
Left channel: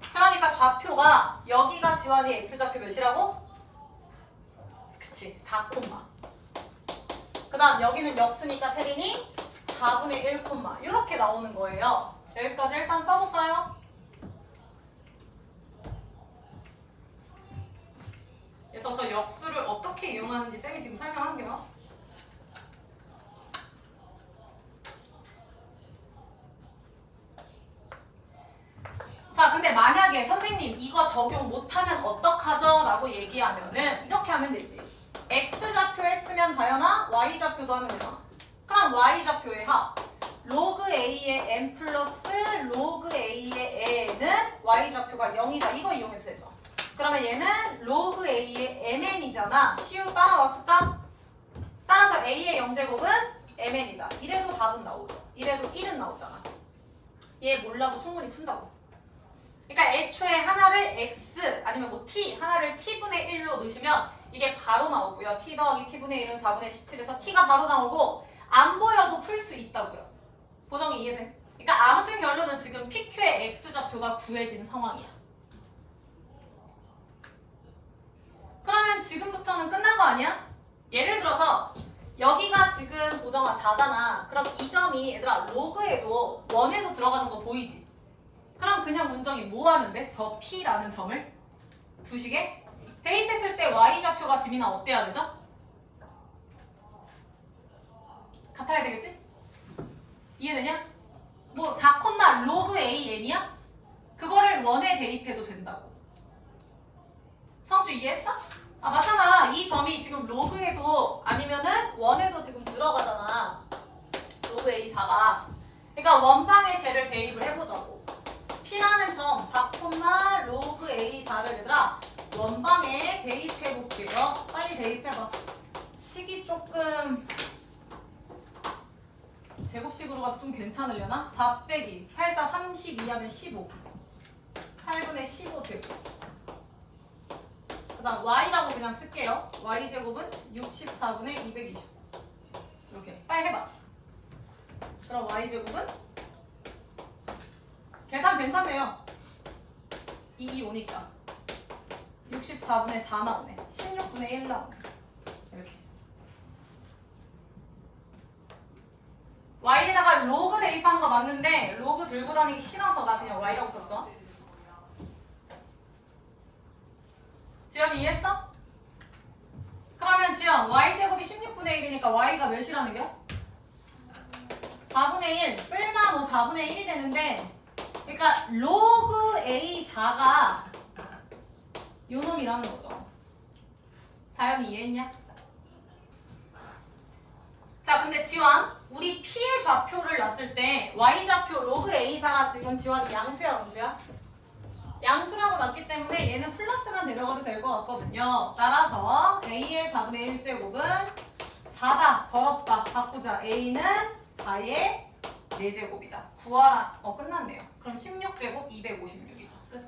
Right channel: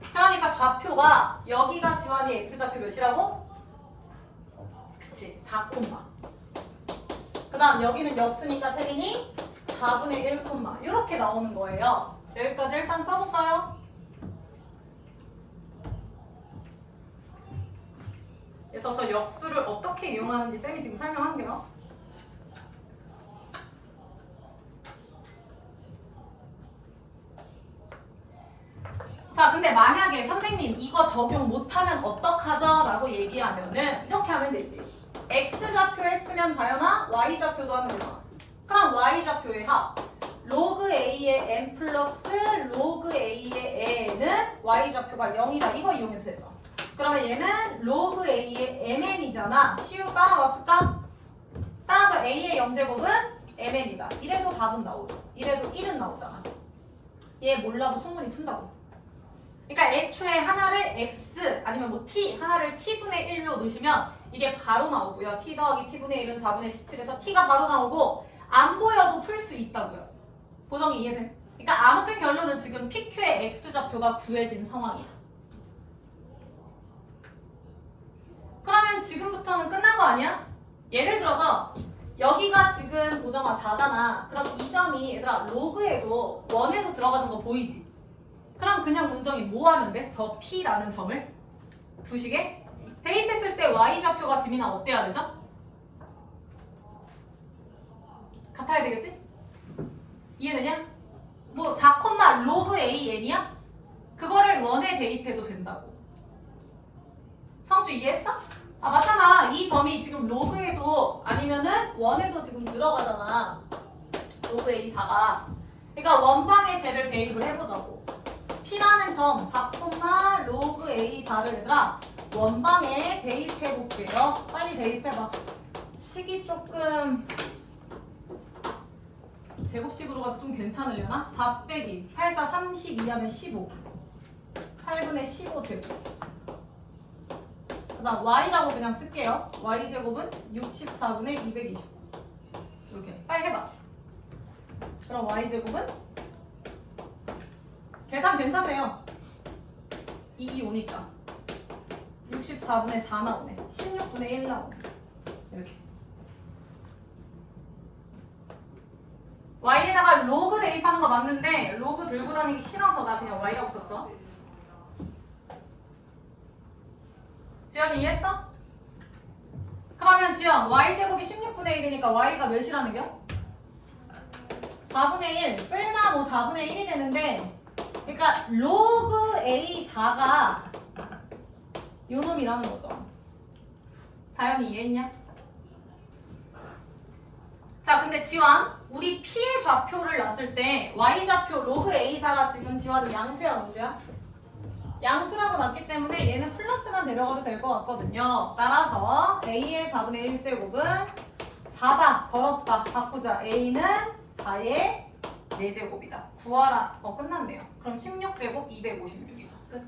그러니까 좌표가 여기가 지환이 x좌표 몇이라고? 그치. 4 콤마. 그 다음 여기는 역수니까 태린이 4분의 1 콤마. 이렇게 나오는 거예요. 여기까지 일단 써볼까요? 그래서 저 역수를 어떻게 이용하는지 쌤이 지금 설명할게요. 자, 근데 만약에 선생님 이거 적용 못하면 어떡하죠? 라고 얘기하면은 이렇게 하면 되지. x좌표 했으면 다연아 y좌표도 하면 되잖아. 그럼 y좌표의 합 로그 a의 n 플러스 로그 a의 n은 y좌표가 0이다. 이거 이용해도 되죠. 그러면 얘는 로그 a의 mn이잖아. 시우 따라왔을까? 따라서 a의 0제곱은 mn이다. 이래도 답은 나오죠. 이래도 1은 나오잖아. 얘 몰라도 충분히 푼다고. 그러니까 애초에 하나를 x 아니면 뭐 t 하나를 t분의 1로 넣으시면 이게 바로 나오고요. t 더하기 t분의 1은 4분의 17에서 t가 바로 나오고 안 보여도 풀 수 있다고요. 보정이 이해돼? 그러니까 아무튼 결론은 지금 PQ의 x좌표가 구해진 상황이야. 그러면 지금부터는 끝난 거 아니야? 예를 들어서 여기가 지금 보정아 4잖아. 그럼 이 점이 얘들아 로그에도 원에도 들어가는 거 보이지? 그럼 그냥 문정이 뭐 하면 돼? 저 P라는 점을 두시게 대입했을 때 Y좌표가 지민아 어때야 되죠? 같아야 되겠지? 이해되냐? 뭐 4, 로그 AN이야? 그거를 원에 대입해도 된다고. 성주 이해했어? 아 맞잖아. 이 점이 지금 로그에도 아니면은 원에도 지금 들어가잖아. 로그 A4가. 그러니까 원방에 쟤를 대입을 해보자고. P라는 점 4, 로그 A4를 얘들아 원방에 대입해볼게요. 빨리 대입해봐. 식이 조금 제곱식으로 가서 좀 괜찮으려나? 4 빼기 8, 4, 32 하면 15 8분의 15 제곱. 그 다음 y라고 그냥 쓸게요. y제곱은 64분의 229 이렇게 빨리 해봐. 그럼 y제곱은 계산 괜찮네요. 2 오니까 64분의 4 나오네. 16분의 1 나오네. 이렇게. y에다가 로그 대입하는 거 맞는데 로그 들고 다니기 싫어서 나 그냥 y라고 썼어. 지연이 이해했어? 그러면 지연 y제곱이 16분의 1이니까 y가 몇이라는 겨? 4분의 1 뿔마 뭐 4분의 1이 되는데 그러니까 로그 A4가 요 놈이라는 거죠. 다현이 이해했냐? 자 근데 지환 우리 P의 좌표를 놨을 때 Y좌표 로그 A4가 지금 지환이 양수야 무수야? 양수라고 놨기 때문에 얘는 플러스만 데려가도 될 것 같거든요. 따라서 A의 4분의 1제곱은 4다. 더럽다. 바꾸자. A는 4의 4제곱이다. 구하라. 끝났네요. 그럼 16제곱 256이죠. 끝.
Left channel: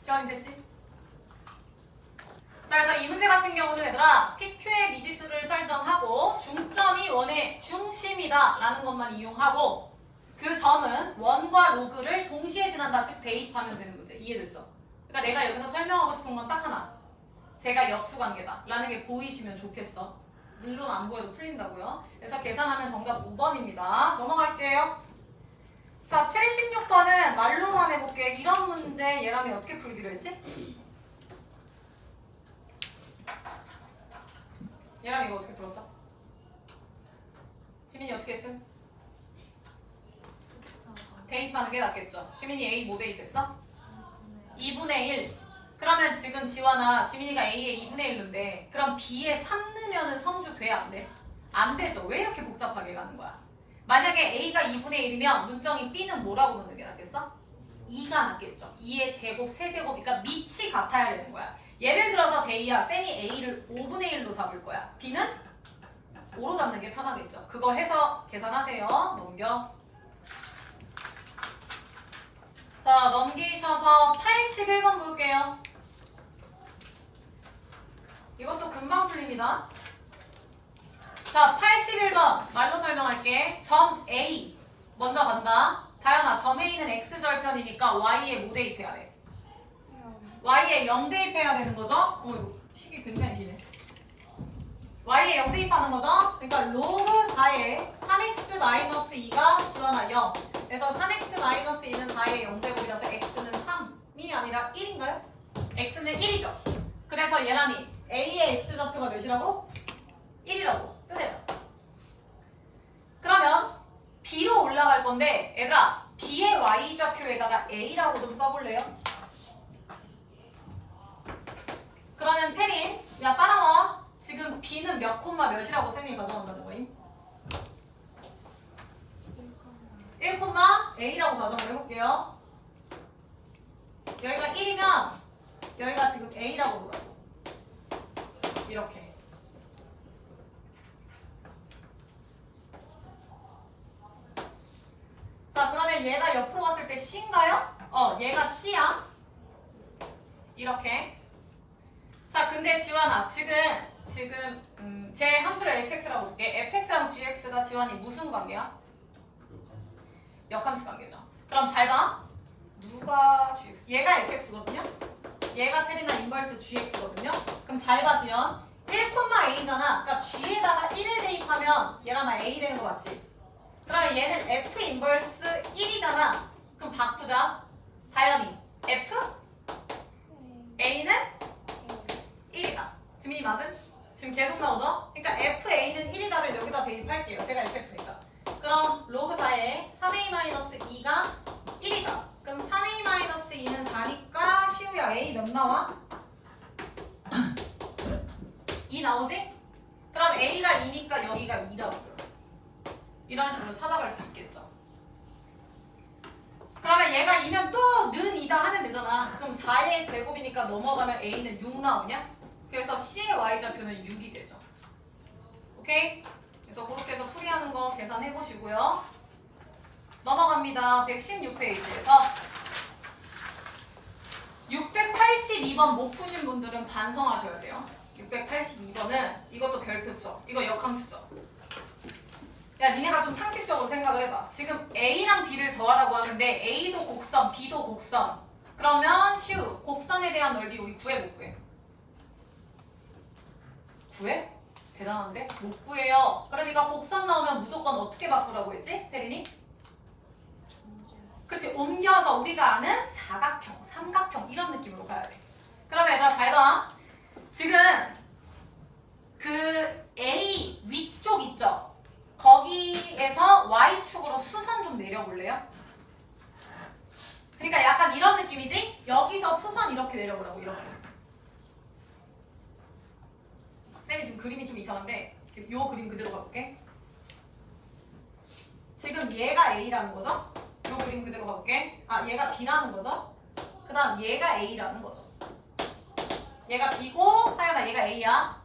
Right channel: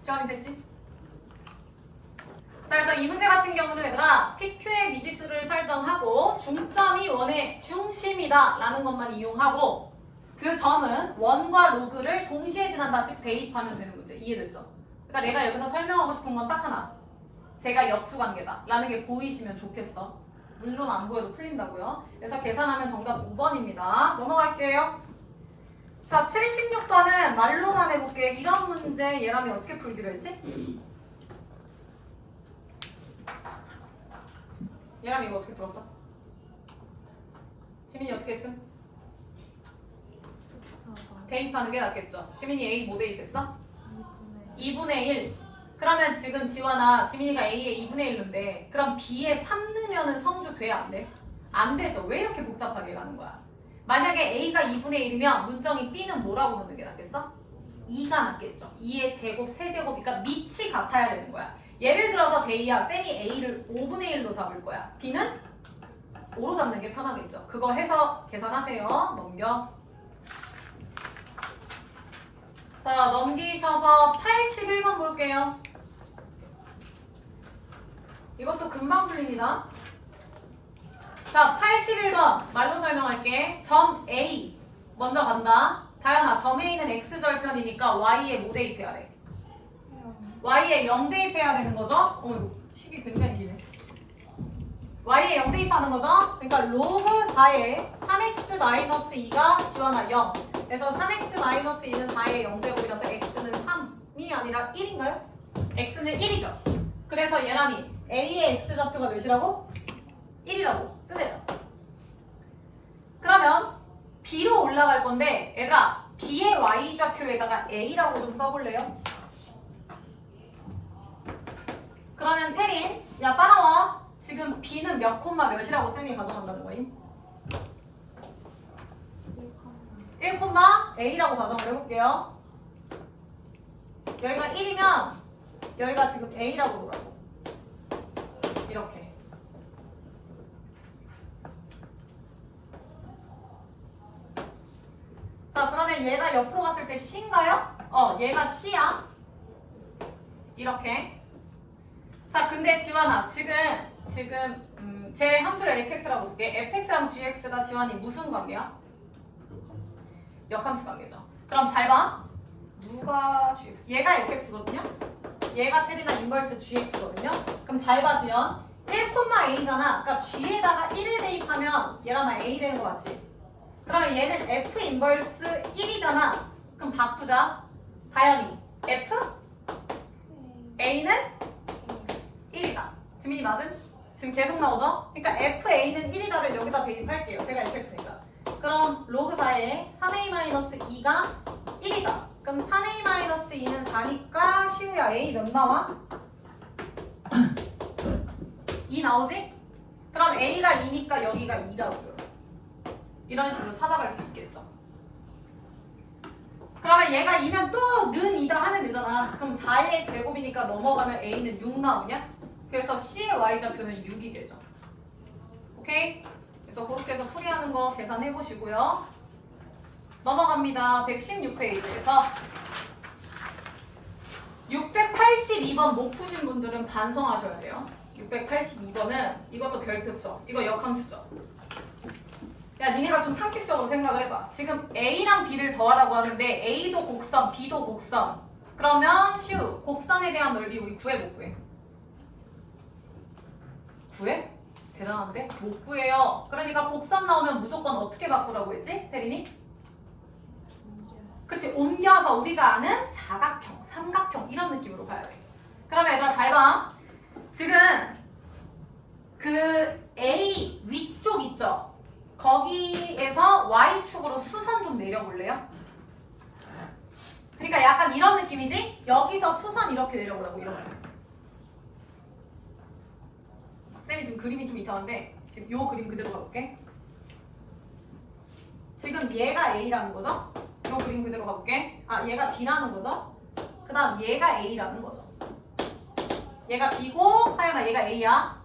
지환이 됐지? 자, 그래서 이 문제 같은 경우는 얘들아 PQ의 미지수를 설정하고 중점이 원의 중심이다 라는 것만 이용하고 그 점은 원과 로그를 동시에 지난다 즉 대입하면 되는 문제. 이해됐죠? 그러니까 내가 여기서 설명하고 싶은 건 딱 하나. 제가 역수관계다 라는 게 보이시면 좋겠어. 물론 안 보여도 풀린다고요. 그래서 계산하면 정답 5번입니다. 넘어갈게요. 자, 76번은 말로만 해볼게. 이런 문제 얘랑이 어떻게 풀기로 했지? 얘랑 이거 어떻게 풀었어? 지민이 어떻게 했음? 대입하는 게 낫겠죠. 지민이 A 뭐 대입했어? 2분의 1. 그러면 지금 지원아 지민이가 A에 2분의 1인데 그럼 B에 3 넣으면 성주 돼? 안 돼? 안 되죠. 왜 이렇게 복잡하게 가는 거야? 만약에 A가 2분의 1이면 문정이 B는 뭐라고 넣는 게 낫겠어? 2가 낫겠죠. 2의 제곱, 세제곱, 그러니까 밑이 같아야 되는 거야. 예를 들어서 데이야, 쌤이 A를 5분의 1로 잡을 거야. B는 5로 잡는 게 편하겠죠. 그거 해서 계산하세요. 넘겨. 자, 넘기셔서 81번 볼게요. 이것도 금방 풀립니다. 자, 81번 말로 설명할게. 점 A 먼저 간다. 다현아, 점 A는 X절편이니까 Y에 뭐 대입해야 돼? Y에 0 대입해야 되는 거죠? 이거 식이 굉장히 기네. Y에 0 대입하는 거죠? 그러니까 로그 4에 3x-2가 지원아 0. 그래서 3x-2는 4의 0제곱이라서 x는 3이 아니라 1인가요? x는 1이죠. 그래서 얘랑이 A의 x좌표가 몇이라고? 1이라고 쓰래요. 그러면 B로 올라갈 건데 얘들아 B의 y좌표에다가 A라고 좀 써볼래요? 그러면 태린 야 따라와. 지금 B는 몇 콤마 몇이라고 쌤이 가져간다는 거임? 1 콤마 A라고 가정을 해볼게요. 여기가 1이면 여기가 지금 A라고 놓으라고. 이렇게. 자 그러면 얘가 옆으로 갔을 때 C인가요? 얘가 C야. 이렇게. 자 근데 지환아 지금 제 함수를 fx라고 볼게. fx랑 gx가 지환이 무슨 관계야? 역함수 관계죠. 그럼 잘 봐. 누가 gx? 얘가 fx거든요. 얘가 테리나 인버스 gx거든요. 그럼 잘 봐 지연. 1,a잖아. 그러니까 g에다가 1을 대입하면 얘랑 나 a 되는 거 맞지? 그러면 얘는 f 인버스 1이잖아. 그럼 바꾸자. 다현이 f a는 1이다. 지민이 맞음? 지금 계속 나오죠? 그러니까 FA는 1이다를 여기다 대입할게요. 제가 fx니까. 그럼 로그 4에 3a-2가 1이다. 그럼 3a-2는 4니까 시우야 a 몇 나와? 2 나오지? 그럼 a가 2니까 여기가 2라고요. 이런 식으로 찾아갈 수 있겠죠. 그러면 얘가 2면 또 는 2다 하면 되잖아. 그럼 4의 제곱이니까 넘어가면 a는 6 나오냐? 그래서 C의 y좌표는 6이 되죠. 오케이? 그래서 그렇게 해서 풀이하는 거 계산해 보시고요. 넘어갑니다. 116페이지에서 682번 못 푸신 분들은 반성하셔야 돼요. 682번은 이것도 별표죠. 이거 역함수죠. 야 니네가 좀 상식적으로 생각을 해봐. 지금 A랑 B를 더하라고 하는데 A도 곡선, B도 곡선. 그러면 슈 곡선에 대한 넓이 우리 구해 못 구해? 구해? 대단한데? 못 구해요. 그러니까 곡선 나오면 무조건 어떻게 바꾸라고 했지? 태린이? 그치, 옮겨서 우리가 아는 사각형, 삼각형 이런 느낌으로 가야 돼. 그러면 얘들아 잘 봐. 지금 그 A 위쪽 있죠? 거기에서 Y축으로 수선 좀 내려볼래요? 그러니까 약간 이런 느낌이지? 여기서 수선 이렇게 내려보라고, 이렇게. 쌤이 지금 그림이 좀 이상한데 지금 요 그림 그대로 가볼게. 지금 얘가 A라는 거죠? 요 그림 그대로 가볼게. 아, 얘가 B라는 거죠? 그 다음 얘가 A라는 거죠. 얘가 B고 하연아 얘가 A야.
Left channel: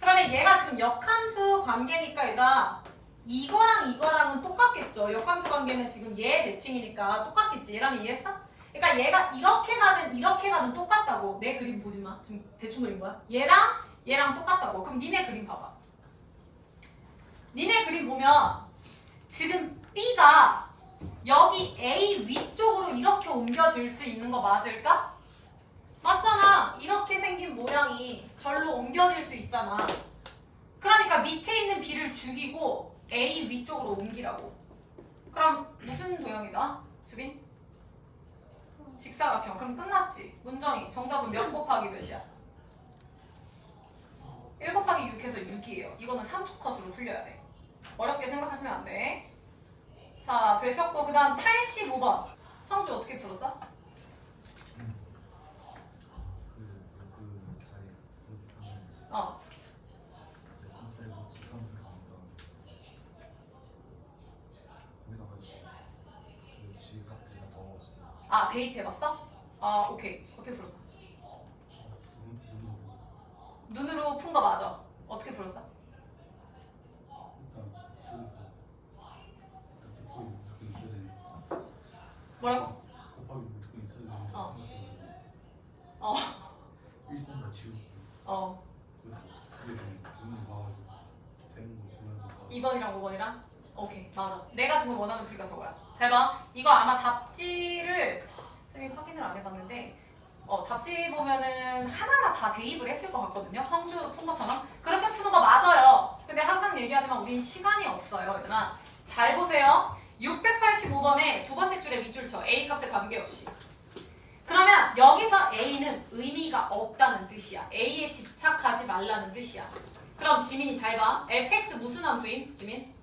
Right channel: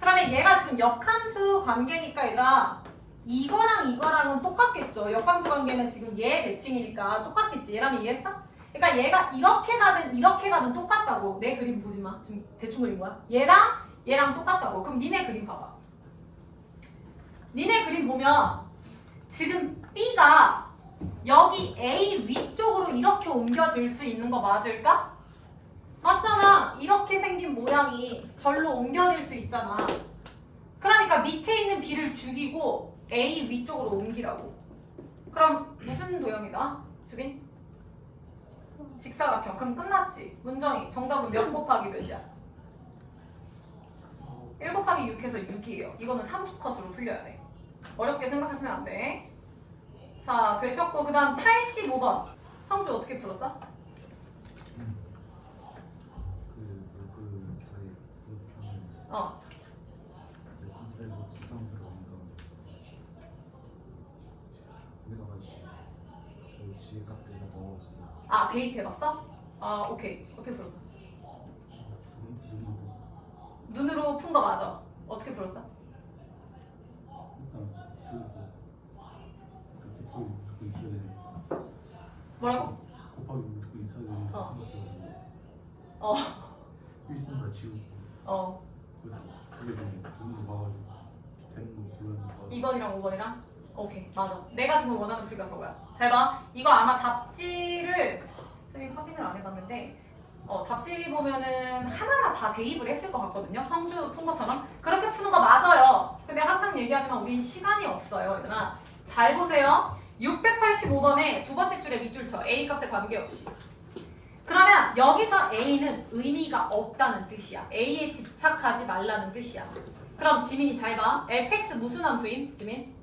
그러면 얘가 지금 역함수 관계니까 얘들아 이거랑은 똑같겠죠. 역함수 관계는 지금 얘 대칭이니까 똑같겠지. 얘라면 이해했어? 그러니까 얘가 이렇게 가든 똑같다고. 내 그림 보지 마. 지금 대충 그린 거야. 얘랑 똑같다고. 그럼 니네 그림 봐봐. 니네 그림 보면 지금 B가 여기 A 위쪽으로 이렇게 옮겨질 수 있는 거 맞을까? 맞잖아. 이렇게 생긴 모양이 절로 옮겨질 수 있잖아. 그러니까 밑에 있는 B를 죽이고 A 위쪽으로 옮기라고. 그럼 무슨 도형이다? 수빈? 직사각형. 그럼 끝났지. 문정이 정답은 몇 곱하기 몇이야? 1 곱하기 6해서 6이에요. 이거는 3주 컷으로 풀려야 돼. 어렵게 생각하시면 안 돼. 자, 되셨고 그 다음 85번. 성주 어떻게 풀었어? 그 4x 플러스 3 어. 빼고 지성스러운 거 거기다가 이제 그 지혜 값에다 넣어서 아, 대입해봤어? 아, 오케이. 어떻게 풀었어? 눈으로 푼 거 맞아. 어떻게 풀었어? 뭐라고? 곱하기 무조건 있어야 되는 어. 어. 일선다 지우고 어. 그게 눈으로 봐가지고 되는 거 골라서 2번이랑 5번이랑? 오케이, 맞아. 내가 지금 원하는 수가 저거야. 잘 봐. 이거 아마 답지를 선생님 확인을 안 해봤는데 답지 보면은 하나하나 다 대입을 했을 것 같거든요. 성주 푼 것처럼. 그렇게 푸는 거 맞아요. 근데 항상 얘기하지만 우린 시간이 없어요, 얘들아. 잘 보세요. 685번에 두 번째 줄에 밑줄 쳐. A 값에 관계없이. 그러면 여기서 A는 의미가 없다는 뜻이야. A에 집착하지 말라는 뜻이야. 그럼 지민이 잘 봐. fx 무슨 함수임? 지민?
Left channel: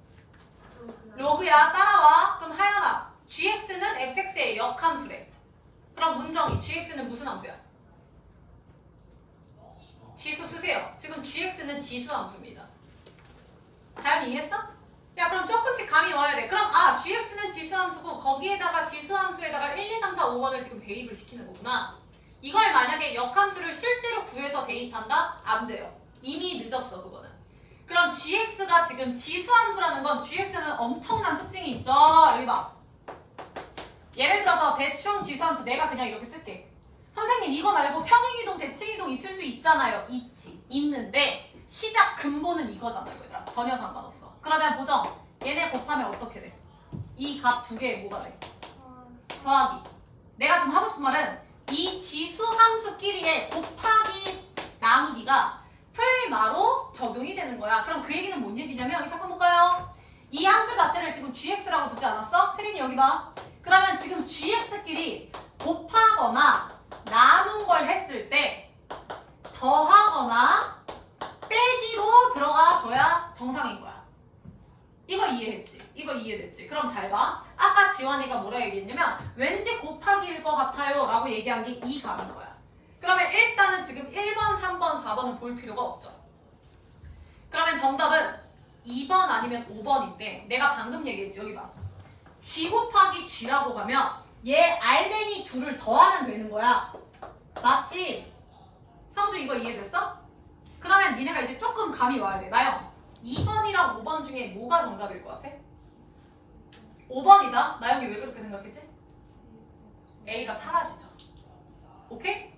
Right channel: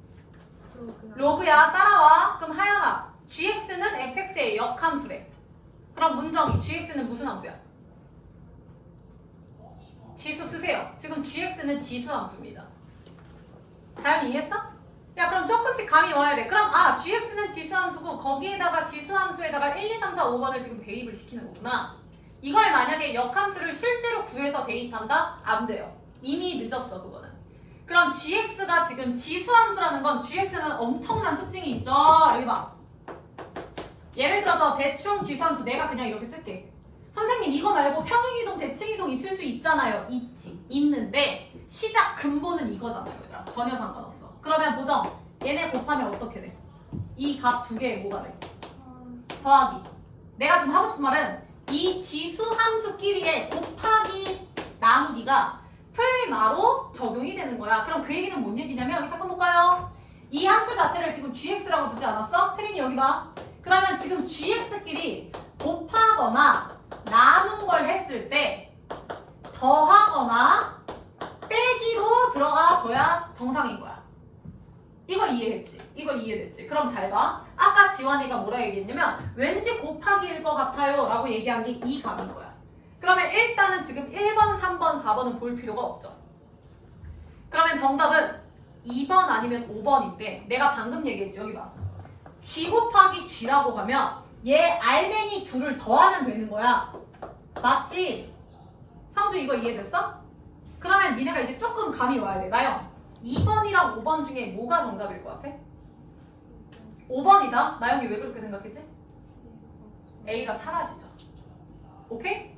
로그야. 따라와. 그럼 하연아. gx는 fx의 역함수래. 그럼 문정이 gx는 무슨 함수야? 지수 쓰세요. 지금 gx는 지수 함수입니다. 다현이 이해했어? 야, 그럼 조금씩 감이 와야 돼. 그럼 gx는 지수 함수고 거기에다가 지수 함수에다가 1, 2, 3, 4, 5번을 지금 대입을 시키는 거구나. 이걸 만약에 역함수를 실제로 구해서 대입한다? 안 돼요. 이미 늦었어, 그거는. 그럼 gx가 지금 지수 함수라는 건 gx는 엄청난 특징이 있죠. 여기 봐. 예를 들어서 대충 지수함수 내가 그냥 이렇게 쓸게. 선생님 이거 말고 평행이동, 대칭이동 있을 수 있잖아요. 있지. 있는데 시작 근본은 이거잖아요, 얘들아. 전혀 상관없어. 그러면 보정. 얘네 곱하면 어떻게 돼? 이 값 두 개에 뭐가 돼? 더하기. 내가 지금 하고 싶은 말은 이 지수함수끼리의 곱하기 나누기가 풀마로 적용이 되는 거야. 그럼 그 얘기는 뭔 얘기냐면 여기 잠깐 볼까요? 이 함수 자체를 지금 gx라고 두지 않았어? 혜린이 여기 봐. 그러면 지금 gx끼리 곱하거나 나눈 걸 했을 때 더하거나 빼기로 들어가 줘야 정상인 거야. 이거 이해했지? 이거 이해됐지? 그럼 잘 봐. 아까 지원이가 뭐라 얘기했냐면 왠지 곱하기일 것 같아요 라고 얘기한 게 이 값인 거야. 그러면 일단은 지금 1번, 3번, 4번은 볼 필요가 없죠. 그러면 정답은 2번 아니면 5번인데 내가 방금 얘기했지. 여기 봐. g 곱하기 g라고 가면 얘 알맹이 둘을 더하면 되는 거야. 맞지? 상주 이거 이해됐어? 그러면 니네가 이제 조금 감이 와야 돼. 나영 2번이랑 5번 중에 뭐가 정답일 것 같아? 5번이다? 나영이 왜 그렇게 생각했지? A가 사라지죠. 오케이?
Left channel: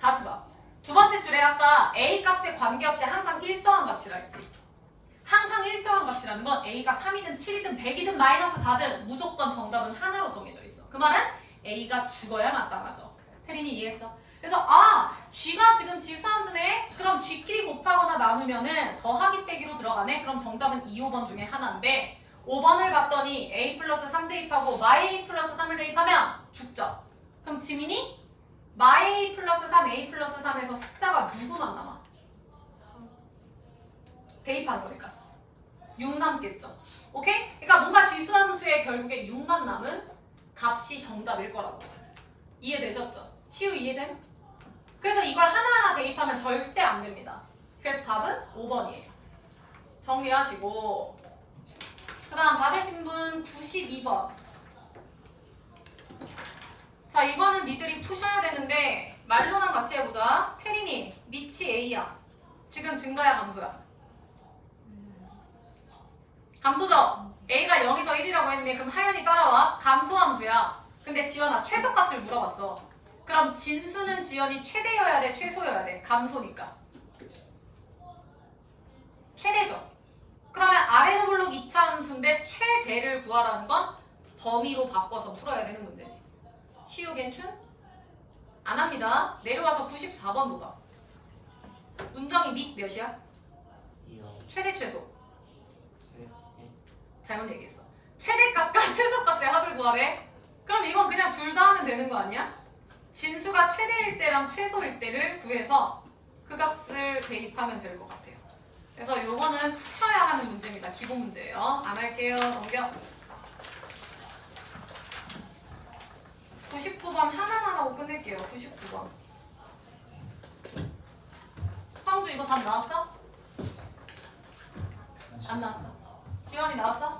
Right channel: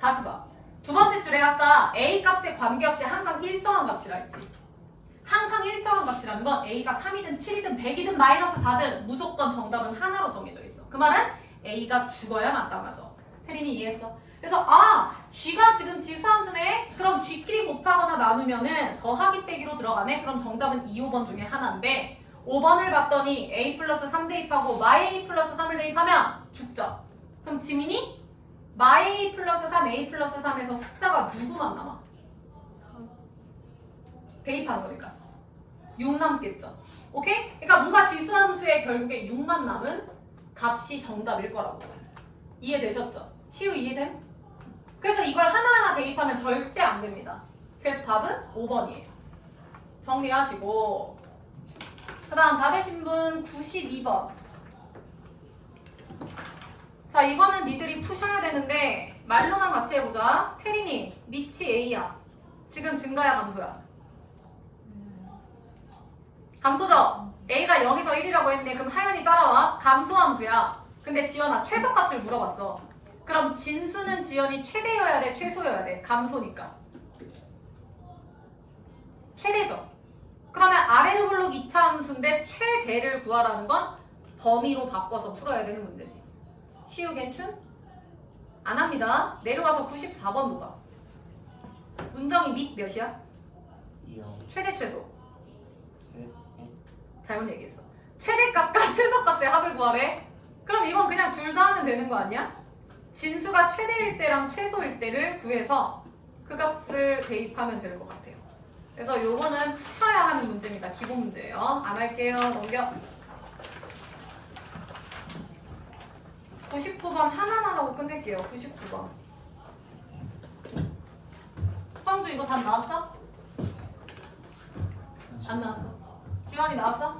다시 봐. 두 번째 줄에 아까 A 값에 관계없이 항상 일정한 값이라 했지. 항상 일정한 값이라는 건 A가 3이든 7이든 100이든 마이너스 4든 무조건 정답은 하나로 정해져 있어. 그 말은 A가 죽어야 마땅하죠. 혜린이 이해했어? 그래서 G가 지금 지수함수네? 그럼 G끼리 곱하거나 나누면은 더하기 빼기로 들어가네? 그럼 정답은 2, 5번 중에 하나인데 5번을 봤더니 A 플러스 3 대입하고 마이 A 플러스 3을 대입하면 죽죠. 그럼 지민이 마이 A 플러스 3, A 플러스 3에서 숫자가 누구만 남아? 대입하는 거니까 6 남겠죠. 오케이? 그러니까 뭔가 지수함수에 결국에 6만 남은 값이 정답일 거라고. 이해되셨죠? 시우 이해됨? 그래서 이걸 하나하나 대입하면 절대 안 됩니다. 그래서 답은 5번이에요. 정리하시고 그 다음 다 되신 분 92번. 자, 이거는 니들이 푸셔야 되는데 말로만 같이 해보자. 태린이 미치 A야. 지금 증가야 감소야? 감소죠? A가 0에서 1이라고 했네. 그럼 하연이 따라와. 감소함수야. 근데 지연아 최소값을 물어봤어. 그럼 진수는 지연이 최대여야 돼? 최소여야 돼? 감소니까. 최대죠. 그러면 아래로 블록 2차 함수인데 최대를 구하라는 건 범위로 바꿔서 풀어야 되는 문제지. 시우 괜춘? 안 합니다. 내려와서 94번 봐봐. 문정이 밑 몇이야? 최대 최소. 잘못 얘기했어. 최대값과 최소값의 합을 구하래. 그럼 이건 그냥 둘 다 하면 되는 거 아니야? 진수가 최대일 때랑 최소일 때를 구해서 그 값을 대입하면 될 것 같아요. 그래서 요거는 푸셔야 하는 문제입니다. 기본 문제예요. 안 할게요. 넘겨. 99번 하나만 하고 끝낼게요. 99번. 성주 이거 답 나왔어? 안 나왔어. 지원이 나왔어?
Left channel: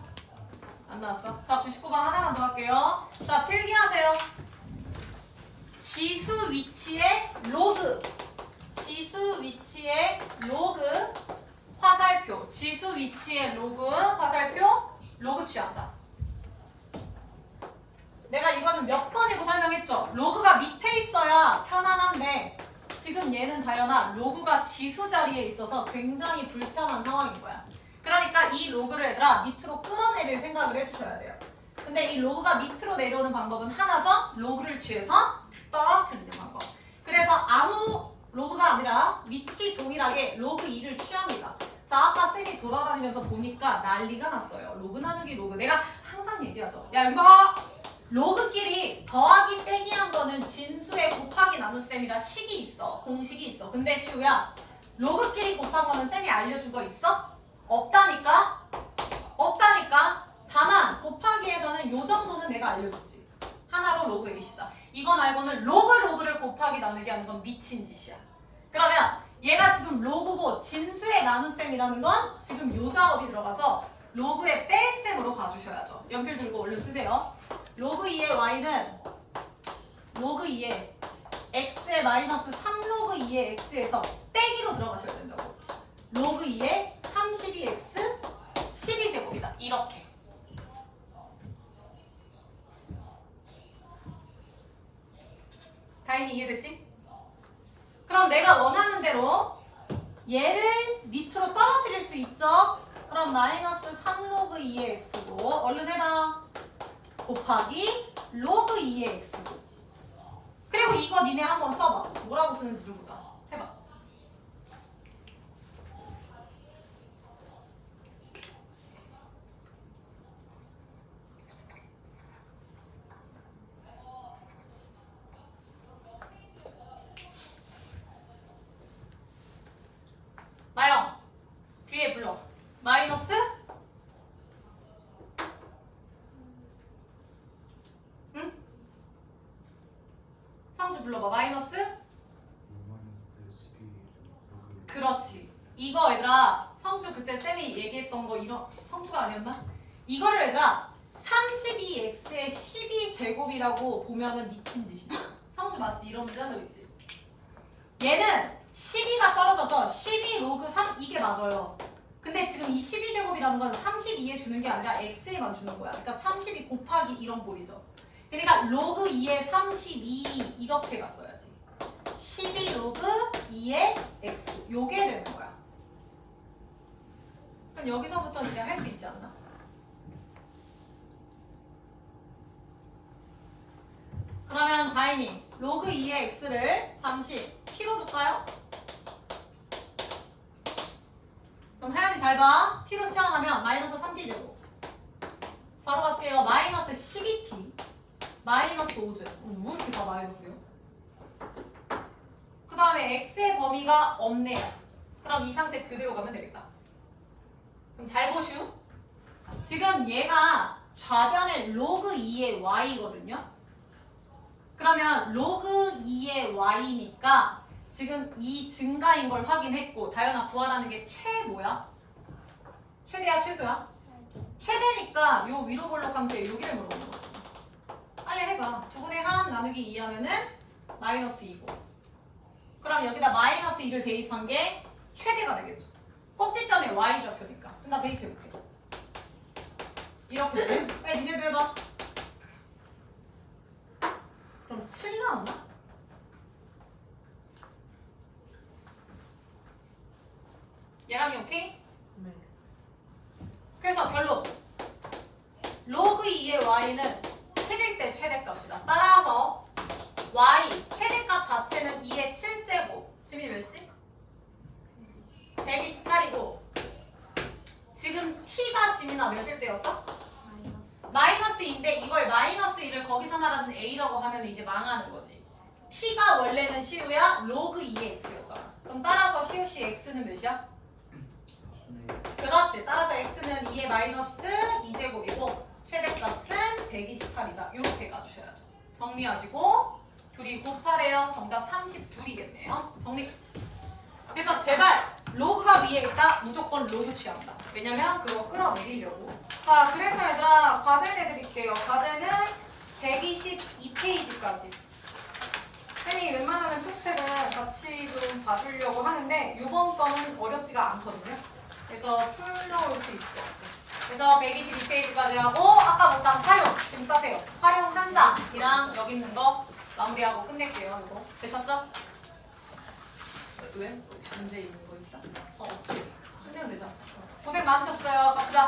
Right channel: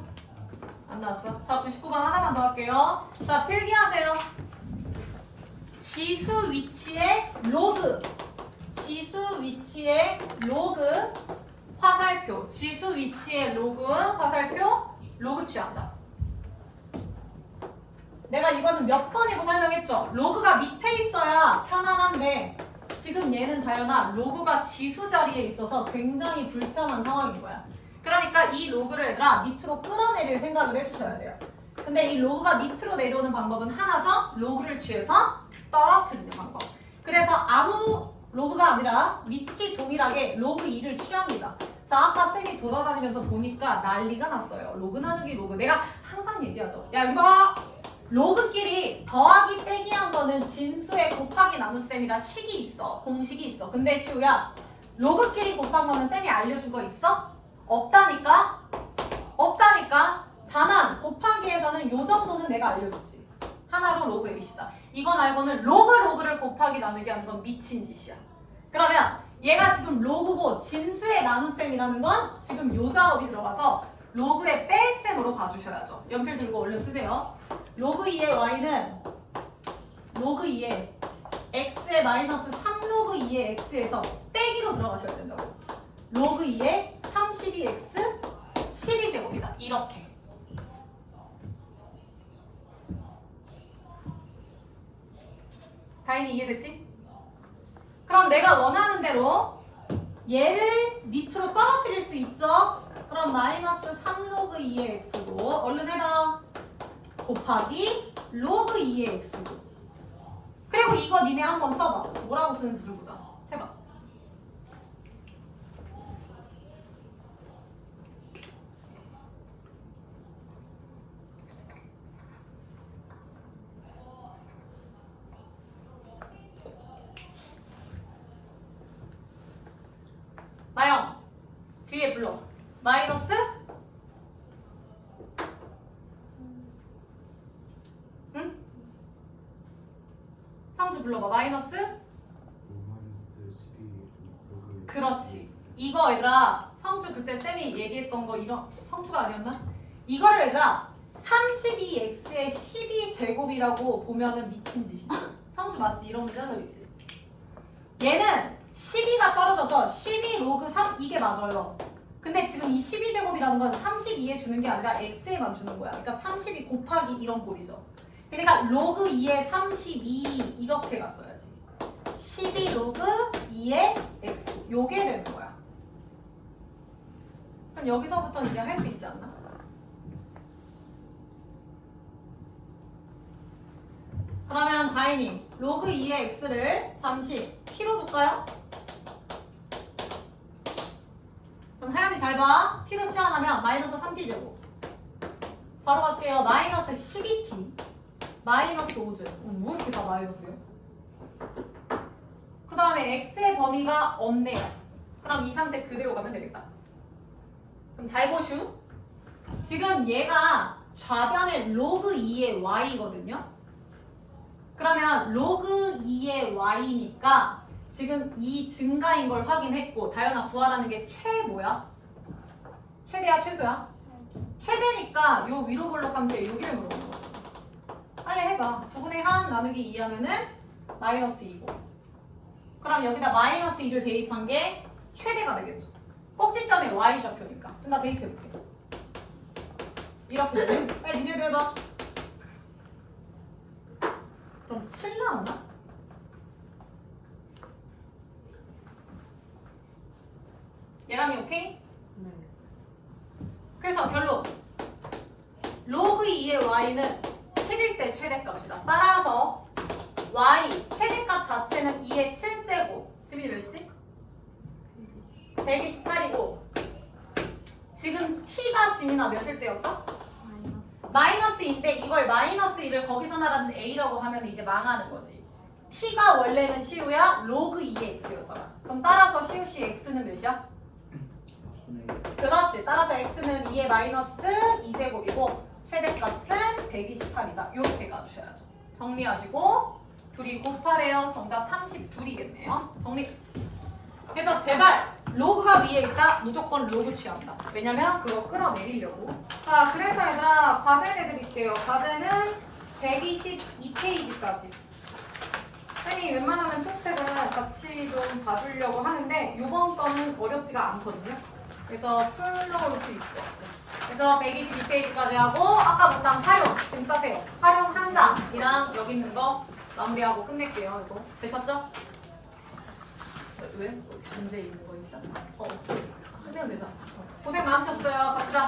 안 나왔어. 자, 99번 하나만 더 할게요. 자, 필기하세요. 지수 위치의 로그. 지수 위치의 로그 화살표. 지수 위치의 로그 화살표. 로그 취한다. 내가 이거는 몇 번이고 설명했죠? 로그가 밑에 있어야 편안한데 지금 얘는 다연아 로그가 지수 자리에 있어서 굉장히 불편한 상황인 거야. 그러니까 이 로그를 얘들아 밑으로 끌어내릴 생각을 해주셔야 돼요. 근데 이 로그가 밑으로 내려오는 방법은 하나죠? 로그를 취해서 떨어뜨리는 방법. 그래서 아무 로그가 아니라 위치 동일하게 로그 2를 취합니다. 자, 아까 쌤이 돌아다니면서 보니까 난리가 났어요. 로그 나누기 로그. 내가 항상 얘기하죠. 야, 이거 봐! 로그끼리 더하기 빼기 한 거는 진수의 곱하기 나눗셈이라 식이 있어. 공식이 있어. 근데 시우야, 로그끼리 곱한 거는 쌤이 알려준 거 있어? 없다니까? 없다니까? 다만 곱하기에서는 요 정도는 내가 알려줬지. 하나로 로그 A시다. 이거 말고는 로그를 곱하기 나누기 하는 건 미친 짓이야. 그러면 얘가 지금 로그고 진수의 나눗셈이라는 건 지금 요 작업이 들어가서 로그의 뺄셈으로 가주셔야죠. 연필 들고 얼른 쓰세요. 로그 2의 y는 로그 2의 x의 마이너스 3로그 2의 x에서 빼기로 들어가셔야 된다고. 로그 2의 32x 12제곱이다. 이렇게. 다인이 이해됐지? 그럼 내가 원하는 대로 얘를 밑으로 떨어뜨릴 수 있죠? 그럼 마이너스 3로그 2의 x고 얼른 해봐. 곱하기 로그 2의 x고. 그리고 이거 니네 한번 써봐. 뭐라고 쓰는지를 보자. 해봐. 마영 뒤에 불러. 마이너스 응? 상주 불러봐. 마이너스 12 로그. 그렇지. 이거 얘들아 성주 그때 쌤이 얘기했던 거 이런 성주가 아니었나? 이거를 얘들아 32x의 12제곱이라고 보면은 미친 짓이지. 성주 맞지? 이런 문제 한 적 있지? 얘는 12가 떨어져서 12 로그 3 이게 맞아요. 근데 지금 이 12제곱이라는 건 32에 주는 게 아니라 x에만 주는 거야. 그러니까 32 곱하기 이런 꼴이죠. 그러니까 로그 2에 32 이렇게 갔어야지. 12 로그 2에 x 요게 되는 거야. 그럼 여기서부터 이제 할 수 있지 않나? 그러면 다행히 로그 2의 x를 잠시 t로 둘까요? 그럼 하연이 잘 봐. t로 치환하면 마이너스 3t제곱. 바로 갈게요. 마이너스 12t. 마이너스 5제. 왜 이렇게 다 마이너스요? 그 다음에 x의 범위가 없네요. 그럼 이 상태 그대로 가면 되겠다. 그럼 잘 보슈. 지금 얘가 좌변의 로그 2의 y거든요. 그러면 로그 2의 y니까 지금 이 증가인 걸 확인했고 다현아 구하라는 게 뭐야? 최대야 최소야? 최대니까 요 위로 볼록 함수에 여기를 물어보는 거야. 빨리 해봐. 2분의 1 나누기 2 하면은 마이너스 2고 그럼 여기다 마이너스 2를 대입한 게 최대가 되겠죠. 꼭지점에 y 좌표니까. 그럼 나 대입해볼게. 이렇게 돼? 빨리 니네도 해봐. 그럼 7 나오나? 예람이 오케이? 네. 그래서 결론 로그 2의 y는 7일 때 최대값이다. 따라서 y 최대값 자체는 2의 7제곱 지민이 몇이지? 128이고 지금 t가 지민아 몇일 때였어? 마이너스 2인데 이걸 마이너스 2를 거기서 말하는 a라고 하면 이제 망하는 거지. t가 원래는 시우야 로그 2의 x였잖아. 그럼 따라서 시우씨 x는 몇이야? 그렇지. 따라서 x는 2의 마이너스 2제곱이고 최대값은 128이다. 이렇게 가주셔야죠. 정리하시고 둘이 곱하래요. 정답 32이겠네요. 정리. 그래서 제발 로그가 위에 있다. 무조건 로그 취한다. 왜냐면 그거 끌어내리려고. 자, 그래서 얘들아 과제 내드릴게요. 과제는 122페이지까지. 쌤이 웬만하면 투스텝은 같이 좀 봐주려고 하는데 이번 거는 어렵지가 않거든요. 그래서 풀러올 수 있을 것 같아요. 그래서 122페이지까지 하고 아까 못한 활용 지금 싸세요. 활용 한 장이랑 여기 있는 거 마무리하고 끝낼게요. 이거 되셨죠? 왜? 혹시 문제 있는 거 있어? 없지? 끝내면 되죠. 고생 많으셨어요. 갑시다.